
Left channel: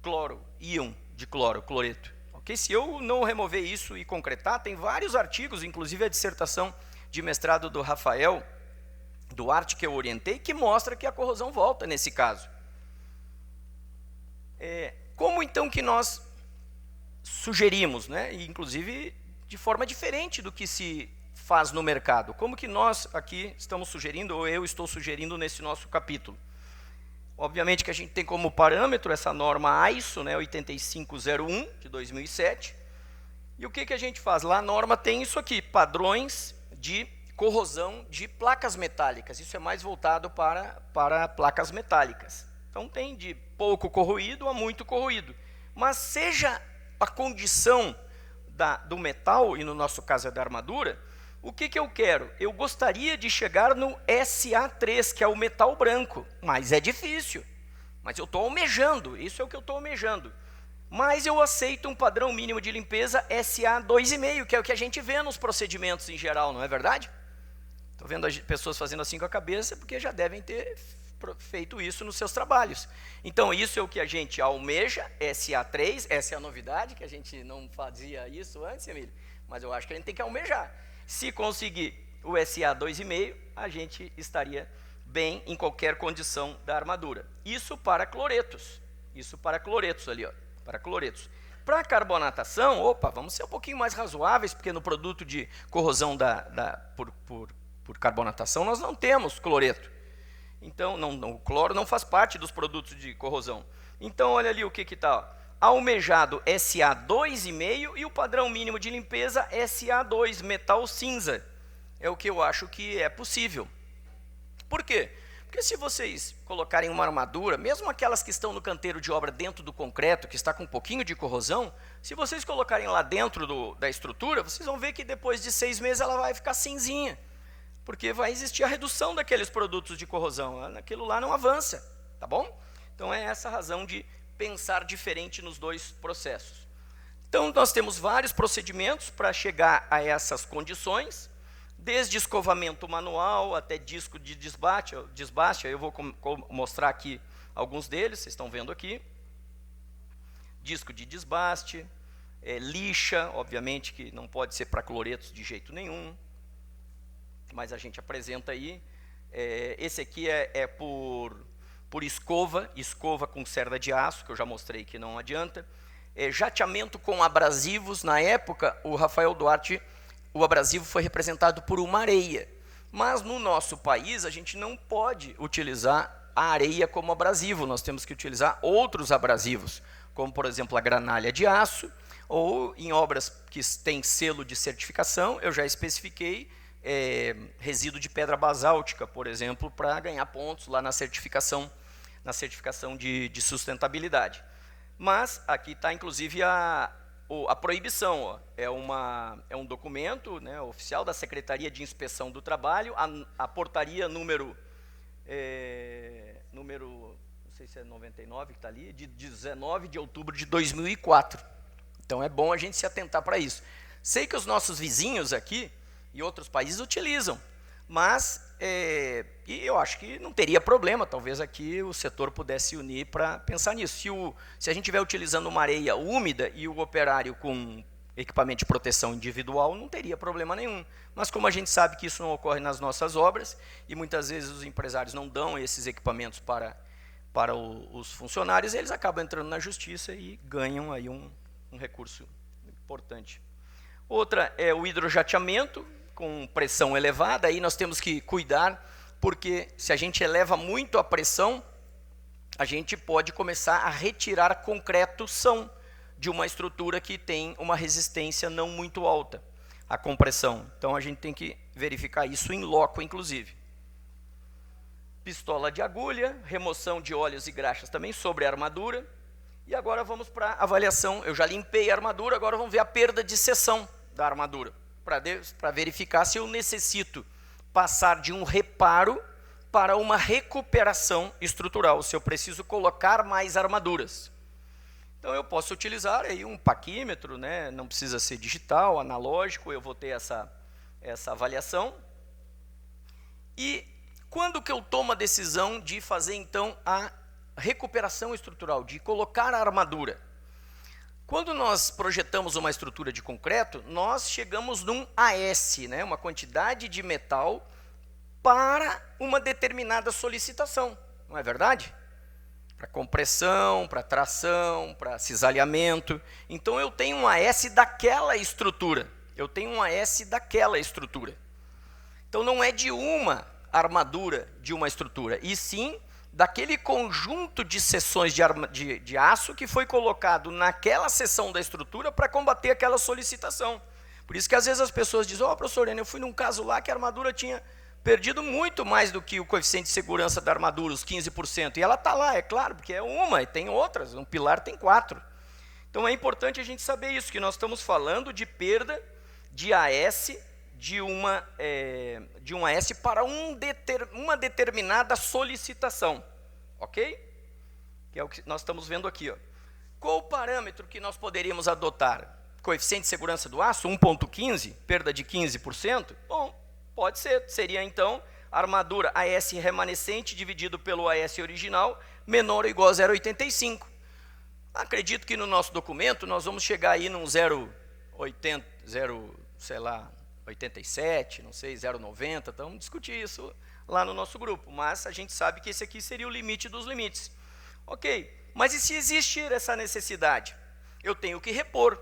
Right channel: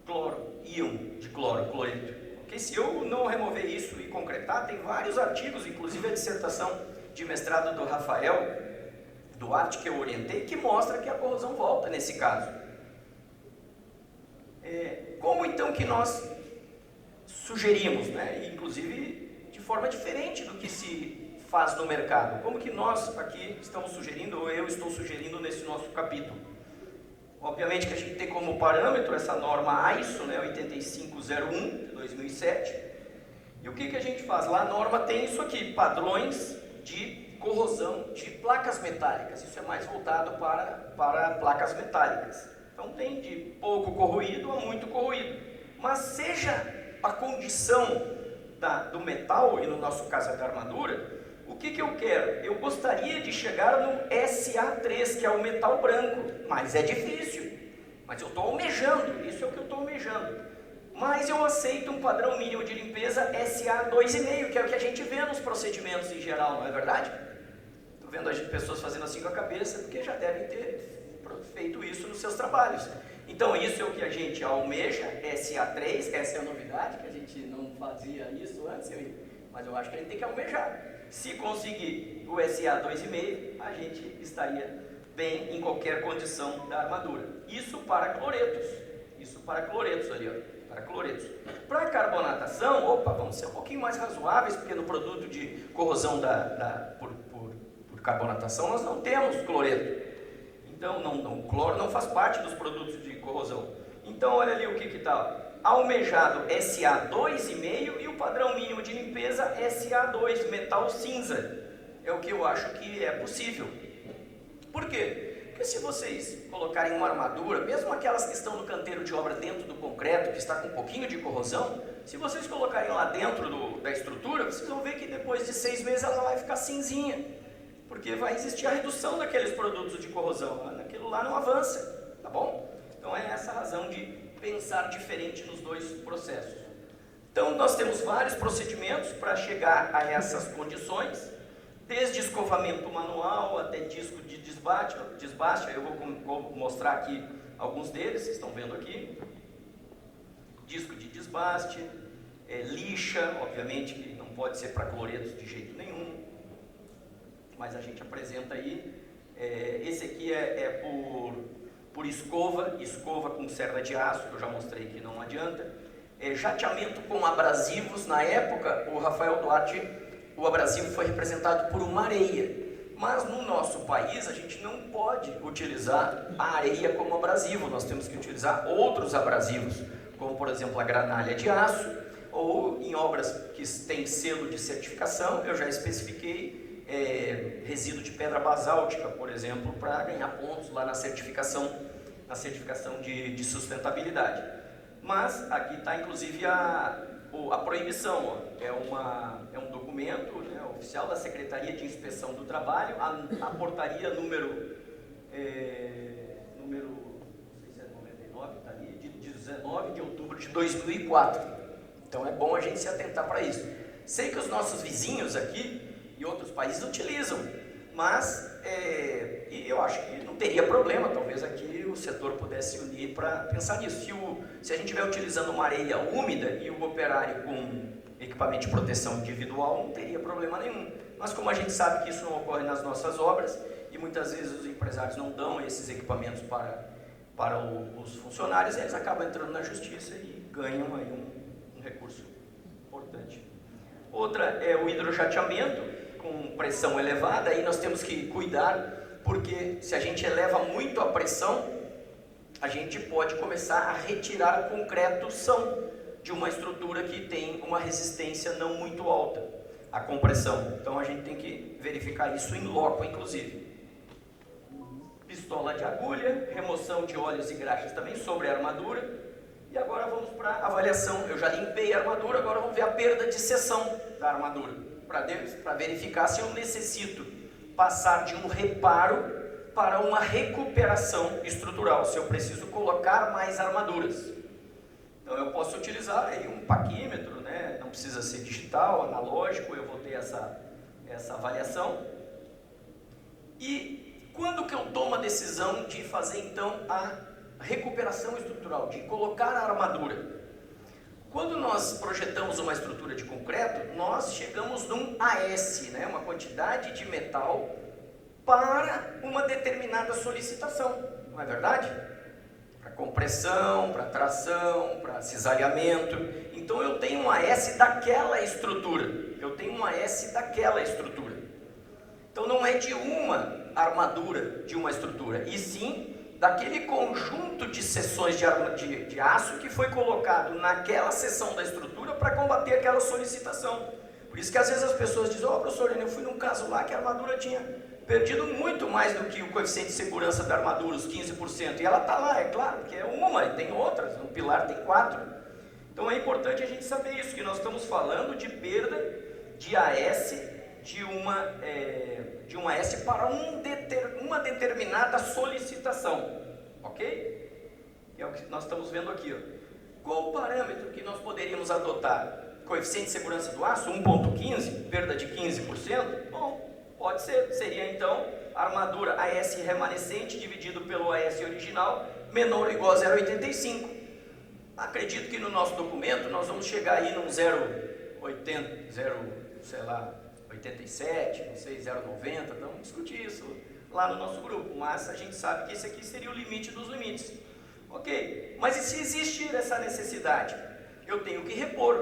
cloro, íon de cloro, cloreto. Okay? Se eu não remover isso e concretar, tem vários artigos, inclusive a dissertação de mestrado do Rafael Duarte, que eu orientei, que mostra que a corrosão volta nesse caso. Como então que nós sugerimos, né? E, inclusive de forma diferente do que se faz no mercado? Como que nós aqui estamos sugerindo, ou eu estou sugerindo nesse nosso capítulo? Obviamente que a gente tem como parâmetro essa norma ISO, né, 8501 de 2007. E o que a gente faz? Lá a norma tem isso aqui, padrões de corrosão de placas metálicas. Isso é mais voltado para placas metálicas. Então tem de pouco corroído a muito corroído. Mas seja a condição do metal, e no nosso caso é da armadura, o que eu quero? Eu gostaria de chegar no SA3, que é o metal branco, mas é difícil. Mas eu estou almejando, isso é o que eu estou almejando. Mas eu aceito um padrão mínimo de limpeza SA2,5, que é o que a gente vê nos procedimentos em geral, não é verdade? Estou vendo as pessoas fazendo assim com a cabeça, porque já devem ter feito isso nos seus trabalhos. Então isso é o que a gente almeja, SA3, essa é a novidade, que a gente não fazia isso antes, mas eu acho que a gente tem que almejar. Se conseguir o SA2,5, a gente estaria bem em qualquer condição da armadura. Isso para cloretos. Isso para cloretos ali, ó. Para cloretos. Para carbonatação, vamos ser um pouquinho mais razoáveis, porque no produto de corrosão por carbonatação nós não temos cloreto. Então, o cloro não faz parte dos produtos de corrosão. Então, olha ali o que está. Almejado SA2,5 e o padrão mínimo de limpeza SA2, metal cinza. É o que eu acho que é possível. Por quê? Porque se vocês colocarem uma armadura, mesmo aquelas que estão no canteiro de obra dentro do concreto, que está com um pouquinho de corrosão, se vocês colocarem lá dentro da estrutura, vocês vão ver que depois de 6 meses ela vai ficar cinzinha. Porque vai existir a redução daqueles produtos de corrosão. Aquilo lá não avança, tá bom? Então é essa a razão de pensar diferente nos dois processos. Então nós temos vários procedimentos para chegar a essas condições, desde escovamento manual até disco de desbaste. Eu vou mostrar aqui alguns deles, vocês estão vendo aqui. Disco de desbaste, lixa, obviamente que não pode ser para cloretos de jeito nenhum, mas a gente apresenta aí. Esse aqui é por escova com cerda de aço, que eu já mostrei que não adianta. Jateamento com abrasivos. Na época, o Rafael Duarte, o abrasivo foi representado por uma areia. Mas no nosso país, a gente não pode utilizar a areia como abrasivo. Nós temos que utilizar outros abrasivos, como por exemplo a granalha de aço, ou em obras que têm selo de certificação, eu já especifiquei resíduo de pedra basáltica, por exemplo, para ganhar pontos lá na certificação de sustentabilidade. Mas aqui está inclusive a proibição, ó. É um documento, né, oficial da Secretaria de Inspeção do Trabalho, a portaria número não sei se é 99 que está ali, de 19 de outubro de 2004. Então é bom a gente se atentar para isso. Sei que os nossos vizinhos aqui e outros países utilizam, mas e eu acho que não teria problema, talvez aqui o setor pudesse unir para pensar nisso. Se a gente estiver utilizando uma areia úmida e o operário com equipamento de proteção individual, não teria problema nenhum. Mas como a gente sabe que isso não ocorre nas nossas obras, e muitas vezes os empresários não dão esses equipamentos para os funcionários, eles acabam entrando na justiça e ganham aí um recurso importante. Outra é o hidrojateamento com pressão elevada. Aí nós temos que cuidar, porque se a gente eleva muito a pressão, a gente pode começar a retirar concreto-ção de uma estrutura que tem uma resistência não muito alta à compressão. Então a gente tem que verificar isso em loco, inclusive. Pistola de agulha, remoção de óleos e graxas também sobre a armadura. E agora vamos para a avaliação. Eu já limpei a armadura, agora vamos ver a perda de seção da armadura, para verificar se eu necessito passar de um reparo para uma recuperação estrutural, se eu preciso colocar mais armaduras. Então eu posso utilizar aí um paquímetro, né? Não precisa ser digital, analógico, eu vou ter essa avaliação. E quando que eu tomo a decisão de fazer então a recuperação estrutural, de colocar a armadura? Quando nós projetamos uma estrutura de concreto, nós chegamos num AS, né, uma quantidade de metal para uma determinada solicitação, não é verdade? Para compressão, para tração, para cisalhamento. Então eu tenho um AS daquela estrutura, Então não é de uma armadura de uma estrutura, e sim daquele conjunto de seções de aço que foi colocado naquela seção da estrutura para combater aquela solicitação. Por isso que às vezes as pessoas dizem: professor, eu fui num caso lá que a armadura tinha perdido muito mais do que o coeficiente de segurança da armadura, os 15%, e ela está lá, é claro, porque é uma, e tem outras, um pilar tem 4. Então é importante a gente saber isso, que nós estamos falando de perda de AS, de um AS para uma determinada solicitação, ok? Que é o que nós estamos vendo aqui, ó. Qual o parâmetro que nós poderíamos adotar? Coeficiente de segurança do aço, 1,15, perda de 15%? Bom, pode ser, seria então armadura AS remanescente dividido pelo AS original, menor ou igual a 0,85. Acredito que no nosso documento nós vamos chegar aí num 87, não sei, 0,90, então vamos discutir isso lá no nosso grupo, mas a gente sabe que esse aqui seria o limite dos limites. Ok, mas e se existir essa necessidade? Eu tenho que repor.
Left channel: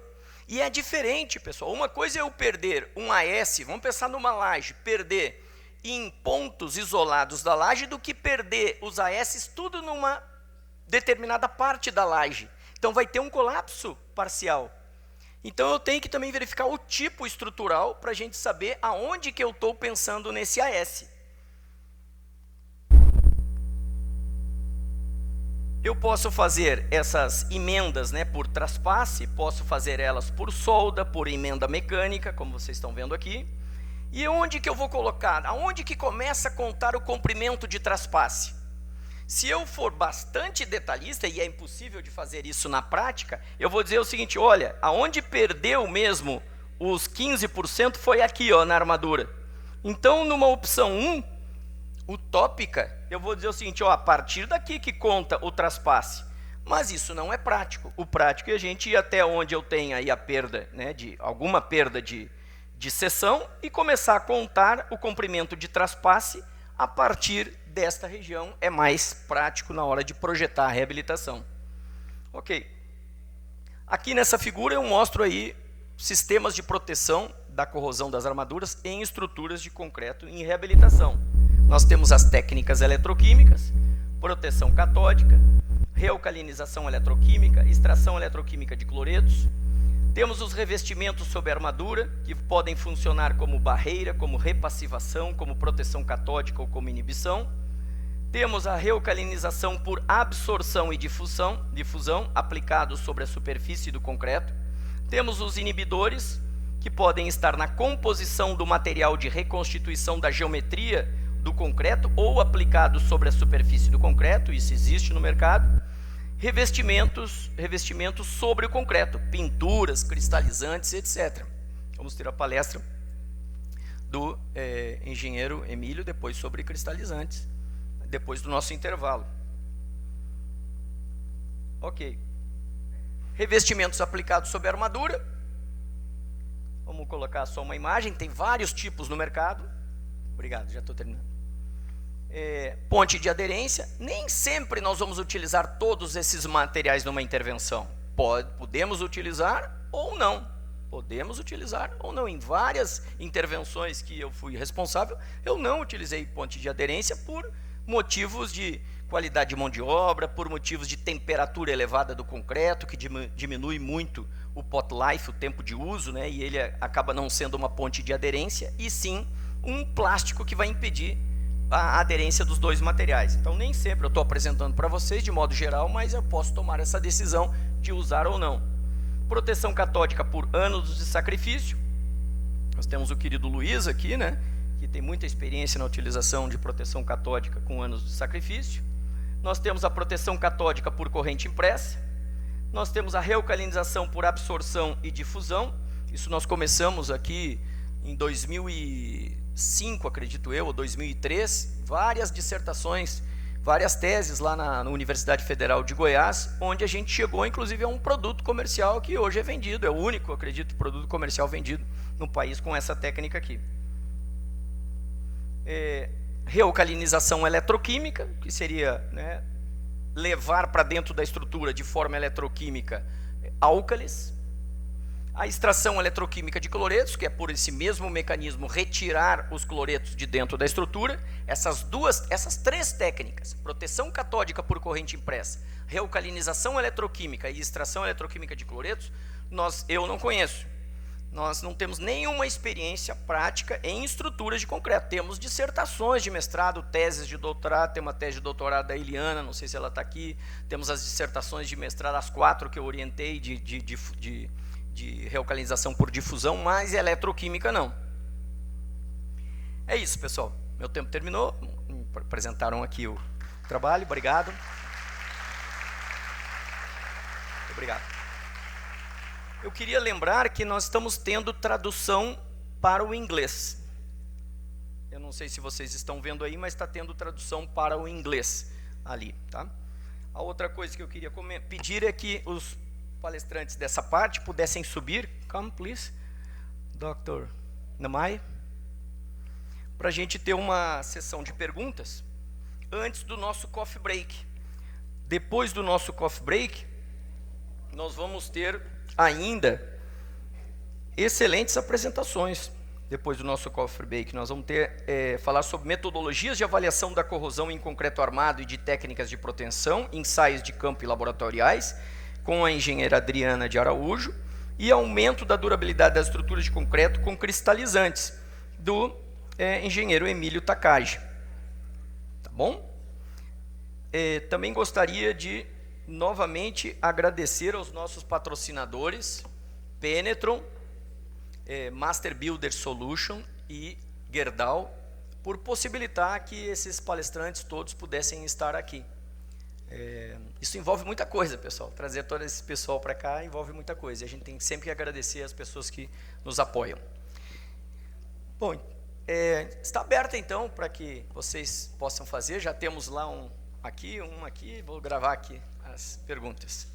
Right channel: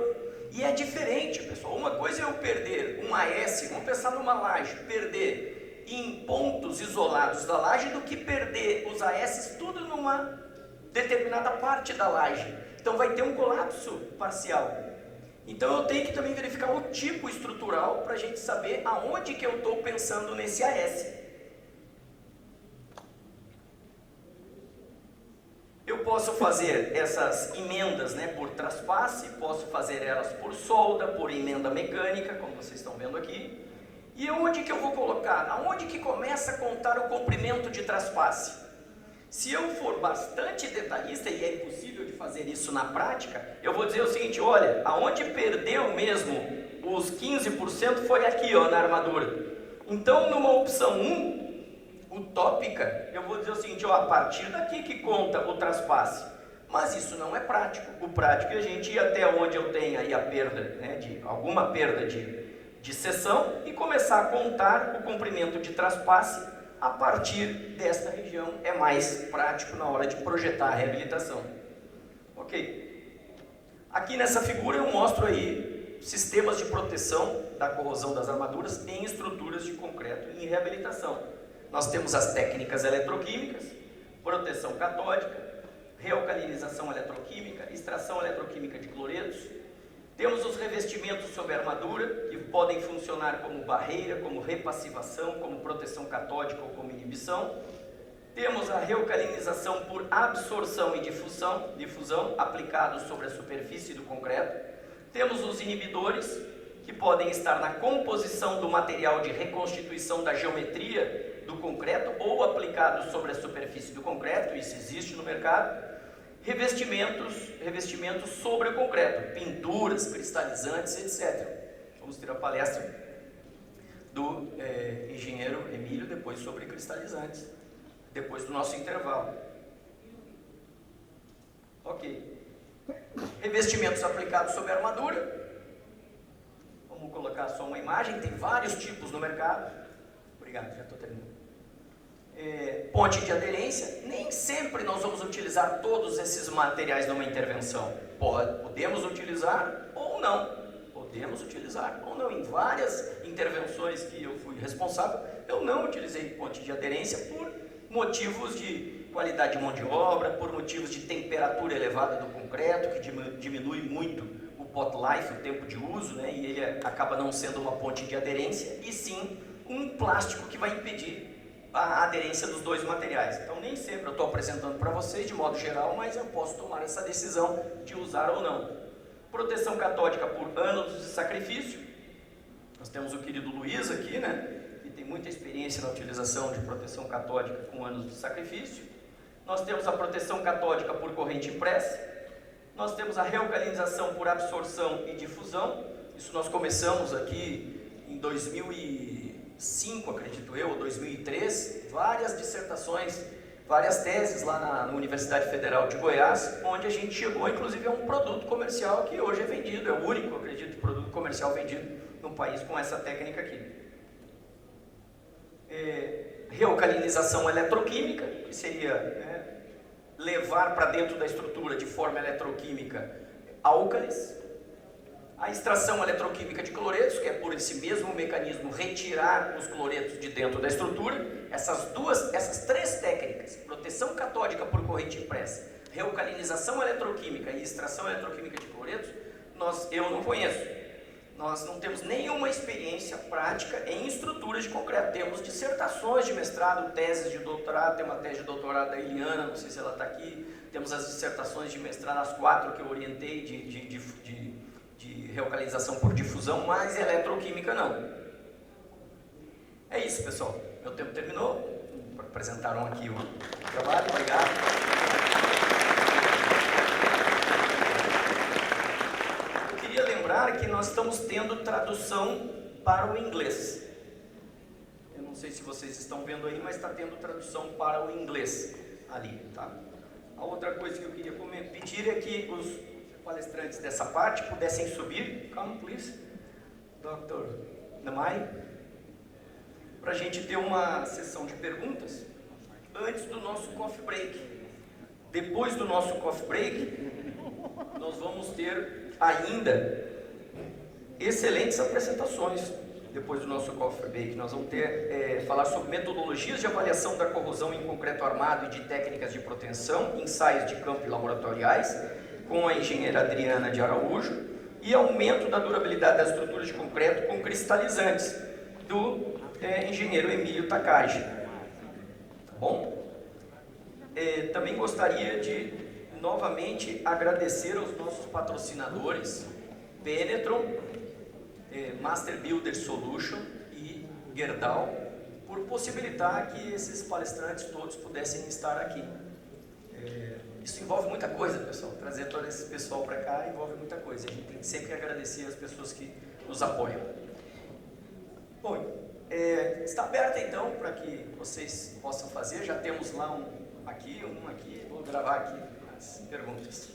E é diferente, pessoal. Uma coisa é eu perder um AS, vamos pensar numa laje, perder em pontos isolados da laje, do que perder os AS tudo numa determinada parte da laje. Então vai ter um colapso parcial. Então eu tenho que também verificar o tipo estrutural para a gente saber aonde que eu estou pensando nesse AS. Eu posso fazer essas emendas, né, por traspasse, posso fazer elas por solda, por emenda mecânica, como vocês estão vendo aqui. E onde que eu vou colocar? Aonde que começa a contar o comprimento de traspasse? Se eu for bastante detalhista, e é impossível de fazer isso na prática, eu vou dizer o seguinte: olha, aonde perdeu mesmo os 15% foi aqui, ó, na armadura. Então, numa opção 1, utópica, eu vou dizer o seguinte: ó, a partir daqui que conta o traspasse. Mas isso não é prático. O prático é a gente ir até onde eu tenho aí a perda, né, de alguma perda de seção, e começar a contar o comprimento de traspasse a partir desta região. É mais prático na hora de projetar a reabilitação. Ok. Aqui nessa figura eu mostro aí sistemas de proteção da corrosão das armaduras em estruturas de concreto em reabilitação. Nós temos as técnicas eletroquímicas, proteção catódica, realcalinização eletroquímica, extração eletroquímica de cloretos. Temos os revestimentos sobre a armadura, que podem funcionar como barreira, como repassivação, como proteção catódica ou como inibição. Temos a realcalinização por absorção e difusão aplicados sobre a superfície do concreto. Temos os inibidores, que podem estar na composição do material de reconstituição da geometria do concreto ou aplicados sobre a superfície do concreto, isso existe no mercado. Revestimentos sobre o concreto, pinturas, cristalizantes, etc. Vamos ter a palestra do engenheiro Emílio depois sobre cristalizantes, depois do nosso intervalo. Ok. Revestimentos aplicados sobre a armadura. Vamos colocar só uma imagem, tem vários tipos no mercado. Obrigado, já estou terminando. Ponte de aderência. Nem sempre nós vamos utilizar todos esses materiais numa intervenção. Podemos utilizar ou não. Em várias intervenções que eu fui responsável, eu não utilizei ponte de aderência por motivos de qualidade de mão de obra, por motivos de temperatura elevada do concreto, que diminui muito o pot life, o tempo de uso, né? E ele acaba não sendo uma ponte de aderência, e sim um plástico que vai impedir a aderência dos dois materiais. Então nem sempre eu estou apresentando para vocês de modo geral, mas eu posso tomar essa decisão de usar ou não. Proteção catódica por anos de sacrifício. Nós temos o querido Luiz aqui, né, que tem muita experiência na utilização de proteção catódica com anos de sacrifício. Nós temos a proteção catódica por corrente impressa. Nós temos a realcalinização por absorção e difusão. Isso nós começamos aqui em 2005, acredito eu, ou 2003, várias dissertações, várias teses lá na Universidade Federal de Goiás, onde a gente chegou inclusive a um produto comercial que hoje é vendido, é o único, acredito, produto comercial vendido no país com essa técnica aqui. Realcalinização eletroquímica, que seria, né, levar para dentro da estrutura de forma eletroquímica álcalis. A extração eletroquímica de cloretos, que é por esse mesmo mecanismo retirar os cloretos de dentro da estrutura. Essas três técnicas, proteção catódica por corrente impressa, realcalinização eletroquímica e extração eletroquímica de cloretos, eu não conheço. Nós não temos nenhuma experiência prática em estruturas de concreto. Temos dissertações de mestrado, teses de doutorado, tem uma tese de doutorado da Eliana, não sei se ela está aqui. Temos as dissertações de mestrado, as 4 que eu orientei de realcalinização por difusão, mas eletroquímica não. É isso, pessoal. Meu tempo terminou. Apresentaram aqui o trabalho. Obrigado. Queria lembrar que nós estamos tendo tradução para o inglês. Eu não sei se vocês estão vendo aí, mas está tendo tradução para o inglês ali, tá? A outra coisa que eu queria pedir é que os palestrantes dessa parte pudessem subir. Come, please, Dr. Namai, para a gente ter uma sessão de perguntas antes do nosso coffee break. Depois do nosso coffee break, nós vamos ter ainda excelentes apresentações. Depois do nosso coffee break, nós vamos falar sobre metodologias de avaliação da corrosão em concreto armado e de técnicas de proteção, ensaios de campo e laboratoriais, com a engenheira Adriana de Araújo, e aumento da durabilidade das estruturas de concreto com cristalizantes, do engenheiro Emílio Takagi. Tá bom? Também gostaria de novamente agradecer aos nossos patrocinadores, Penetron, Master Builder Solution e Gerdau, por possibilitar que esses palestrantes todos pudessem estar aqui. Isso envolve muita coisa, pessoal. Trazer todo esse pessoal para cá envolve muita coisa. A gente tem sempre que agradecer as pessoas que nos apoiam. Bom, está aberto então para que vocês possam fazer. Já temos lá um aqui. Vou gravar aqui as perguntas.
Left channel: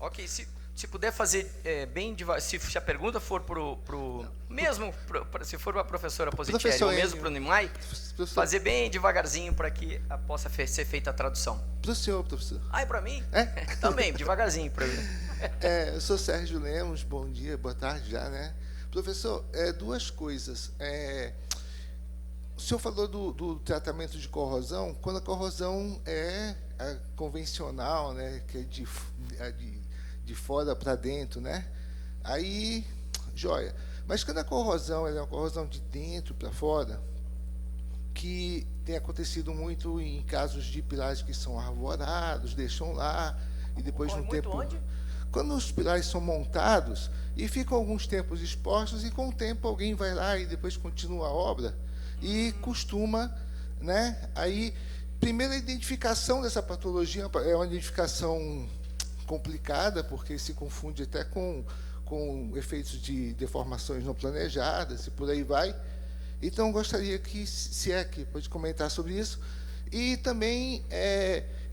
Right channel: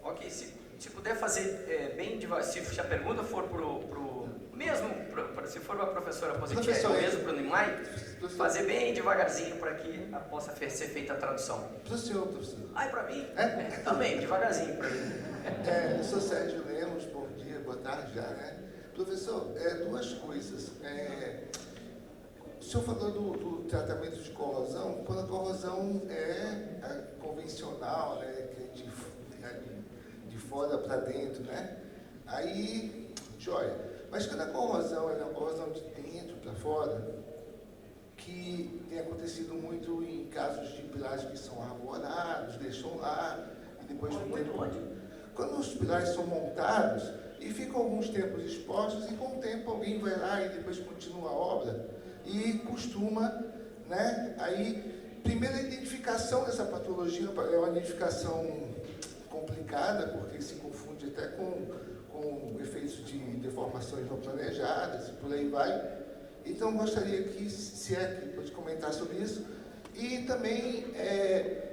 Ok, se puder fazer bem devagar, se a pergunta for se for para a professora Positieri ou mesmo para o Nimai, fazer bem devagarzinho para que possa ser feita a tradução. Para o senhor, professor. É para mim? Também, devagarzinho para mim. Eu sou Sérgio Lemos, bom dia, boa tarde já, né? Professor, duas coisas. O senhor falou do tratamento de corrosão, quando a corrosão é convencional, né, que é de fora para dentro, né? Aí, joia. Mas quando a corrosão é uma corrosão de dentro para fora, que tem acontecido muito em casos de pilares que são arvorados, deixam lá, e depois de um tempo... Onde? Quando os pilares são montados e ficam alguns tempos expostos, e com o tempo alguém vai lá e depois continua a obra, e costuma, né? Aí, primeira identificação dessa patologia é uma identificação complicada, porque se confunde até com efeitos de deformações não planejadas e por aí vai. Então, gostaria que, se é que pode comentar sobre isso. E também,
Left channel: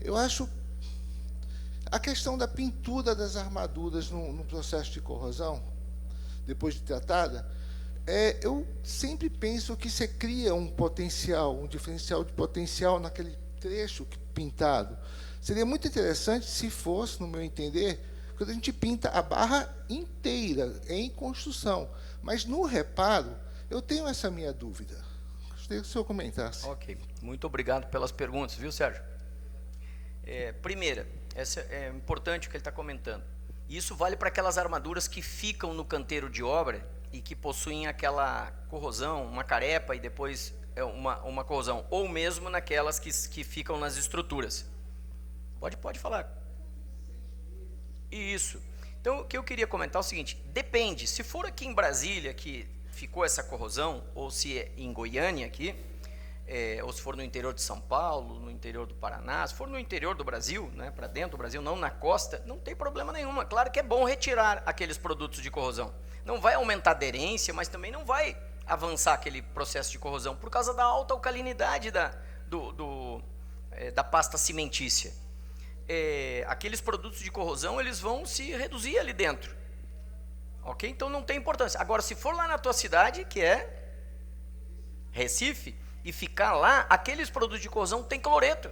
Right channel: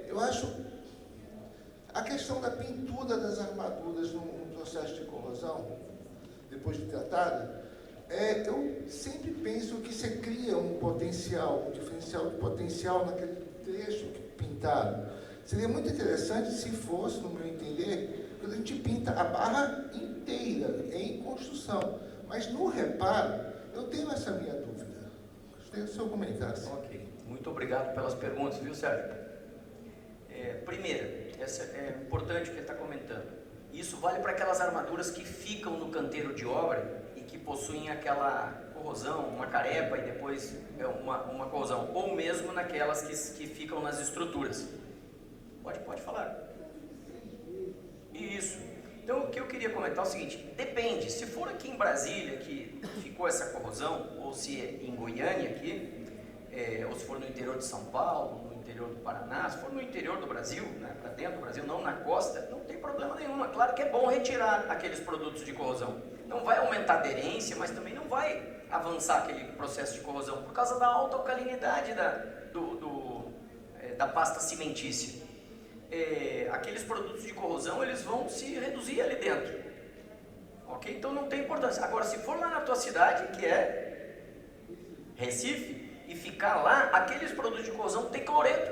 eu acho, a questão da pintura das armaduras no processo de corrosão, depois de tratada, eu sempre penso que você cria um potencial, um diferencial de potencial naquele trecho pintado. Seria muito interessante se fosse, no meu entender, quando a gente pinta a barra inteira em construção. Mas no reparo, eu tenho essa minha dúvida. Gostaria que o senhor comentasse. Ok. Muito obrigado pelas perguntas, viu, Sérgio? Primeira, essa é importante o que ele está comentando. Isso vale para aquelas armaduras que ficam no canteiro de obra e que possuem aquela corrosão, uma carepa e depois uma corrosão, ou mesmo naquelas que ficam nas estruturas. Pode falar. Isso. Então, o que eu queria comentar é o seguinte: depende. Se for aqui em Brasília que ficou essa corrosão, ou se é em Goiânia aqui, ou se for no interior de São Paulo, no interior do Paraná, se for no interior do Brasil, né, para dentro do Brasil, não na costa, não tem problema nenhum. É claro que é bom retirar aqueles produtos de corrosão. Não vai aumentar a aderência, mas também não vai avançar aquele processo de corrosão, por causa da alta alcalinidade da pasta cimentícia. Aqueles produtos de corrosão, eles vão se reduzir ali dentro. Ok? Então não tem importância. Agora, se for lá na tua cidade, que é Recife, e ficar lá, aqueles produtos de corrosão têm cloreto.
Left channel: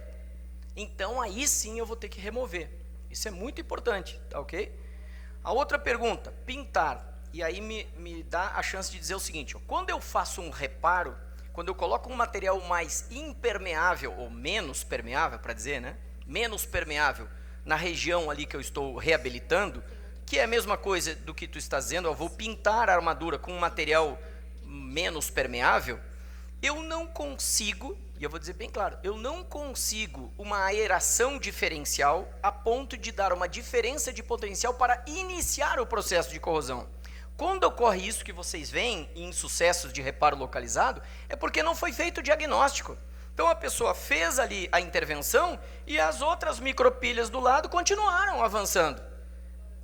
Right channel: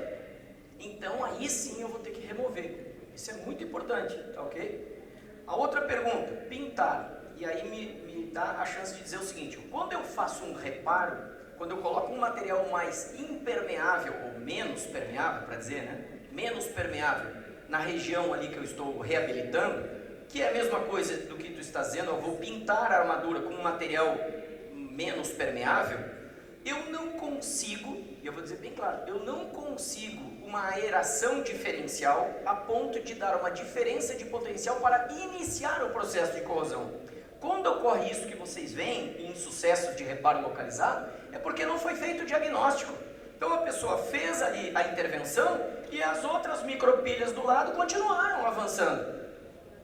Então aí sim eu vou ter que remover. Isso é muito importante, tá ok? A outra pergunta, pintar. E aí me dá a chance de dizer o seguinte: quando eu faço um reparo, quando eu coloco um material mais impermeável, ou menos permeável, para dizer, né? Menos permeável, na região ali que eu estou reabilitando, que é a mesma coisa do que tu estás dizendo, eu vou pintar a armadura com um material menos permeável, eu não consigo, e eu vou dizer bem claro, eu não consigo uma aeração diferencial a ponto de dar uma diferença de potencial para iniciar o processo de corrosão. Quando ocorre isso que vocês veem em sucessos de reparo localizado, é porque não foi feito o diagnóstico. Então a pessoa fez ali a intervenção e as outras micropilhas do lado continuaram avançando.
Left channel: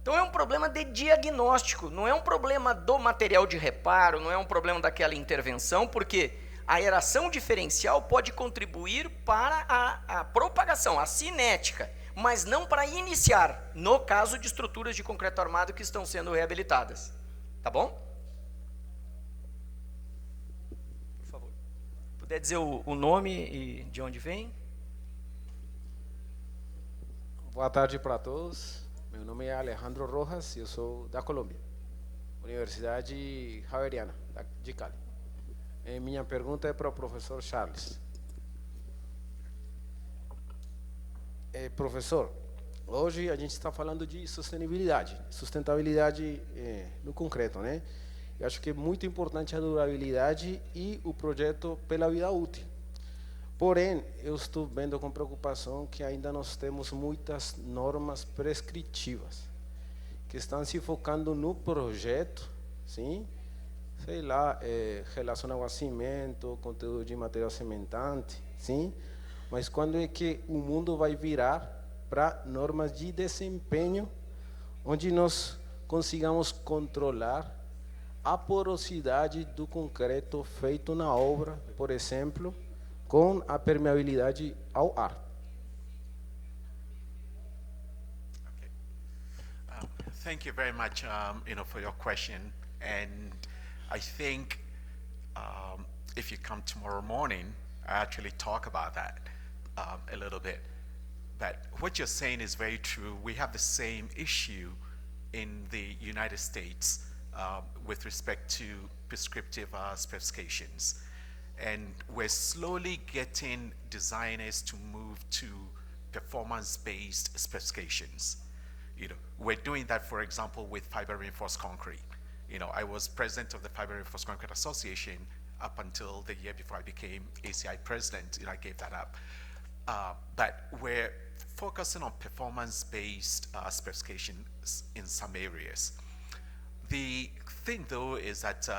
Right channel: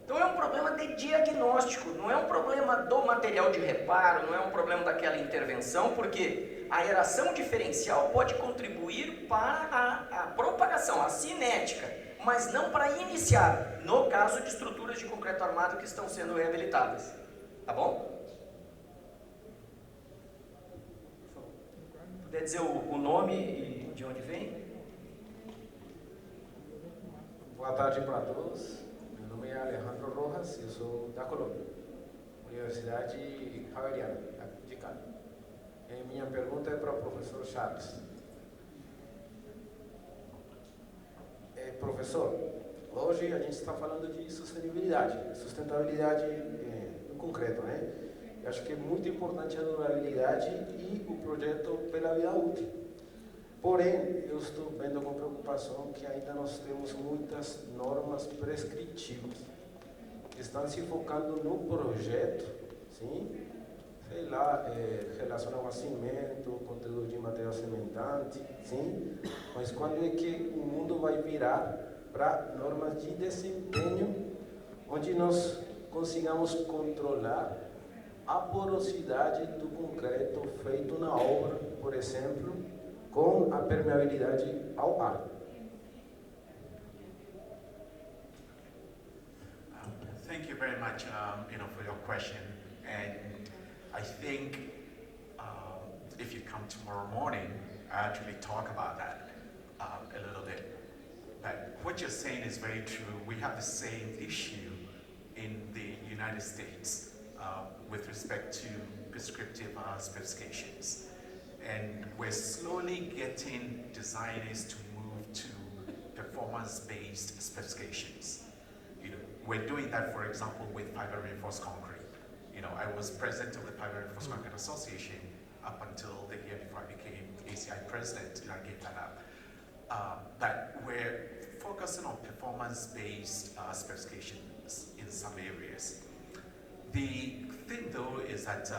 Então é um problema de diagnóstico, não é um problema do material de reparo, não é um problema daquela intervenção, porque a aeração diferencial pode contribuir para a propagação, a cinética, mas não para iniciar, no caso de estruturas de concreto armado que estão sendo reabilitadas. Tá bom? Por favor. Puder dizer o nome e de onde vem? Boa tarde para todos. Meu nome é Alejandro Rojas e eu sou da Colômbia, Universidade Javeriana, de Cali. Minha pergunta é para o professor Charles. Professor, hoje a gente está falando de sustentabilidade no concreto, né? Eu acho que é muito importante a durabilidade e o projeto pela vida útil. Porém, eu estou vendo com preocupação que ainda nós temos muitas normas prescritivas que estão se focando no projeto, sim? Sei lá, relacionado ao cimento, conteúdo de material cimentante, sim? Mas quando é que o mundo vai virar para normas de desempenho, onde nós consigamos controlar a porosidade do concreto feito na obra, por exemplo, com a permeabilidade ao ar? Thank you very much, for your question. And I think if you come tomorrow morning, I actually talk about that a little bit. But what you're saying is very true. We have the same issue in the United States with respect to prescriptive specifications. And we're slowly getting designers to move to performance-based specifications. We're doing that, for example, with fiber reinforced concrete. I was president of the Fiber Reinforced Concrete Association up until the year before I became ACI president, and I gave that up. But we're focusing on performance-based specifications in some areas. The thing, though, is that